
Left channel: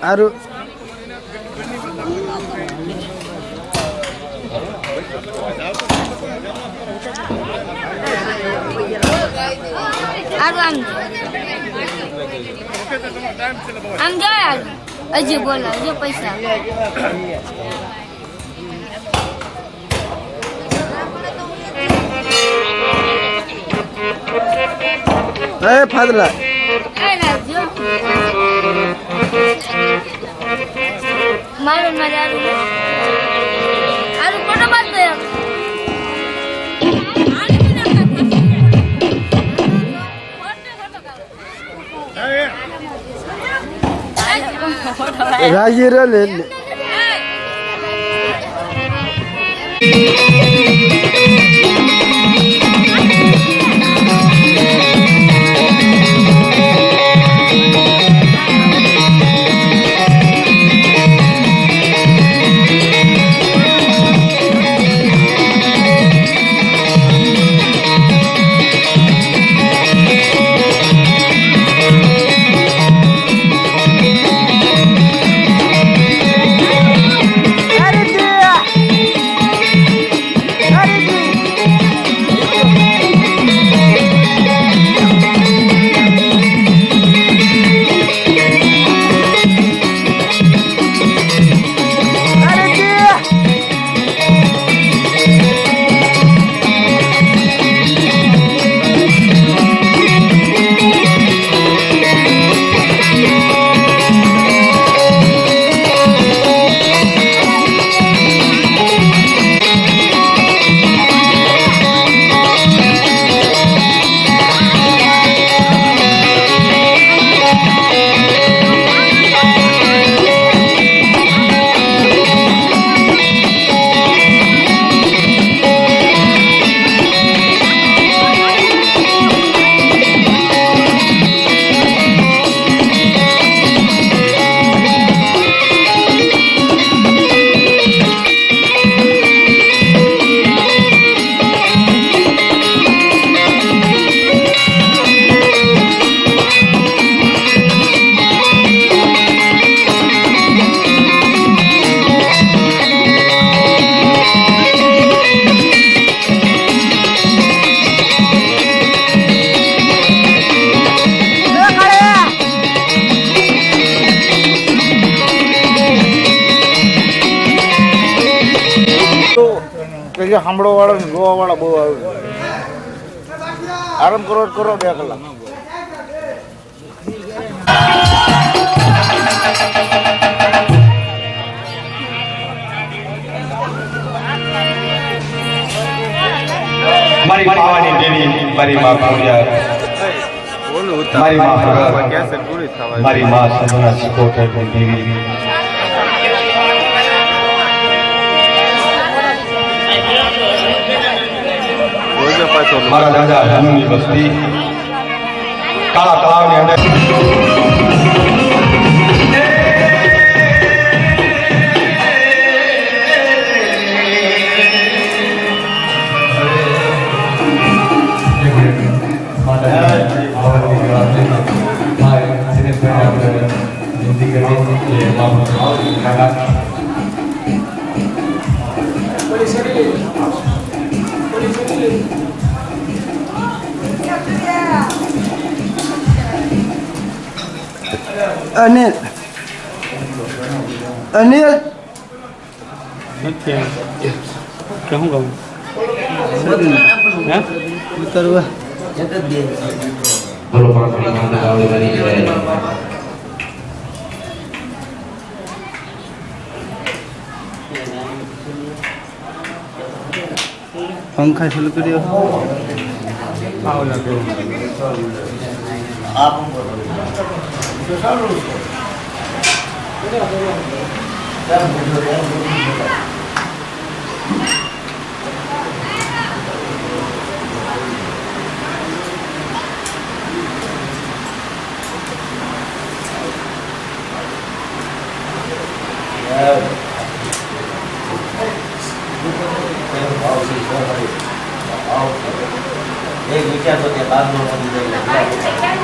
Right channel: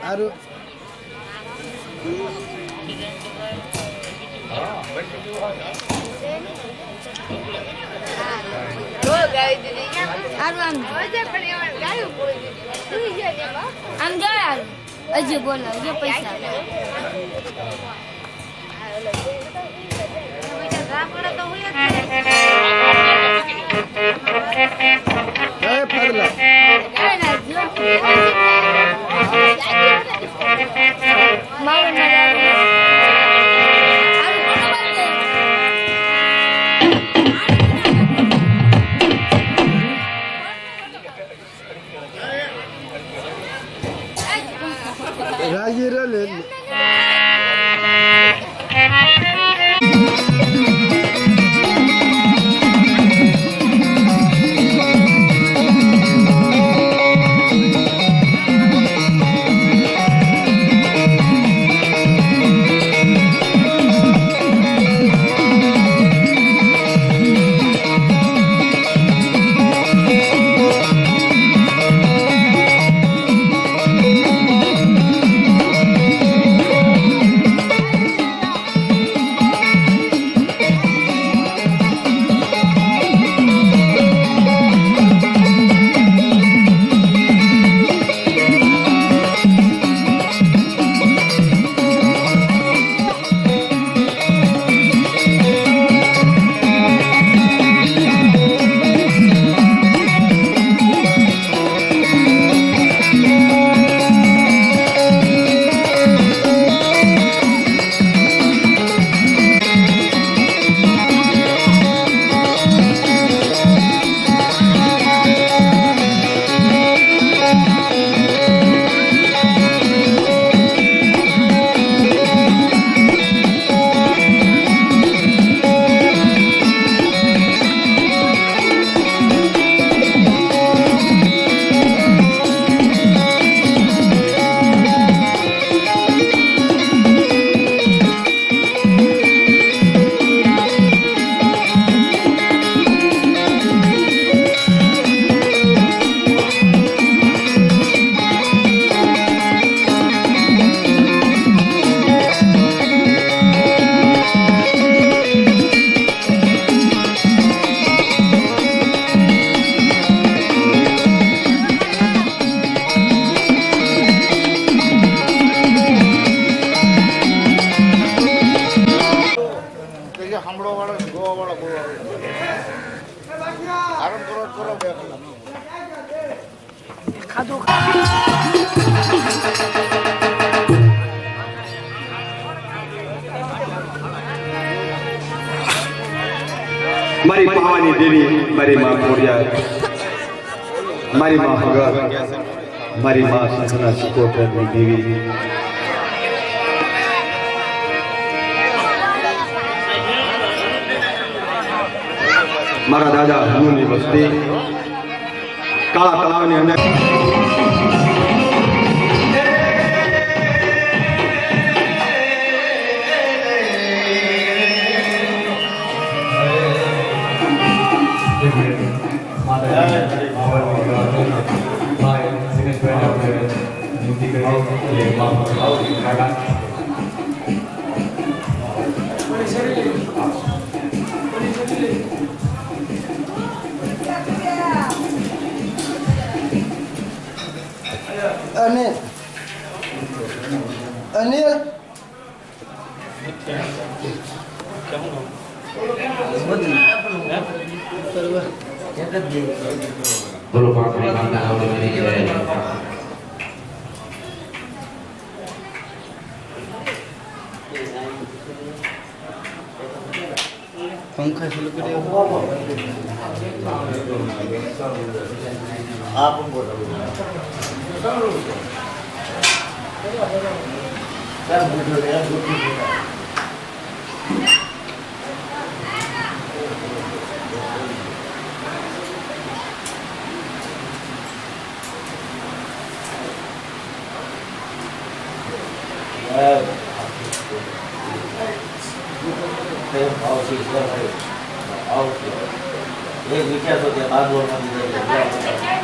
સારું આમ જાય હજી બોલાવજો પૈસા ફાદલા મારું મારું ફોટો બાદ દે રાજી રે લે પછી સાંભળો વાળા ને ગોવા વાળા બહુ આવે આરામ કરો બે કલાક મારી પાવાની દેવી મારી માં પૂર્યા મારી માં હગર મારી માં સંતના સિકોતરની દેવી મારા દાદા ધનુની વસ્તી કાળા તળાવની અંદર અનિલ બોલો પાણી માતા રાવલની જય પંખા ચાલુ કર્યો એક વિચાર તો ત્યાં બાંધો નથી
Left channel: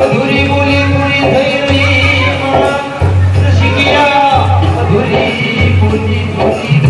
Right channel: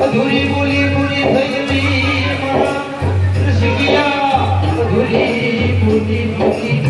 અધૂરી બોલી પૂરી થઈ રહી મારા રસિકિયા અધૂરી બોલી પૂરી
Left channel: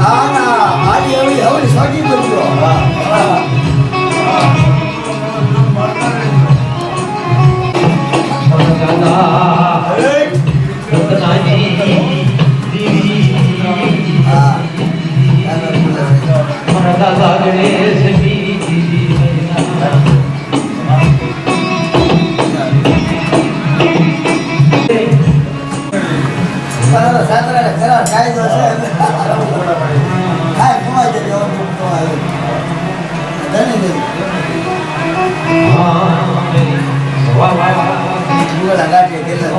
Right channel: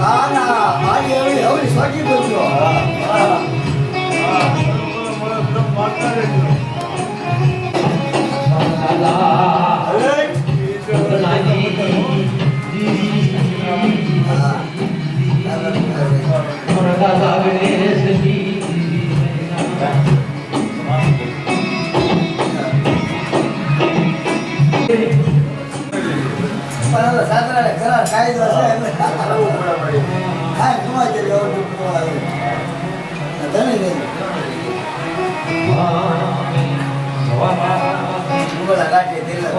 હા ના મારી હવે સ્વાગત કરું છું. સાતરા ખરા કાયદો છે કાંઈ કમાઈ જજો ધની ધની ગાંઠી કેટલા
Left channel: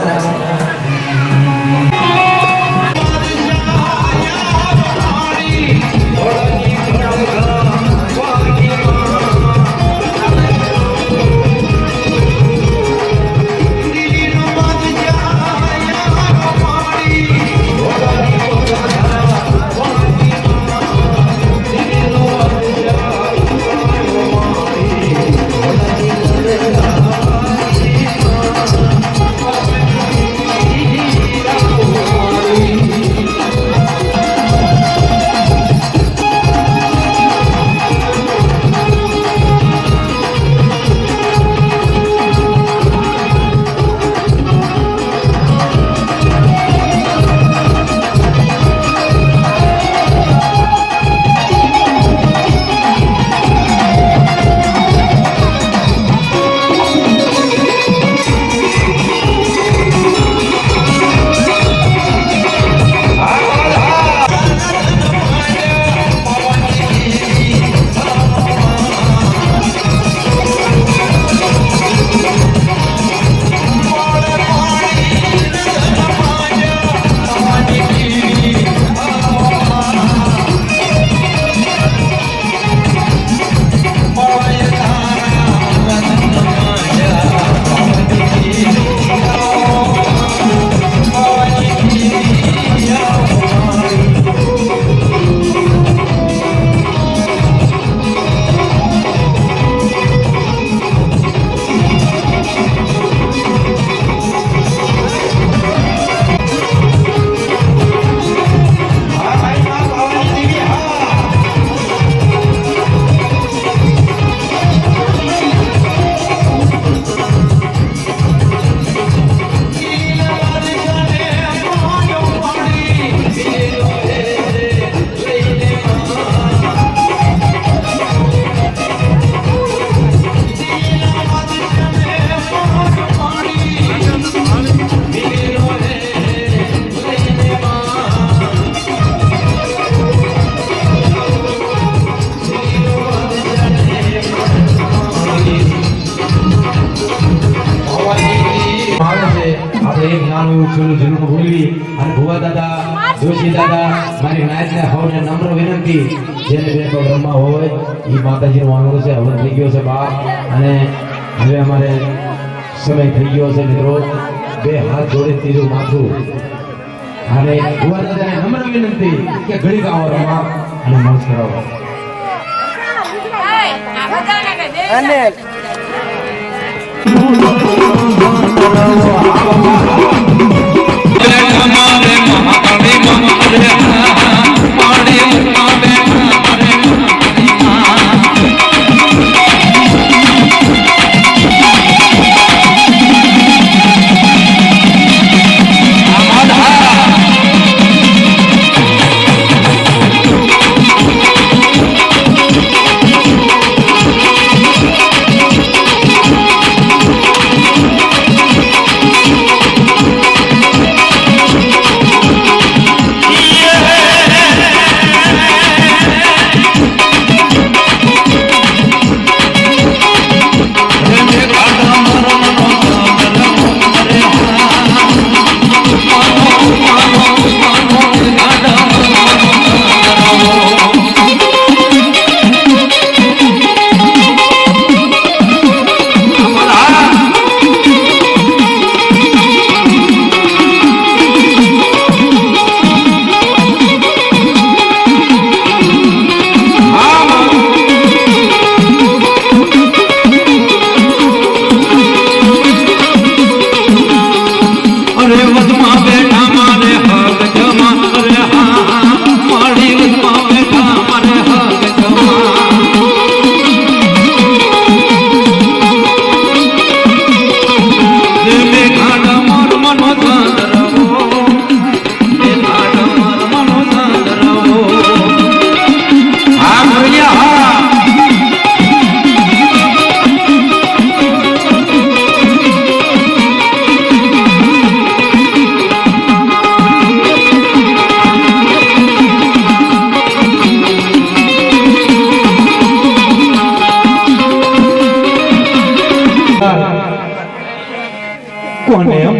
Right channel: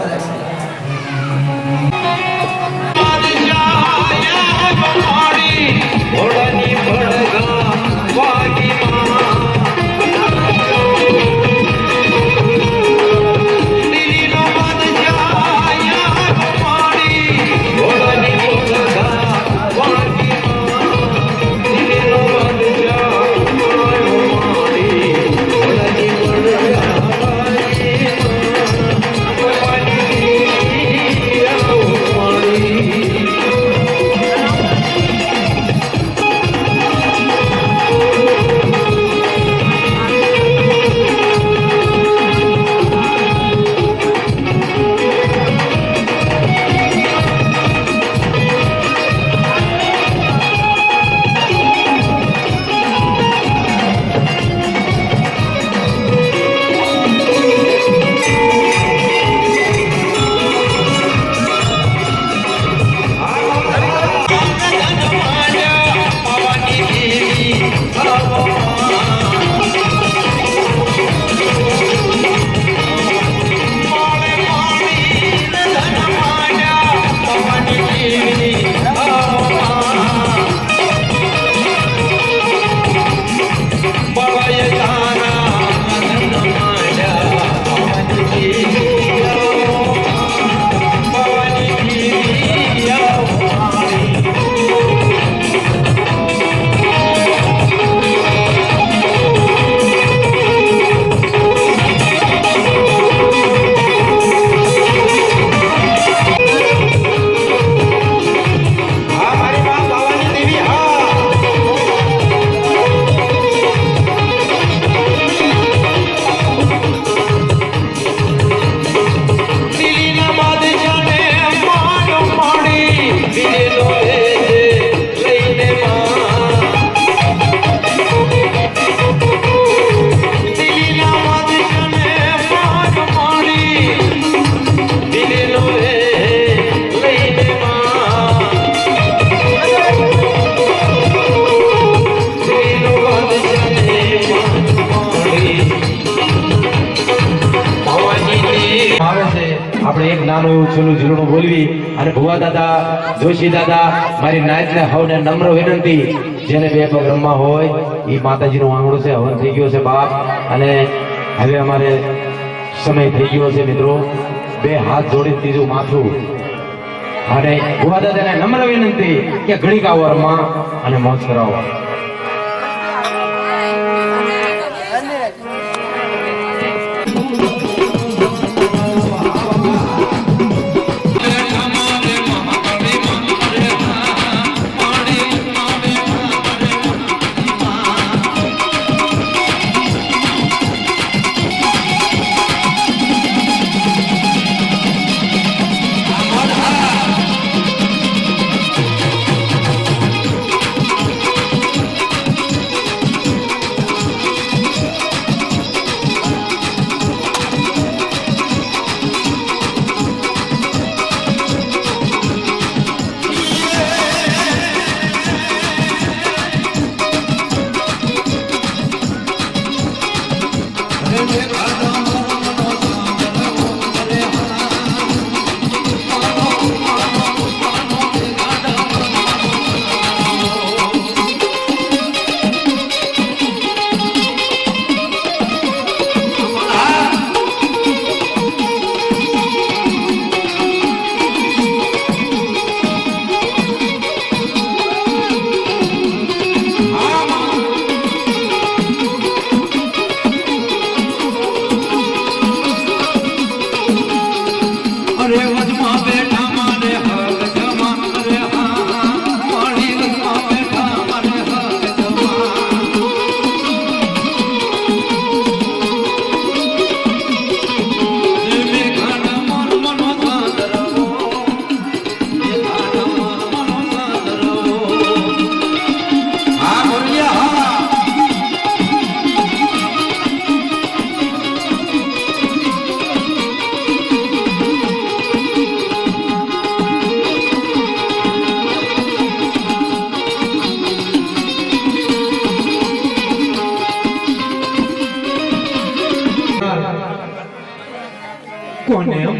આપણે એક નાનું એવું છેલ્લું ઝીણું બોલવી અને ભુવા દાદા જોશી દાદા મારી નાચને હવને નમ્ર વિનંતી જેને બે પગ રમવા હોય એ માતાજીનો આંગણો છે હવન થઈ ગયો છે બાપ અને હવે અમારે સમય થઈ ગયો છે મિત્રો બે હાથ જોડી ત્રીજું માથું અને ભુવા દાદાને નમ્ર વિનંતી કે ઘડીક આવો રમવા અને મોજ કરાવો.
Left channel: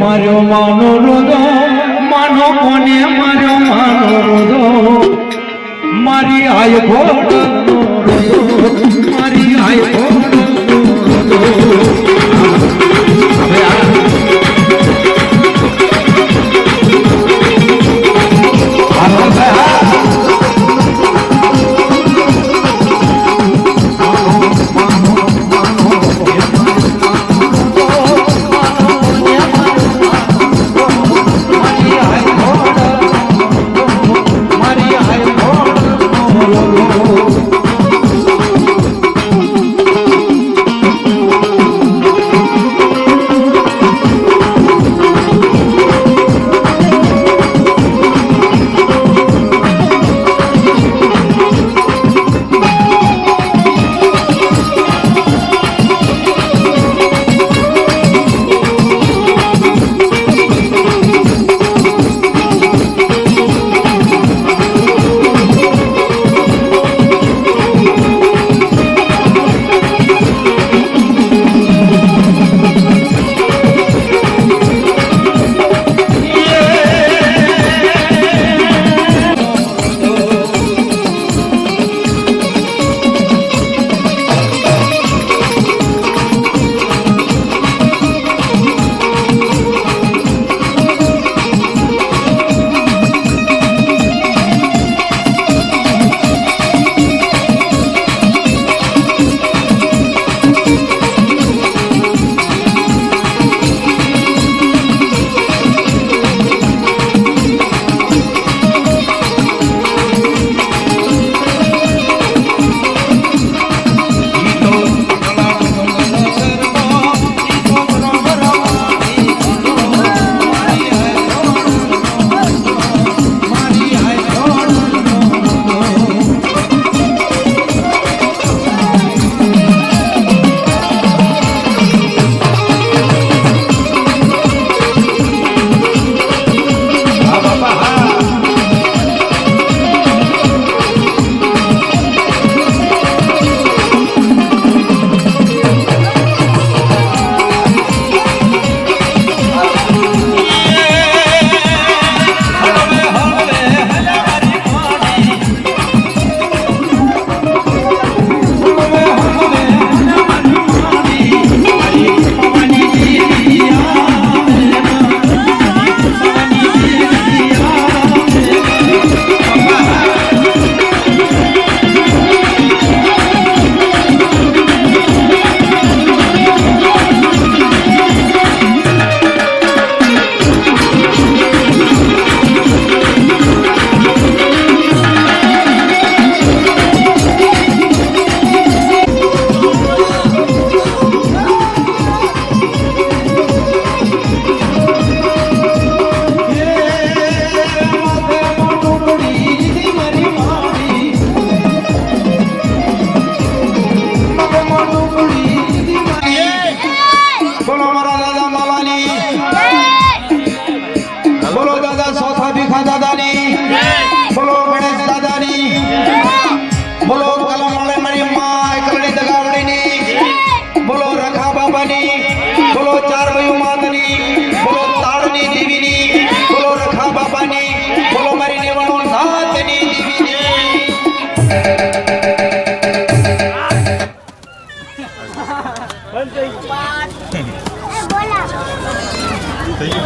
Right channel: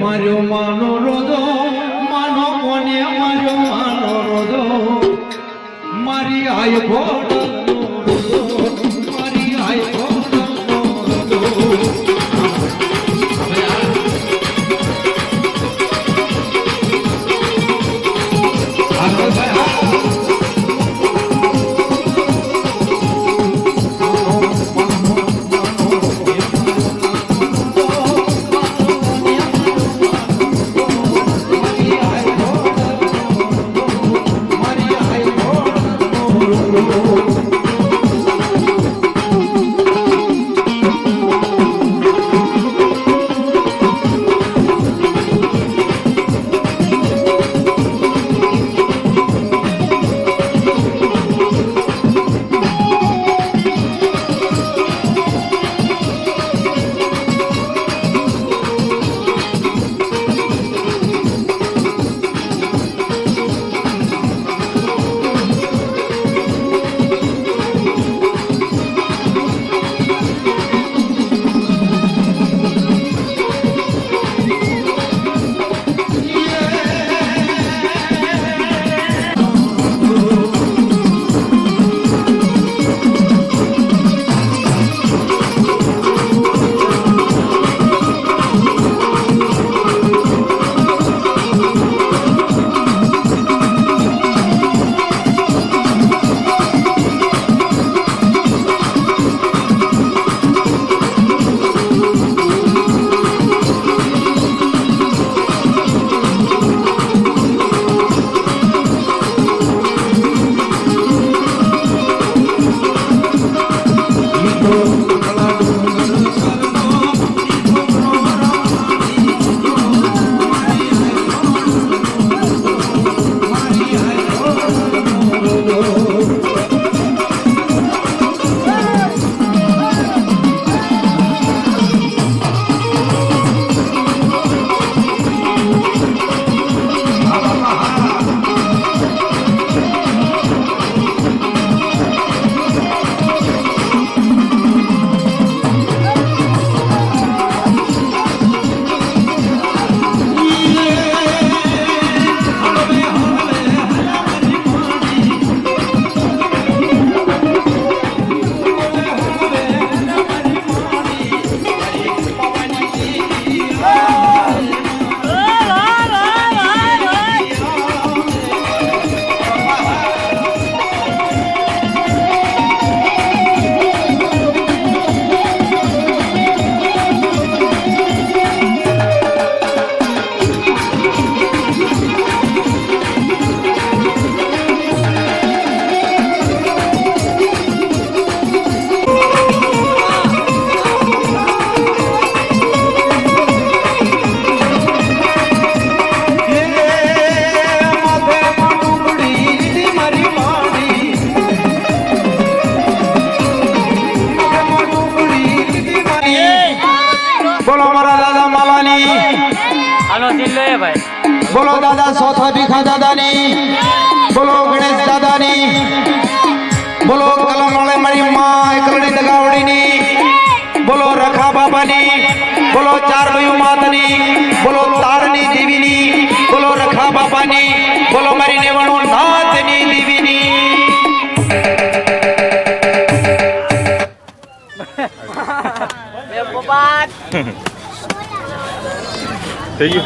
માર્યો માનો રોદો માનો કોને માર્યો માનો રોદો મારી આય ઘોડાનો રોદો મારી આય ઘોડાનો રોદો હવે આ બોલો દાદા સોથા ભીખા દાદાની બોલો ગણેશ દાદાની બોલો કલમવાળે મારી માં એકરડી દગાવડીની બોલો રખા બાબાની બોલો ચાર ભાઈઓ માતની બોલો તારની દેવીની બોલો રખા બાબાની બોલો મારી નેવણું નાથની દેવીની થઈ ગયું